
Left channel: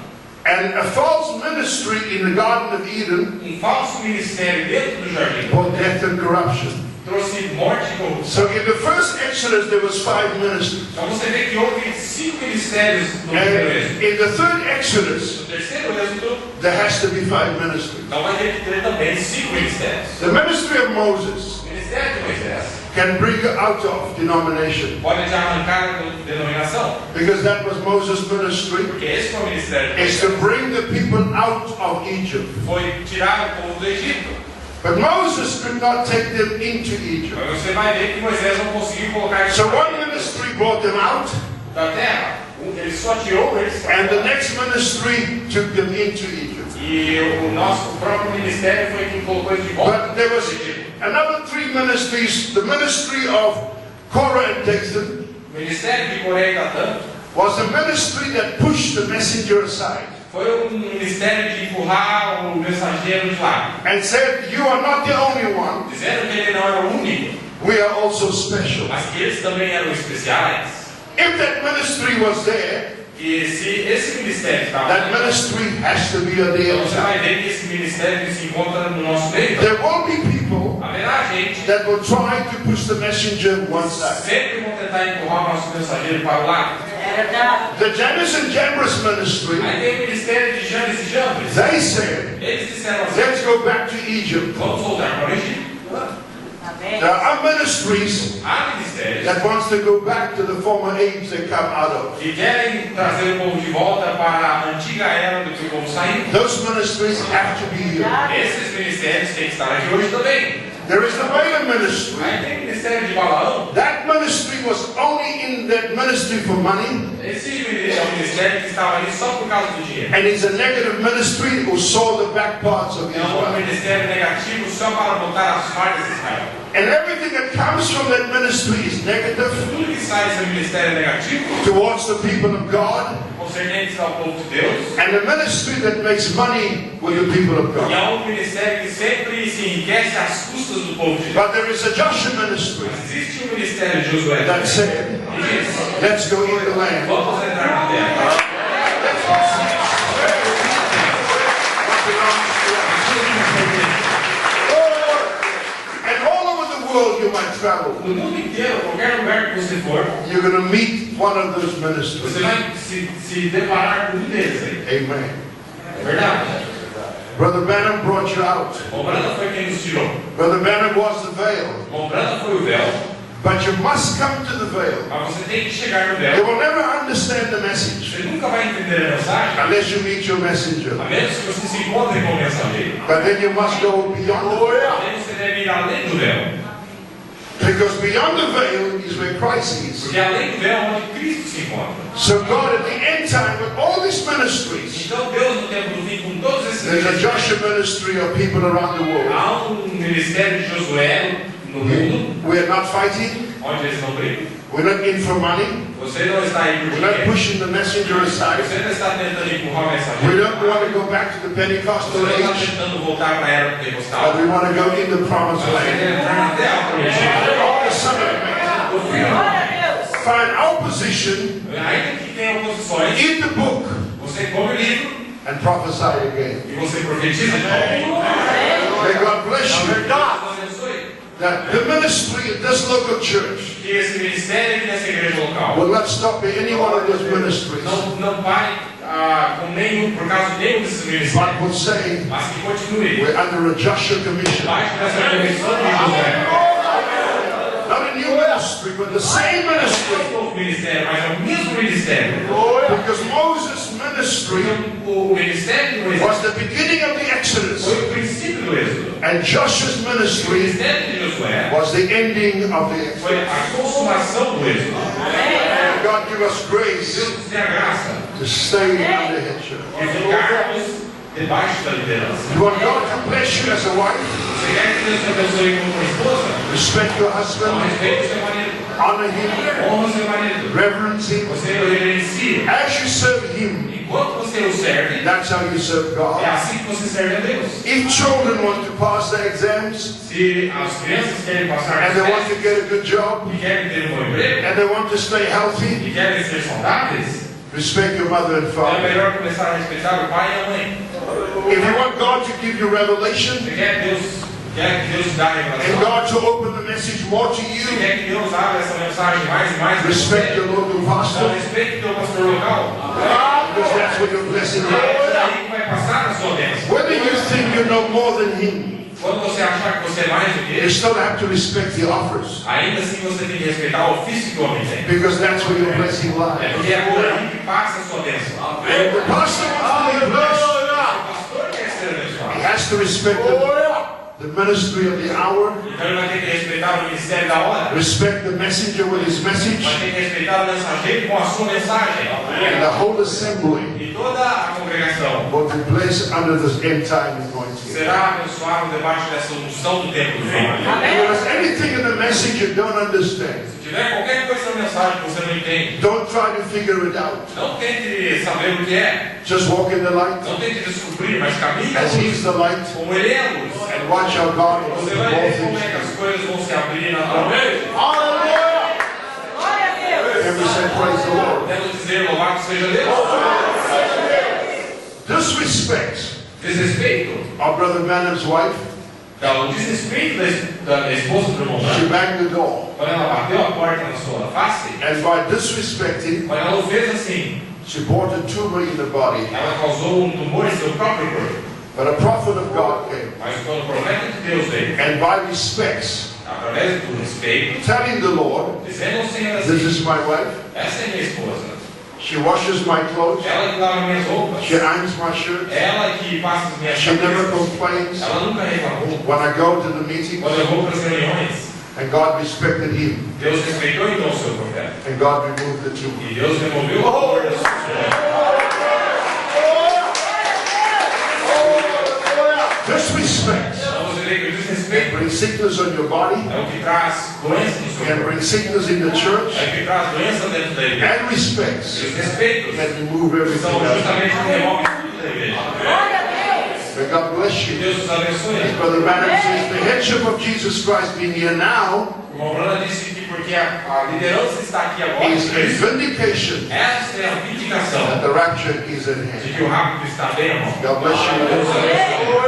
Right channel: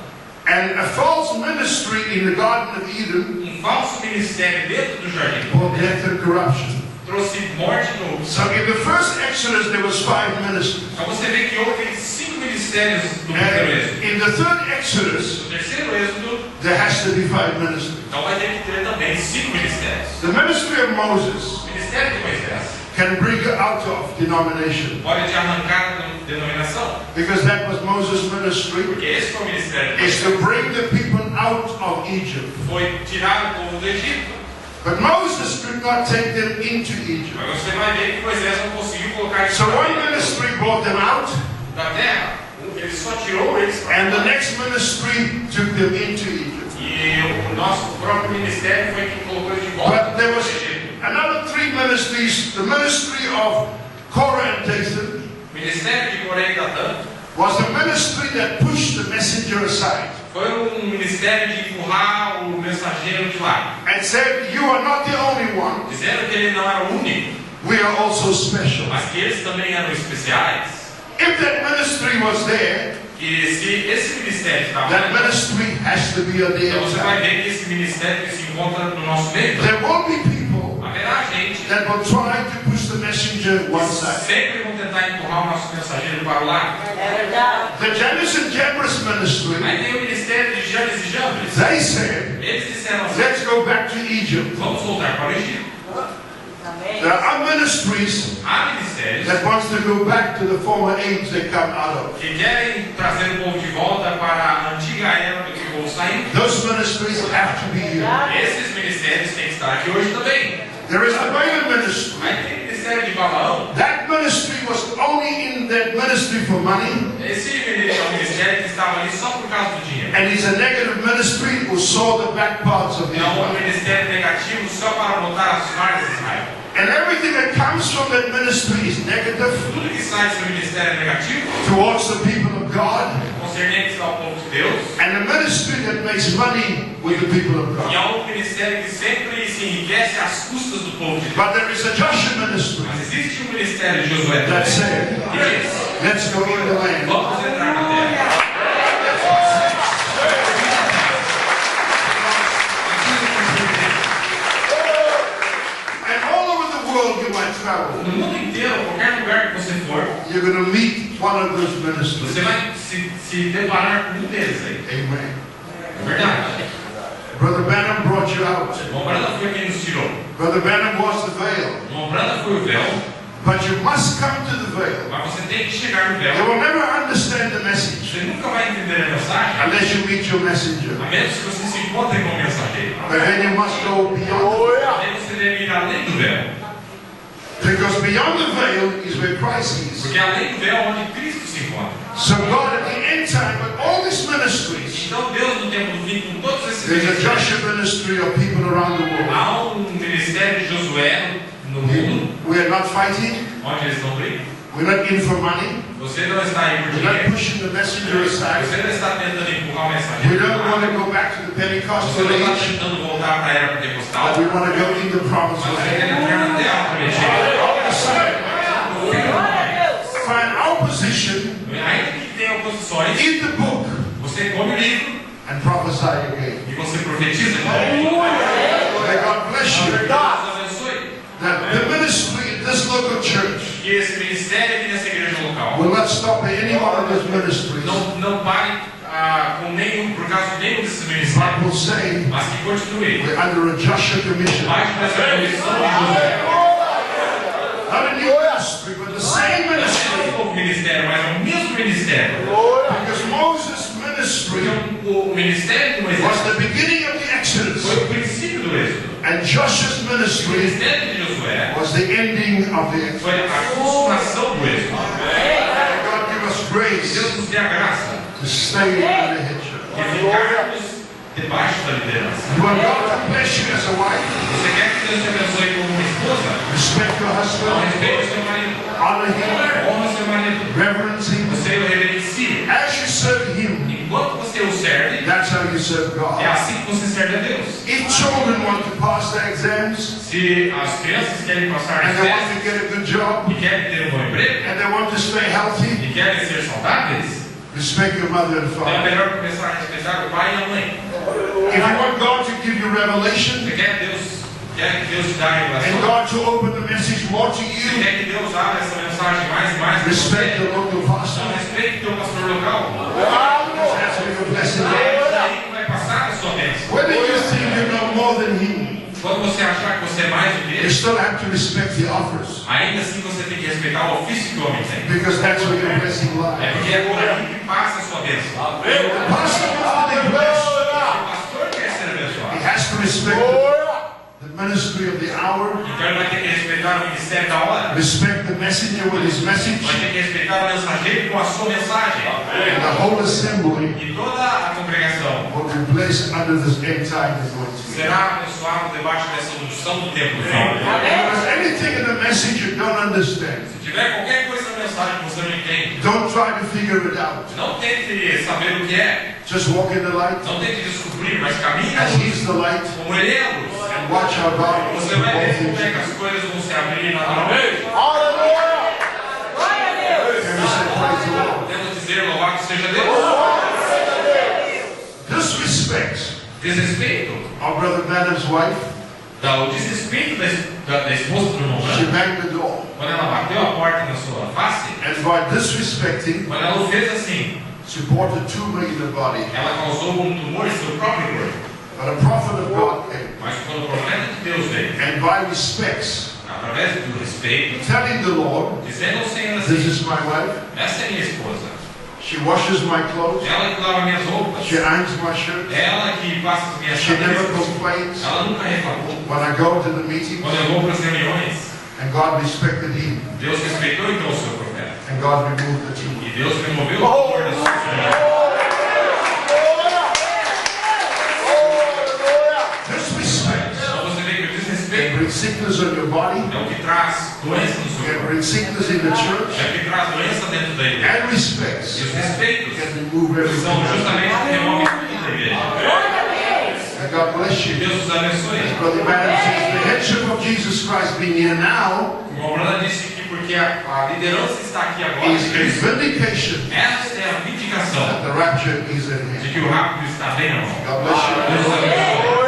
And a false ministry in the Garden of Eden falso ministério dentro do jardim brought death and corruption. trouxe morte no... So in the first Exodus there was 5 ministries. Então você vê que houve 5 ministérios no primeiro And êxodo. in the third Exodus No terceiro êxodo, there has to be 5 ministries. então vai ter que ter também 5 ministérios. The ministry of Moses O ministério de Moisés can bring you out of denomination, pode te arrancar da denominação, because that was Moses' ministry, porque esse foi o ministério de is to Moisés. bring the people out of Egypt. Foi tirar o povo do Egito. But Moses could not take them into Egypt. Mas você vai ver que Moisés não conseguiu colocar eles So pra one dentro ministry brought them out, da terra. Ele só tirou eles and the next ministry took them into Egypt. e o nosso próprio ministério foi quem colocou eles de volta. But there was no Egito. another 3 ministries. The ministry of Korah and Dathan O ministério de Coré e Datã was the ministry that pushed the messenger aside foi ministério de empurrar o mensageiro de lado, and said, "You are not the only one. dizendo que ele não era o único, We are also special." mas que eles também eram especiais. If that ministry was there, E se esse ministério estava that lá, ministry has to be on the então você vai outside. ver que esse ministério se encontra no nosso meio. There will be people Haverá gente that will try to push the messenger one side. sempre vão tentar empurrar o nosso mensageiro para o lado. É verdade. The Jannes and Jambres ministry, Aí tem o ministério de Janes e Jambres. they said, Eles disseram assim: "Let's go back to Egypt." vamos voltar para o Egito. Amém. There are ministries Há ministérios that wants to go back to the former age they come out of. que querem trazer o povo de volta para a antiga era do que o povo saiu. Those ministries have to be here. Esses ministérios têm que estar aqui hoje também. There is the Balaam ministry. Aí tem o ministério de Balaão. That ministry was only in that ministry for money, Esse é um ministério que estava ali só por causa do dinheiro. and it's a negative ministry who saw the back parts of É um Israel. ministério negativo só para botar as falhas de Israel. And everything that comes from that ministry is negative Tudo que sai desse ministério negativo, towards the people of God, concernentes ao povo de Deus, and the ministry that makes money with the people of e God. é um ministério que sempre se enriquece às custas do povo de Deus. But there is a Joshua ministry Mas existe um ministério de Josué that também, said, que diz: "Let's go in the land." vamos entrar na terra. And all over the world you might travel, No mundo inteiro, qualquer lugar que você for, you're going to meet one of those você ministries. vai se deparar com um deles aí. Amen. É verdade. Brother Branham brought you out. O Branda foi quem nos tirou. Brother Branham was the veil. O Branda foi o véu, But you must come to the veil. mas você tem que chegar no You véu. will never understand the message Você nunca vai entender a mensagem, unless you meet your messenger. a menos que você se encontre com o mensageiro. But then you must go beyond. Aí você deve ir além do véu. Because beyond the veil is where Christ is. Porque além do véu é onde Cristo se encontra. So God at the end time, with all these ministries, Então Deus no tempo do fim, com todos esses there's a ministérios, Joshua ministry of people around the world. há um ministério de Josué no mundo, We're not fighting. onde eles não brigam. We're not in for money. Você não está aí por We're not dinheiro. pushing the messenger aside. Você não está tentando empurrar o We mensageiro. don't want to go back to the Você Pentecostal não está age, tentando voltar para a era but pentecostal. we want to go in the promised Você land. quer entrar na terra prometida. All of a sudden, No fim, Glória a Deus. find our position, ainda que tenha oposições, eat the book, você come o livro and prophesy again. e você profetiza de novo. May God bless you. Deus abençoe. That the ministry in this local church Que esse ministério aqui nessa igreja local will not stop at any one of those ministries, não pare com nenhum, por causa de nenhum desses but ministérios, will say, mas que continue. we're under a Joshua commission. Mas essa comissão de José, Not a new ministry, but the same não é ministry. um novo ministério, mas é o mesmo ministério. Because Moses' ministry O ministério de Moisés was the beginning of the Exodus, foi o princípio do êxodo. and Joshua's O ministry ministério de Josué was the ending of the Exodus. foi a consumação do êxodo. God give us grace Deus nos dê a graça to stay under headship. de ficarmos debaixo da liderança. You want God to bless you as a wife, Você quer que Deus te abençoe como uma esposa? respect your Então husband, respeite o seu marido. honor him, Honra o seu marido. reverence him. Você o reverencia. As you serve him, Enquanto você o serve, that's how you serve é God. assim que você serve a Deus. If children want to pass their exams, Se as crianças querem passar and as they want to testes get a good job, e querem ter um bom emprego and they want to stay healthy, e querem ser saudáveis, Respect your mother and Então é father. melhor começar a respeitar o pai e a mãe. If you want God to give you revelation Você quer que Deus te dê a and revelação? God to open the message more to Você you, quer que Deus abra essa mensagem mais e mais? respect the local pastor, Então respeite o teu pastor local. because that's where your blessing is. É aí que vai passar a sua bênção. Whether you think you know more than him, Quando você achar que você é mais do que you ele, still have to respect the offers, ainda assim você tem que respeitar o ofício que o homem tem. because that's where your blessing É lies. porque é por aí que passa a sua bênção. The pastor wants to be blessed. O pastor quer ser He abençoado. has to respect the ministry of the hour, Então ele vai ter que respeitar o ministério da hora. respect the messenger with his message, Vai ter que respeitar o mensageiro com a sua mensagem. and the whole assembly E toda a congregação will be placed under this end time anointing. será abençoado debaixo dessa unção do tempo do fim. If there's anything in the message you don't understand, Se tiver qualquer coisa na mensagem que você não entende, don't try to figure it out. não tente saber o que é. Just walk in the light Não tente descobrir, mas caminhe as He's the light, como ele é a luz. and watch how God will Você open vai all ver como é que things. as coisas vão se abrir na meio. Glória a Deus. Can we say praise the Lord? Quero dizer, louvado seja Deus. Disrespect Desrespeito, of Brother Branham's wife, o desrespeito da esposa do irmão she Branham, banged the door, quando ela bateu a porta na sua face, and by disrespecting, quando ela o fez assim, she brought a tumor in the body. ela causou um tumor em seu próprio corpo. But a prophet of God came, Mas quando o profeta de Deus veio, and by respects, através do respeito, telling the Lord, dizendo ao Senhor "This assim: is my wife. essa é minha esposa, She washes my clothes. ela que lava minhas roupas, She irons my shirts. ela que passa as minhas She never camisas, complains ela nunca reclamou. when I go to the meeting." Quando eu vou para as reuniões, And God respected him, Deus respeitou então o seu profeta. and God removed the tumor. E Deus removeu o tumor da sua mulher. Disrespect Então você vê que o desrespeito brings sickness on your body, é o que traz doença no seu can corpo. bring sickness in the church, É o que traz doença dentro da igreja. and E respects os respeitos can remove everything são else. justamente o que removem tudo da igreja. Glória a Deus. And God bless Que you. Deus os abençoe. As Brother Branham says, the headship of Jesus Christ being here now O irmão Brana disse que porque a liderança está aqui agora, is a vindication essa é a vindicação that the rapture is at de hand. que o rápido está bem na mão. God bless you. Deus abençoe.